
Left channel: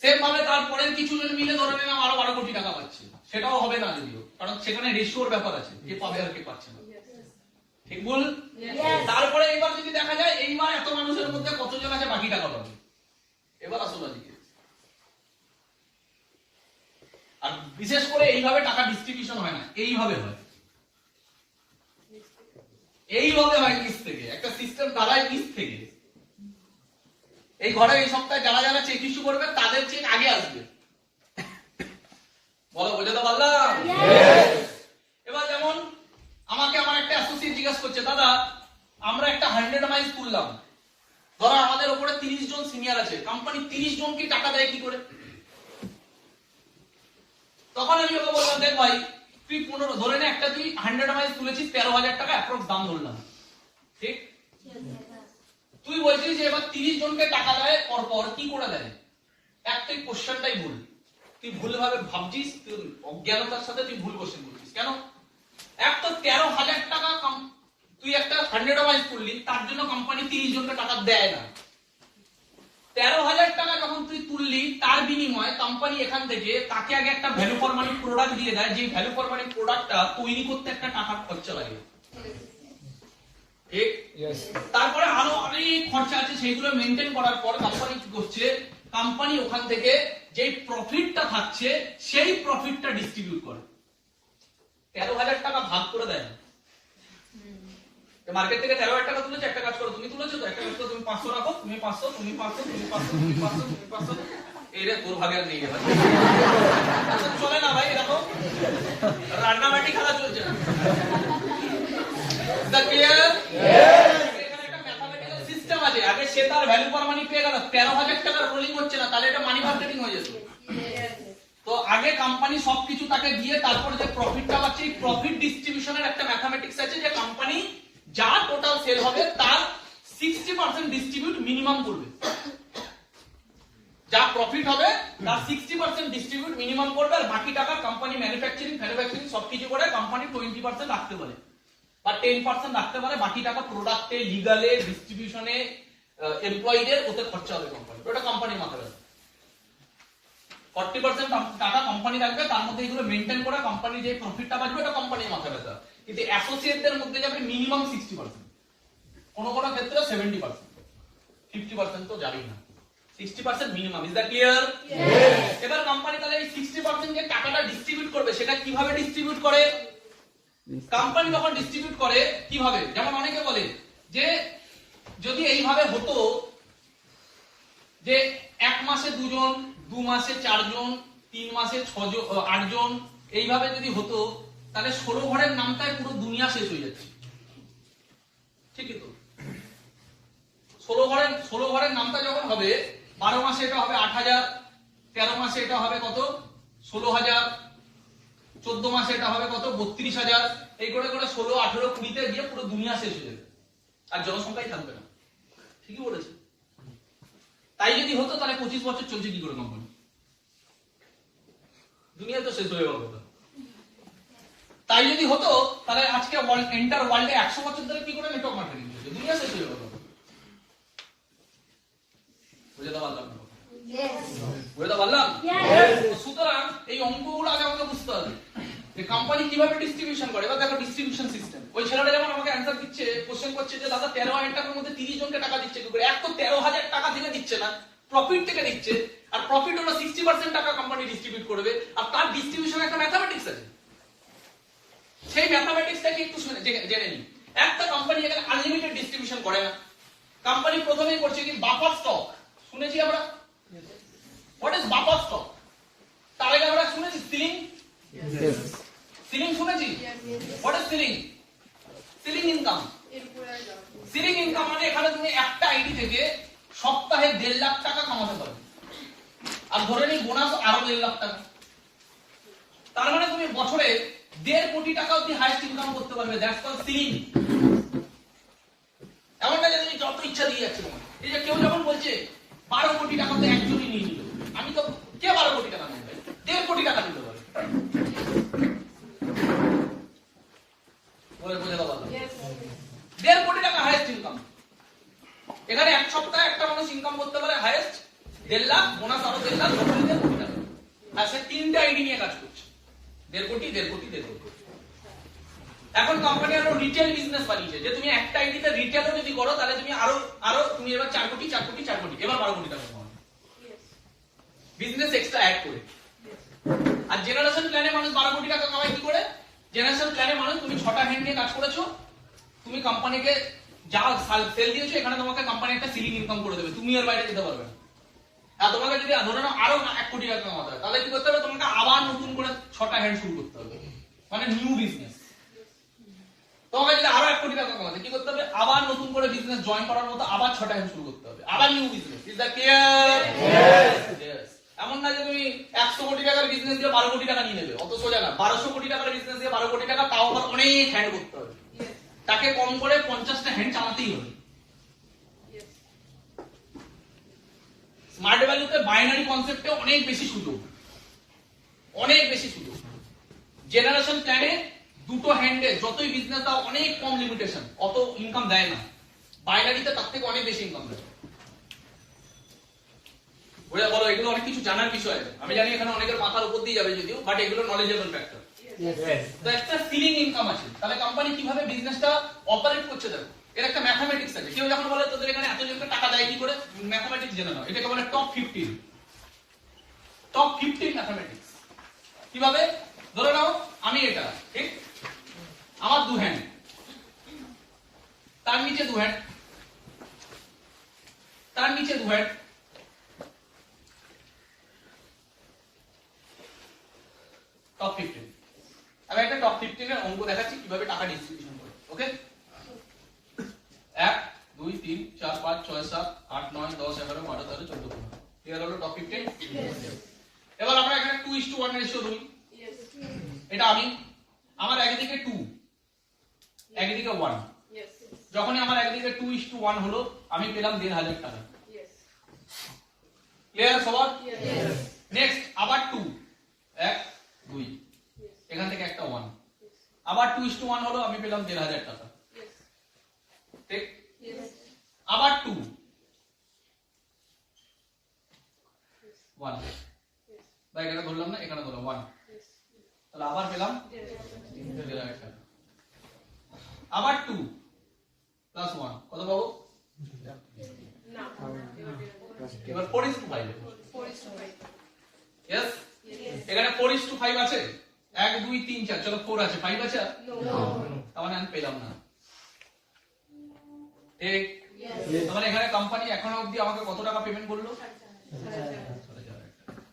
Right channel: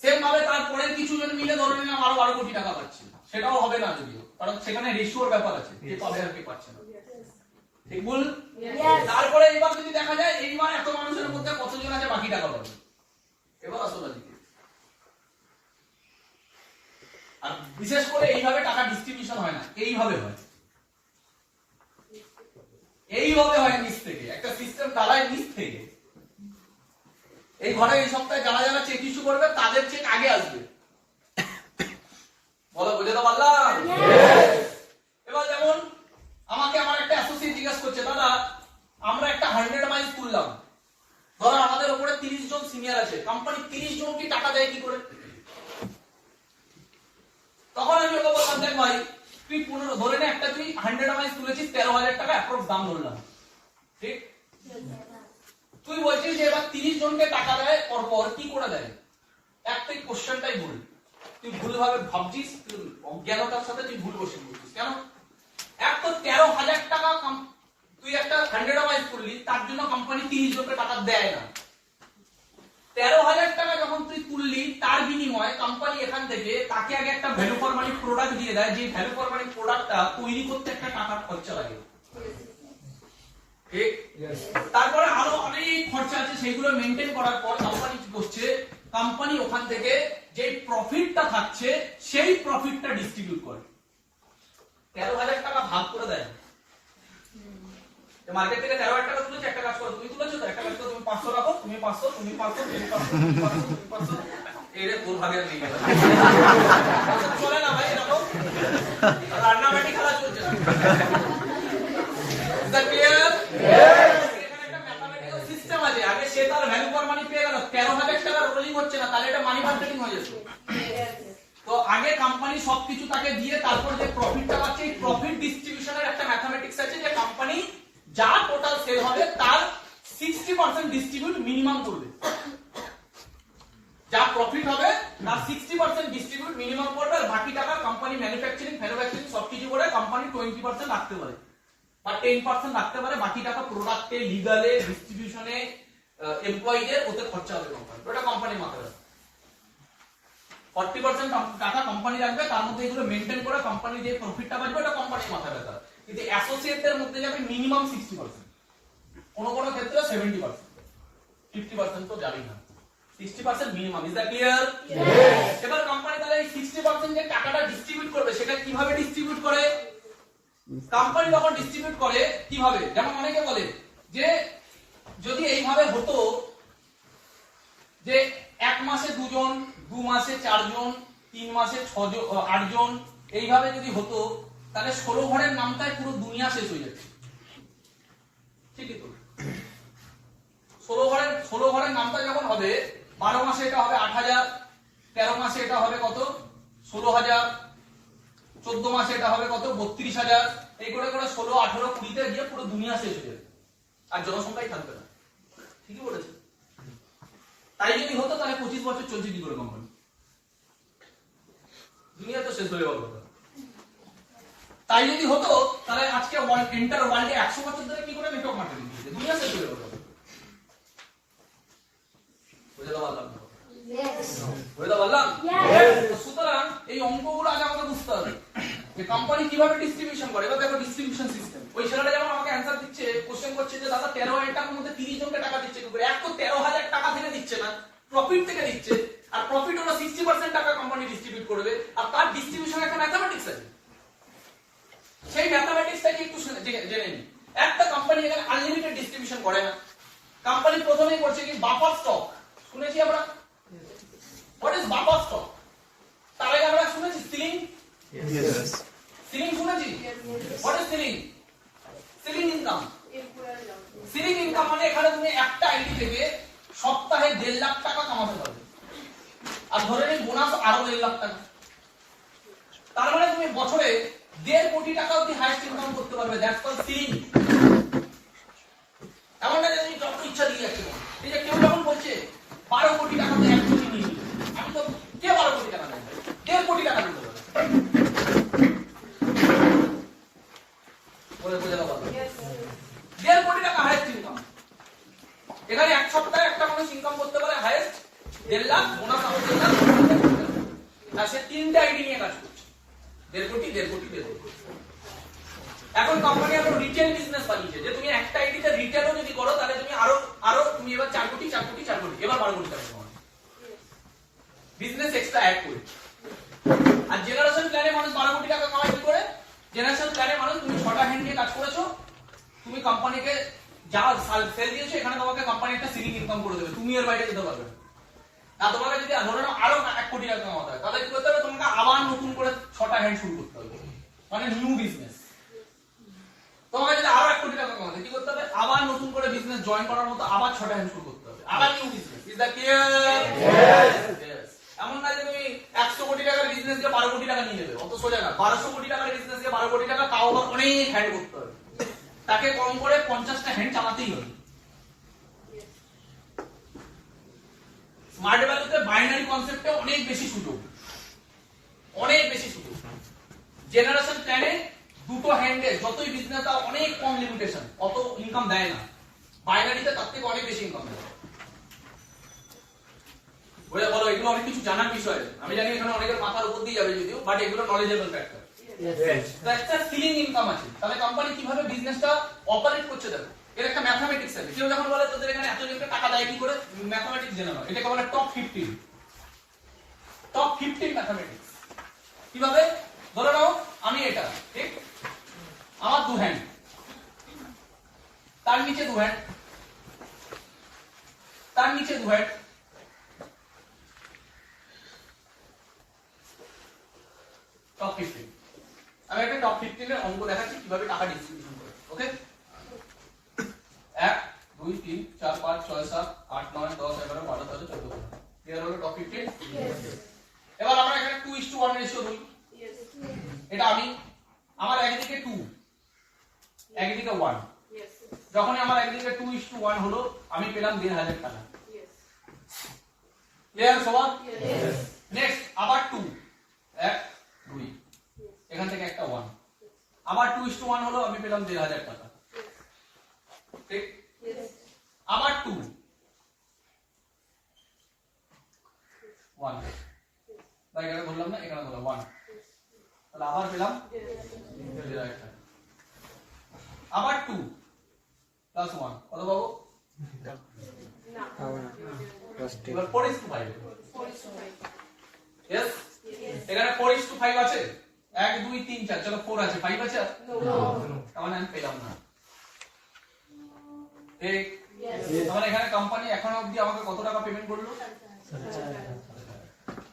সেম ভাবে তারপরে কিছু জন মিলে ধরে নিলাম আরো 12 কোটি টাকা পাচ্ছে, সেটাও হবে না যদিও, কারণ সেখানে রেশিওর ব্যাপার আছে, কে পাবে আর কে পাচ্ছে না। ঠিক বল? তারপরে এবার যদি দেখা যায় এইবার এত মানুষের মধ্যে কতজন আছে বাকি টাকা পাবে, এবার আসলে দিকে। আর বিশেষ করে এইভাবে টাকা ডিস্ট্রিবিউশন হয় না, এইভাবে হয়, এইভাবে হয় নিচ থেকে, একটা সিস্টেম দাঁড়ায় নিচ থেকে। এই ঘরে এই সপ্তাহে যারা যারা চেক ইস্যু করবে তাদের চেক আগে আসবে। বলো, বুঝে তো পারলাম? এবার যেমন আমাকে আমার একটা অ্যাসোসিয়েট জিজ্ঞাসা করছে, দাদা আমরা একটা 100 মাইল তুললাম, ধরো আমাদের উপরে 30 জন সিনিয়র আছে, কোম্পানি 30 জনকে টাকা দেয় কি করে? তখন আমি ওকে বললাম, দেখ ভাই তুই 15 ধরে নে, একটা তুই 100 মাইল তুলেছিস 13,000 টাকা অ্যাপ্রক্স দাম ধরলাম, ঠিক? তুই তুই বলছিস যে এবার 30 জনকে টাকা দেয় পর কি করে দেয়? একটাই কোশ্চেনটাই ভুল, তুই ভুলভাবে ভাবছিস, তুই অজ্ঞানতার সাথে তুই ভুল কোশ্চেন করছিস। কেন? এক তো 13,000 টাকা তুই একটা র্যান্ডমাইজ করলি, তার জন্য কোম্পানি 30 জনকে টাকা দেয় না। 13,000 টাকা যখন তুই তুললি, তার বিনিময়ে কোম্পানি এখান থেকে তাকে আগে একটা ভ্যালু ফর মানি প্রোডাক্ট দিয়ে দেয়, যে ভ্যালু ফর মানি প্রোডাক্টটা তৈরি করতে একটা টাকা খরচা লাগে, ঠিক? তারপরে আরো অনেক খরচা আছে, সেইগুলো মেনটেন করার পর কোম্পানি কি করছে, কোম্পানি ওখান থেকে যে প্রফিটটা থাকছে সেই প্রফিটটা ডিস্ট্রিবিউট করে। 13,000 টাকা ভাগ করে দেয়। মার্কেট থেকে 13,000 টাকা তুলেছে, একটা কাজ করো, তুমি তুলেছো তো, একটা কাজ করো, তুমি 500 রাখো, তুমি 500, তুমি 500, তুমি 500, তুমি 500, তুমি 500, এরে তোর ভাগে আর নেই গেল। চলে না ভাই, দেখো রান্নাবাটি খেলা চলছে না। Is that clear? এখানে একটা ম্যাথমেটিক্যাল সিস্টেম আছে, আগে সে তার ভ্যালু ফর মানি পেয়ে গেল, 13,000 টাকা রোলিং হচ্ছে না, তাহলে এটা মানি মার্কেটিং হয়ে যেত। তো আগে কোম্পানি সবকিছু তাকে দিয়ে তারপর যে প্রফিটটা পাচ্ছে, এই প্রফিট ডিস্ট্রিবিউশনের একটা ম্যাথমেটিক্স আছে, যে কোম্পানি যা টোটাল সেল হবে তার 60% ডিস্ট্রিবিউট মিনিমাম করবে। যা প্রফিট হবে তার 60% ডিস্ট্রিবিউট মিনিমাম করবে, আর বাকি টাকা কোম্পানি ম্যানুফ্যাকচারিং সবকিছু করে কোম্পানি 20% রাখতে পারে বা 10% রাখতে পারে, বাকি টাকা প্রোডাক্টে, লিগালে, ডিস্ট্রিবিউশনে, এমপ্লয়ীদের ওতে খরচা হবে কোম্পানি। এটা কোম্পানির মাথায় রাখবে। 40% টাকা কোম্পানি রাখবে, তার মধ্যে এগুলো মেইনটেইন করে কোম্পানি যে প্রফিটটা পাবে এটা কোম্পানির মাথায় রাখবে। কিন্তু অ্যাসোসিয়েটদের মধ্যে যাবে মিনিমাম 60%, কোন কোন ক্ষেত্রে 70%, 50% তো জানি না, 60% মিনিমাম। Is that clear? এবার কোম্পানি তাহলে এই 60% যে টাকাটা ডিস্ট্রিবিউট করবে, সেটা কিভাবে ডিস্ট্রিবিউট করে? কোম্পানি যখন ডিস্ট্রিবিউট করে কিভাবে, যেমন অনেকে বলে যে যদি এইভাবে হতো যে 1 মাসে 2 জন, 2 মাসে 4 জন, 3 মাসে 8 জন, এইভাবে যদি হতো, তাহলে 16 ঘরের নামটাই পুরো দুনিয়া শেষ হয়ে যাচ্ছে। ঠিকই তো? 16 ঘরের নামটা যখন হবে, 12 মাসে এটা হবে 8,000, 13 মাসে এটা হবে কত, 16,000, 14 মাসে এটা হবে কত, 32,000, এই করে করে 16, 18, 20 তে গিয়ে পুরো দুনিয়া শেষ হয়ে যাবে, আর জনসংখ্যাই থাকবে না। ঠিকই বলেছে। তাই যদি হতো তাহলে 25 বছর চলছে কি করে কোম্পানি? দুনিয়া তো শেষ হয়ে গেল। তাই যদি হতো তাহলে আজকে এন্টার ওয়ার্ল্ডে 100 বছর ধরে কি করে নেটওয়ার্ক মার্কেটিং হচ্ছে, দুনিয়া শেষ হয়ে গেল। বুঝতে পারলাম? বুঝতে পারলাম? সুতরাং এই অঙ্কগুলো আগে আমাকে বুঝতে হবে যে কোম্পানি কিভাবে ডিস্ট্রিবিউশন করে। এবার দেখো ডিস্ট্রিবিউশন সিস্টেম। ওই ছেলেটা যেমন আমাকে অ্যানসার দিচ্ছে, কোশ্চেন করছে যে দাদা 13,000 টাকার মধ্যে 30 জনকে টাকা দিচ্ছে কি করে? এক তো 13,000 টাকা থেকে দিচ্ছে না, প্রফিট থেকে দিচ্ছে, আর প্রফিট হলো 60% টাকা কোম্পানি ডিস্ট্রিবিউট করবে, আর তার ডিস্ট্রিবিউশনে একটা ম্যাথমেটিক্স আছে। সেই ম্যাথমেটিক্সটাকে একটু জেনে নিই। একটা কোম্পানি এখানে আনলিমিটেড ডিস্ট্রিবিউশন করে না। কোম্পানি প্রথমেই করছে কি বাফার স্টক, শুনেছি আমরা? What is buffer stock? তার আগে আমরা শুনেছি সিলিং, সিলিং শুনেছি? What is ceiling? Ceiling income. Ceiling income মানে এখানে তুমি একটা আইডি থেকে সপ্তাহে 1.5 লাখ টাকা কামাতে পারবে, আর ধরে নিই বোনাস আরো 1.5 লাখ টাকা। তার মানে তুমি বছরে 1.5 কোটি টাকা অবধি হাইয়েস্ট ইনকাম করতে পারবে। That's called ceiling. এমন না যে তুমি যত ইচ্ছা দিয়ে যাচ্ছে। এই যে কেউ যখন বলছে 12 কোটি টাকাতে 1 কোটি নিয়ে নিবে, আমি তো কে 12 কোটি টাকা নেবে? 1.5 কোটি টাকা নিতে পারে। বলে বোঝাতে পারবে? 1.5 কোটি টাকা হাইয়েস্ট ইনকাম। এখানে এক সপ্তাহে একটা মানুষ ইনকাম করতে পারে হাইয়েস্ট 1.5 লাখ, বোনাস আরো 1.5 লাখ, আর সে 3টে আইডি নিয়ে কাজ করছে। 1.5 কোটি, 1.5 কোটি, 1.5 কোটি। এখন কোম্পানি আরো রিটেল বিজনেস বানিয়েছে, যে তুমি একটা আইডিতে রিটেলও যদি করো তাহলে তুমি আরো তুমি এবার 4 কোটি, 4 কোটি, 4 কোটি, এবার 12 কোটি টাকা কামাবে। বিজনেস এক্সট্রা অ্যাড করে। আর জেনারেশন প্ল্যানে মানুষ 12 কোটি টাকা কামায় কি করে? জেনারেশন প্ল্যানে মানুষ তুমি 6টা হ্যান্ড নিয়ে কাজ করেছো, তুমি কোম্পানিকে যা সেল দিয়েছো, এখানে তোমাকে কোম্পানি একটা সিলিং ইনকাম করে দেবে, তুমি এর বাইরে যেতে পারবে না। আর তোমাকে যদি ধরে নাও আরো 1 কোটি টাকা কামাতে হয়, তাহলে কি করতে হবে? তোমাকে আবার নতুন করে 6টা হ্যান্ড শুরু করতে হবে, মানে নিউ বিজনেস। তোমাকে যদি আরো 1 কোটি টাকা কামাতে কি করতে হবে? আবার নতুন করে বিজনেস জয়েন করার মতো আবার 6টা হ্যান্ড শুরু করতে হবে, আবার new business. Is that clear? Yes. এমন না যে তুমি 100 কোটি টাকার বিজনেস দিয়ে 12 কোটি টাকা নিয়ে নেবে, অত সোজা না। 1200 কোটি টাকার বিজনেস দিয়ে 12 কোটি টাকা, তাও আবার অনেক হ্যান্ড করতে হবে, তাকে কম করে 50টা হ্যান্ড চালাতেই হবে। স্মার্ট ভ্যালুতে বাইনারি কনসেপ্টে অনেক বেশি সুযোগ, অনেক বেশি সুযোগ। জেনারেশন প্ল্যানে দুটো হ্যান্ডে যতই বিজনেস দাও অনেক কম লিমিটেশন, অত ইনকাম দেয় না। বাইনারিতে তার থেকে অনেক বেশি ইনকাম দেয়। বুঝা বলো, এগুলো অনেক কিছু জানার বিষয়। আমি জানি এখানে অনেকের মাথার উপর দিয়ে যাবে যদিও, বাট এগুলো নলেজেবল ফ্যাক্টর। তো একটা সিলিং ইনকাম আছে, তাহলে কোম্পানি কিভাবে বিজনেসটা অপারেট করছে দেখো, এর একটা ম্যাথমেটিক্স আছে। কেউ যখন বলে তোদের এখানে এত জনকে টাকা দেয় কি করে, ম্যাথমেটিক্স জেনে নাও। এটাকে বলে টপ 15, টপ 15 ম্যাথমেটিক্স। কিভাবে? ধরে নাও আমি এটা, ঠিক, আমার দু হ্যান্ড, তার নিচে দু হ্যান্ড, তার নিচে দু হ্যান্ড, টপ 15। আমি একটা টপ 15 এর অঙ্ক দেখাচ্ছি কিভাবে টাকা ডিস্ট্রিবিউশন করে। ওকে, 1 2 3 4 5 6 7 8 9 10 11 12 13 14 15। ক্লিয়ার হলো টপ 15? এবার আমরা এখানে 2:1 রেশিও ধরি। এটা আমি, আমার একদিকে 2 একদিকে 1, যখনই আমার একদিকে 2:1 হলো আমি পেলাম 1,500 টাকা। ক্লিয়ার সবার? নেক্সট আবার 2 1 2, এখান থেকে একটা 1, আবার 2:1 হলো আমি পেলাম 1,500 টাকা। ঠিক, আবার 2 1, ভাই এখানে ধরলাম না, এখানে ধরলাম 1, তাহলে আবার পেলাম 1,500 টাকা। আবার 2 প্লাস 1 কত পাবো? এবার 4:5। यस, এখানে 4:5 আছে, 1 2 3 4, চলো 4 আছে, 5 আছে, তার মানে আমি পেলাম না। ঠিক, তার মানে এখানে কোম্পানি এখনো অবধি আমাকে কত টাকা পেমেন্ট করলো?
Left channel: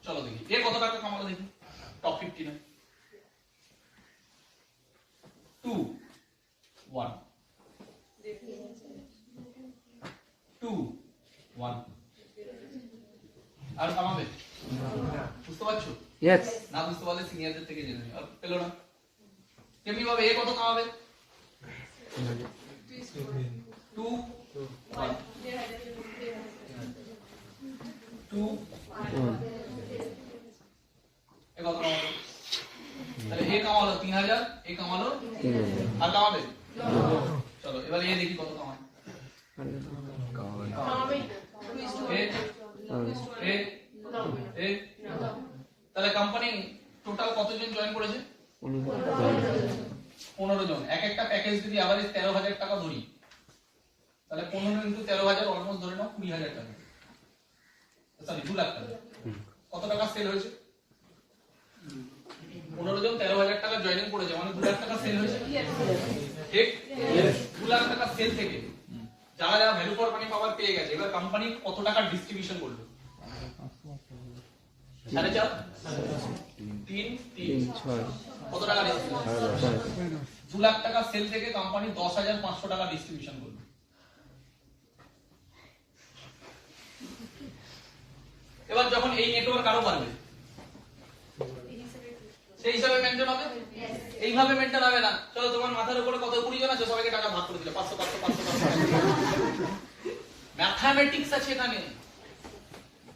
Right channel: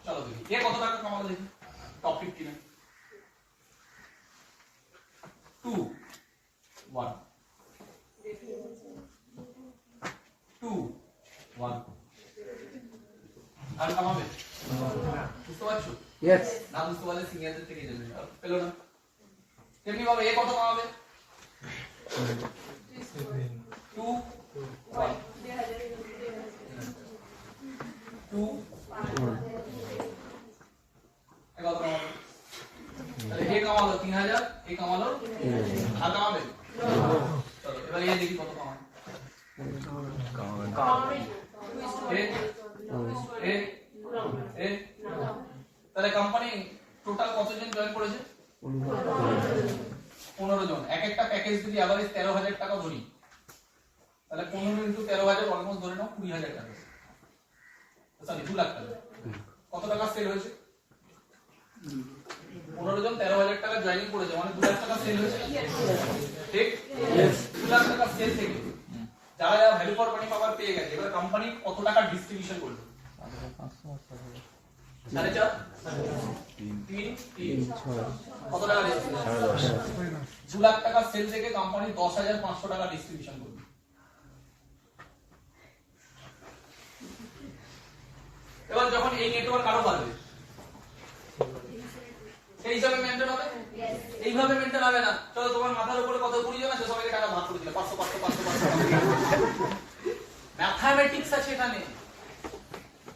চলো দেখি এ কত টাকা কামালো দেখি টপ 15 এ। 2 1 2 1, আর কামাবে? বুঝতে পারছো? Yes. না বুঝতে পারলে সিনিয়রদের থেকে জেনে নিও। আর পেলো না কেমনি ভাবে? এ কত কামাবে? 2 1 2 এ কত কামাবে? তাহলে এ কামালো 3,000, এ কামালো 3,000, আর কামাবে? চলো এবার এ দেখি কত কামায়। তাহলে কোম্পানি টোটাল কতজন জয়েন করেছে? 15 জন। এক একটা প্যাকেজ যদি এভারেজ 13,000 টাকা ধরি, তাহলে 15 ইনটু 13,000 অলমোস্ট ধরে নাও 20,000 টাকা, সরি 2 লাখ টাকা। কত টাকা সেল হয়েছে? 15 জন 13,000 টাকা জয়েনিং করেছে, মানে 2 লাখ টাকা সেল হয়েছে। ঠিক, 2 লাখ টাকা সেল থেকে যারা যারা ভ্যালু ফর মানি পাওয়ার পেয়ে গেছে, এবার কোম্পানি কত টাকা ডিস্ট্রিবিউশন করলো? 4.5 3 3 কত টাকা ডিস্ট্রিবিউশন? 2 লাখ টাকা সেল থেকে কোম্পানি 10,500 টাকা ডিস্ট্রিবিউশন করলো। এবার যখন এই নেটওয়ার্ক আরো বাড়বে, সেই হিসাবে মেনটেন হবে। এইভাবে মেনটেন হবে না। চলো তোমার মাথার উপরে কত 20 জন আছে, সবাইকে টাকা ভাগ করে দিলে 500 500 500 500। ম্যাথমেটিক্স আছে এখানে,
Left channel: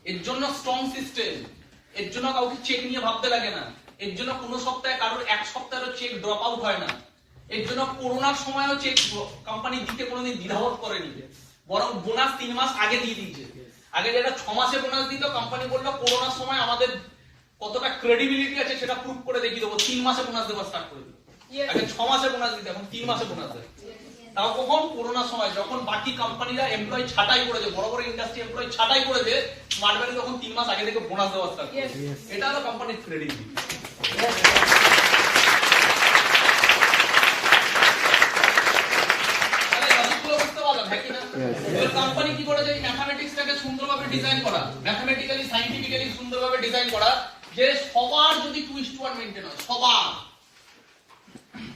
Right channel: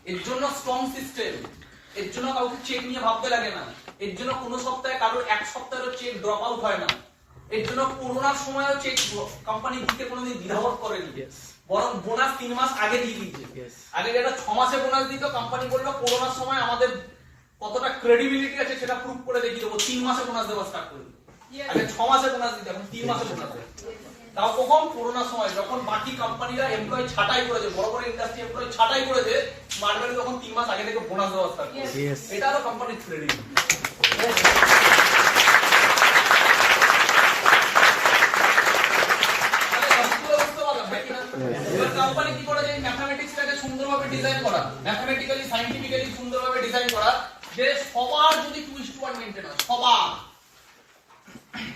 এর জন্য স্ট্রং সিস্টেম, এর জন্য কাউকে চেক নিয়ে ভাবতে লাগে না, এর জন্য কোনো সপ্তাহে কারোর এক সপ্তাহেরও চেক ড্রপ আউট হয় না, এর জন্য করোনার সময়ও চেক কোম্পানি দিতে কোনোদিন দ্বিধাবোধ করেনি, বরং বোনাস 3 মাস আগে দিয়ে দিয়েছে। আগে যেটা 6 মাসে বোনাস দিত, কোম্পানি বলল করোনার সময় আমাদের কতটা ক্রেডিবিলিটি আছে সেটা প্রুভ করে দেখিয়ে দেবো, 3 মাসে বোনাস দেওয়া স্টার্ট করে দিই। আগে 6 মাসে বোনাস দিত, এখন 3 মাসে বোনাস দেয়। তাও কখন? করোনার সময়, যখন বাকি কোম্পানিরা এমপ্লয়ি ছাঁটাই করেছে, বড় বড় ইন্ডাস্ট্রি এমপ্লয়ি ছাঁটাই করেছে, স্মার্ট ভ্যালু তখন 3 মাস আগে থেকে বোনাস দেওয়া স্টার্ট করেছে। এটা হলো কোম্পানির ক্রেডিবিলিটি। কোম্পানি কি করেছে? এই ম্যাথমেটিক্সটাকে সুন্দরভাবে ডিজাইন করা, ম্যাথমেটিক্যালি সায়েন্টিফিক্যালি সুন্দরভাবে ডিজাইন করা, যে সবার যদি 2:1 মেইনটেইন হয়, সবার,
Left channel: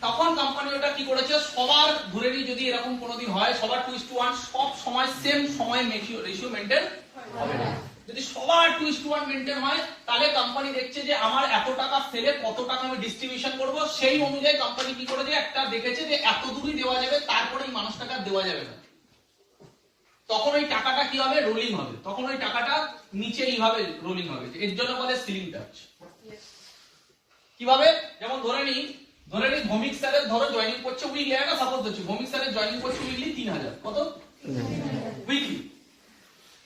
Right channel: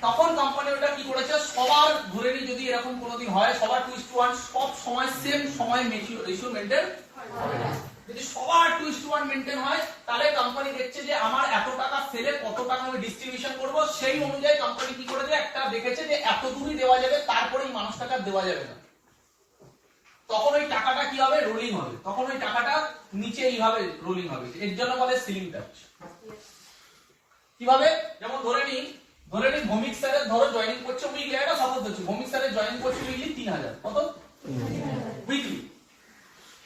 তখন কোম্পানি ওটা কি করেছে? সবার ধরে নিয়ে যদি এরকম কোনোদিন হয়, সবার 2:1 সব সময় সেম সময় রেশিও মেইনটেইন হবে না। যদি সবার 2:1 মেইনটেইন হয়, তাহলে কোম্পানি দেখছে যে আমার এত টাকা সেলে কত টাকা আমি ডিস্ট্রিবিউশন করব, সেই অনুযায়ী কোম্পানি কি করেছে? একটা দেখেছে যে এত দূরই দেওয়া যাবে, তারপরে এই মানুষটাকে আর দেওয়া যাবে না। তখন ওই টাকাটা কি হবে, রোলিং হবে, তখন ওই টাকাটা নিচে এইভাবে রোলিং হবে, এর জন্য বলে সিলিং টাচ। কিভাবে, যেমন ধরে নি ভৌমিক স্যারের ধরো জয়েনিং করছে উইকলি, একটা সাপোজ দিচ্ছি, ভৌমিক স্যারের জয়েনিং করছে উইকলি 3000, কত উইকলি,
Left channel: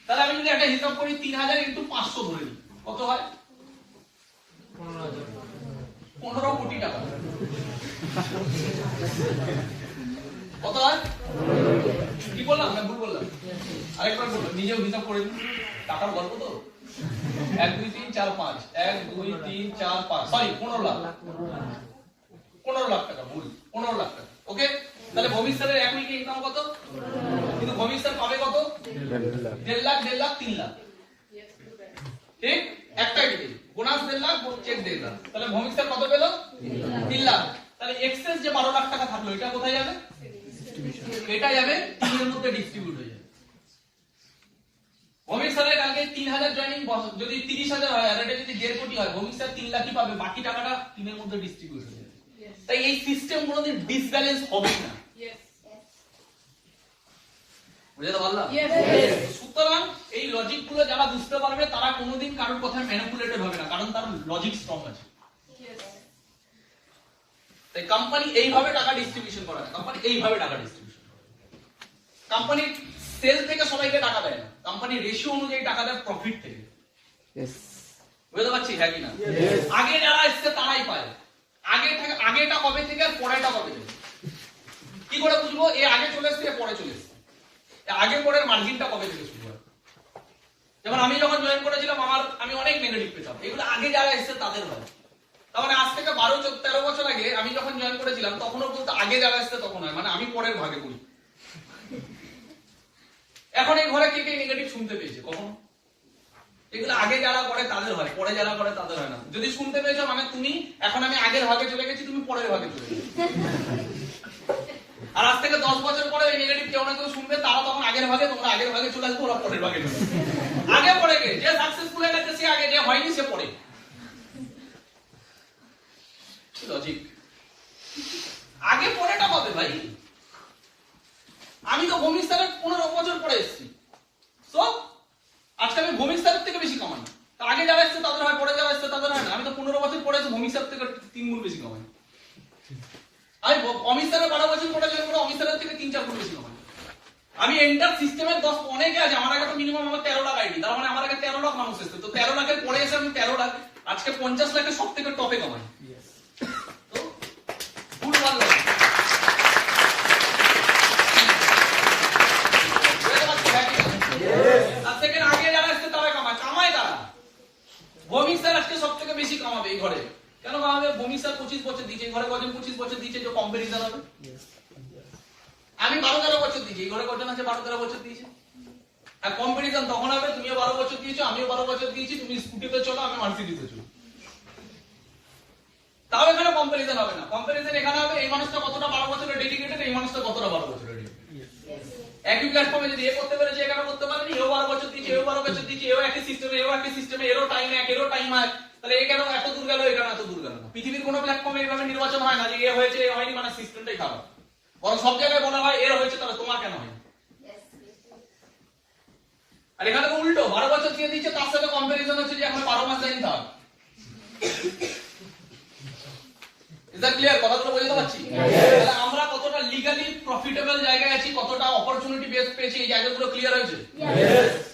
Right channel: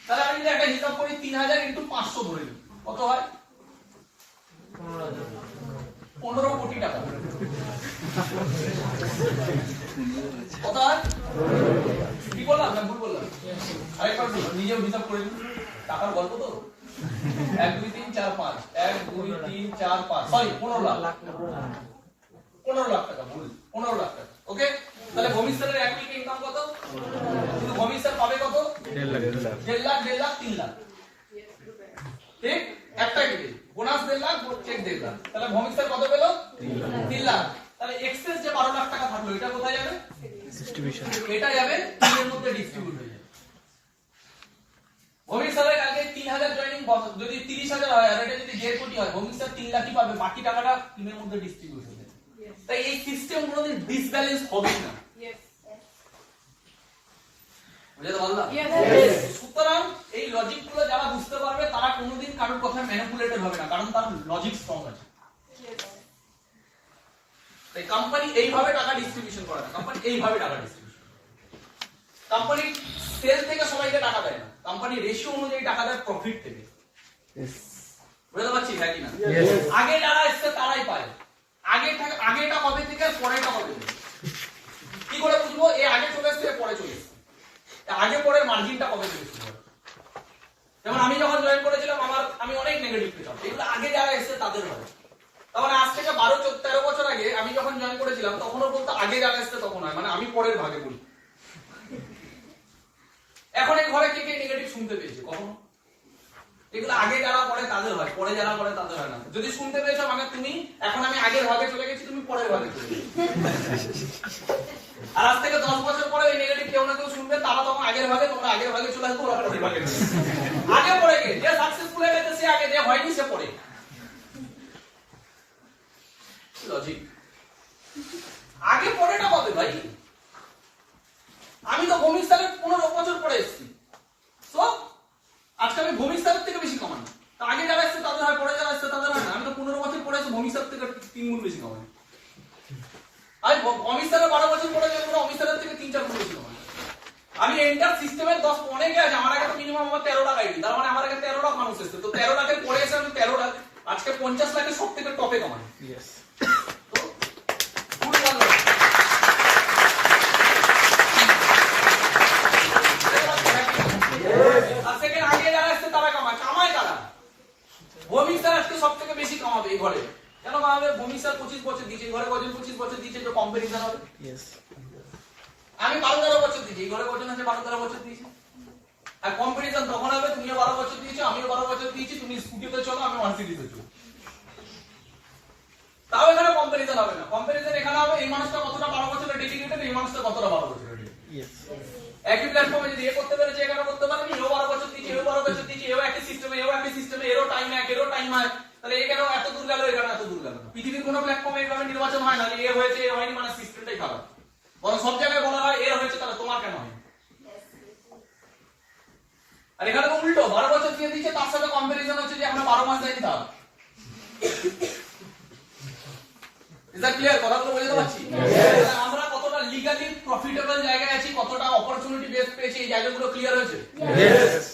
তাহলে আমি যদি একটা হিসাব করি 3000 ইনটু 500 ধরে নিই, কত হয় 15 কোটি টাকা, কত হয়, কি বললাম না ভুল বললাম, আরেকবার বললাম, নিজেও হিসাব করে দিন, টাকার গল্প তো 1 2 3 4 5 1 2 3 4 5 সরি 15 লাখ, 15 লাখ টাকা, ভুল 15 লাখ টাকা, ওকে। তাহলে ভৌমিক স্যারের এক উইকে ইনকাম কত, কিন্তু ভৌমিক স্যার পাবে কত 1.5 লাখ 3 লাখ, ঠিক, একটাই দিবে বোনাস 1.5 লাখ, চেক 1.5 লাখ, তাহলে ভৌমিক স্যার কত পেল 3 লাখ। তাহলে এক্সেস যে 12 লাখ টাকা থাকলো এটা কোথায় যাবে, ডিস্ট্রিবিউশন, এটা যাবে 3 এর মধ্যে ডিস্ট্রিবিউট হয়ে যাবে। ভৌমিক স্যারের কালকে 3000 জয়েনিং, যদি 30000 হয় আর এটা যদি 1.5 কোটি হয়, ভৌমিক স্যার 3 লাখই পাবে, বাকি টাকাটা 3 এর মধ্যে ডিস্ট্রিবিউট হয়ে যাবে। তাই এই সিস্টেম কোনোদিন ডিসব্যালেন্স হবে না, বুঝতে পারলাম? সুতরাং এই লজিক গুলো যারা বুঝতে পারবে তারা কোনোদিন কারোর কথায় ম্যানিপুলেটেড হবে না, কারণ তার লজিক স্ট্রং আছে। তাই কোম্পানি এইভাবে টাকা ডিস্ট্রিবিউশন করে না, কোম্পানি এইভাবে টাকা ডিস্ট্রিবিউশন, কোম্পানি সেল থেকে সবাইকে টাকা দেয় না, কোম্পানি রেশিও অনুযায়ী টাকা দেয় প্রফিট থেকে, বুঝতে পারছি হ্যাঁ কি না? আগে যারা এসছে তারাই পায়, আগেটা কবে থেকে আর পরেটা কবে থেকে, কি করে বুঝবো এ আগে চলে এসছে এ পরে চলে এসছে, আগে পরের মার্জিনটা কবে থেকে শুরু হয়। যেমন আমি যখন জয়েন করেছিলাম আমি অনেক নেগেটিভ পেতাম, এগুলো আগে যারা এসেছে তাদের হয়। তার মানে আজ থেকে 12-13 বছর আগে আমি যখন জয়েন করেছিলাম তখনও বলতো আগে যারা এসেছে তখন হয়, মানে আমি পরের ভাগে বলি। এখন এই ঘরে কে নেগেটিভ শুনতে পেয়েছে কখনো, এগুলো আগে যারা করে তাদের হয়, পরে যারা করে তাদের হয় না। যদি শুনতে পেয়েছো মানে তুমি এখন আমি আগের ভাগে চলে গেছি, তুমি পরের ভাগে চলে গেছো। আর আজ থেকে 10 বছর পরে এই নেগেটিভ কেউ না কেউ শুনবে, তারা তখন আগের ভাগে, তোমরা আগের ভাগে চলে আসবে, ওরা পরের ভাগে চলে আসবে। আগে পড়ে গে, যে সাকসেসফুল হয়ে গেছে সে আগে, যে হয়নি সে পড়ে। লজিক আগে পরেটা হবে ভাই, আমি তো ভৌমিক স্যারের 15 বছর পরে এসেছি, সো আজকে আমি ভৌমিক স্যারের থেকে বেশি কামাই, তো আগে যারা এসেছে তাদের হয়, পরে যারা এসেছে তাদের হয় না। আমি তো 15 বছর পরে এসে ভৌমিক স্যার থেকে 3 গুণ বেশি কামাই, আমি অমিত স্যারের 12 বছর পরে জয়েন করে অমিত স্যারের থেকে 3-4 গুণ বেশি কামাই। আমি এন্টার সিস্টেমের 10 অনেকে আছে, আমার আগে তো মিনিমাম আমার 13 লাখ আইডি, তার মানে আমার আগে 13 লাখ মানুষ এসেছে, তো 13 লাখের পরে এসে আমি 13 লাখ, আজকে 50 লাখের সব থেকে টপে কামাই। তো গুড ওয়ান আর সেকেন্ড আগে যারা এসেছে তারা কামায় তারা। ভৌমিক স্যার আজকে সব থেকে বেশি কামাবে এই ঘরে, কেন কামাবে? ভৌমিক স্যার 25 বছর দিয়েছে, এই ঘরে কজন 25 বছর দিয়েছে, যে কম্পারিজন হবে। আমি 12-13 বছর দিয়েছি, এই ঘরে কজন আছে 12-13 বছর দিয়েছে, আর কম্পারিজন তখন হবে তুমিও 12 বছর দিয়েছো, আমিও 12 বছর দিয়েছি, তুমি স্কুটিতে চলো আমি মার্সিডিজে চলো, তাও এখানে কম্পারিজন হবে না। কম্পারিজন এখানে হবে এই মানুষটা কতটা 12 বছরের ডেডিকেটেড, এই মানুষটা কতটা 12 বছরের ডেডিকেটেড। একই প্ল্যাটফর্মে যদি এ করতে পেরেছে এখানে করতে পারেনি, এও 12 বছর দিয়েছে, এও 12 বছর দিয়েছে, এও একই সিস্টেমে, এরও টাইম এক, এরও টাইম এক, তাহলে এ কেন এত দূর গেল, এখানে এত দূর গেল না। পৃথিবীর কোনো প্ল্যাটফর্মে এভাবে নির্বাচন হয় না যে এ হয়েছে এ হয়নি, মানে সিস্টেমটাই খারাপ। বরং সব জায়গায় বলা হয় এর হয়েছে তাহলে তোমার কেন হয়। আর এখানে তো উল্টো, 12 বছর দিয়ে দিচ্ছে, তার সাথে কম্পারিজন হচ্ছে যে আমরা 12 মাস যাইনি তার। Is that clear? কথাগুলো বুঝতে পারছি? তাহলে আমরা কতটা লিগালি প্রফিটেবল জায়গায় আছি, কতটা অপরচুনিটি বেস পেয়েছি, এই জায়গাগুলো ক্লিয়ার হয়েছে?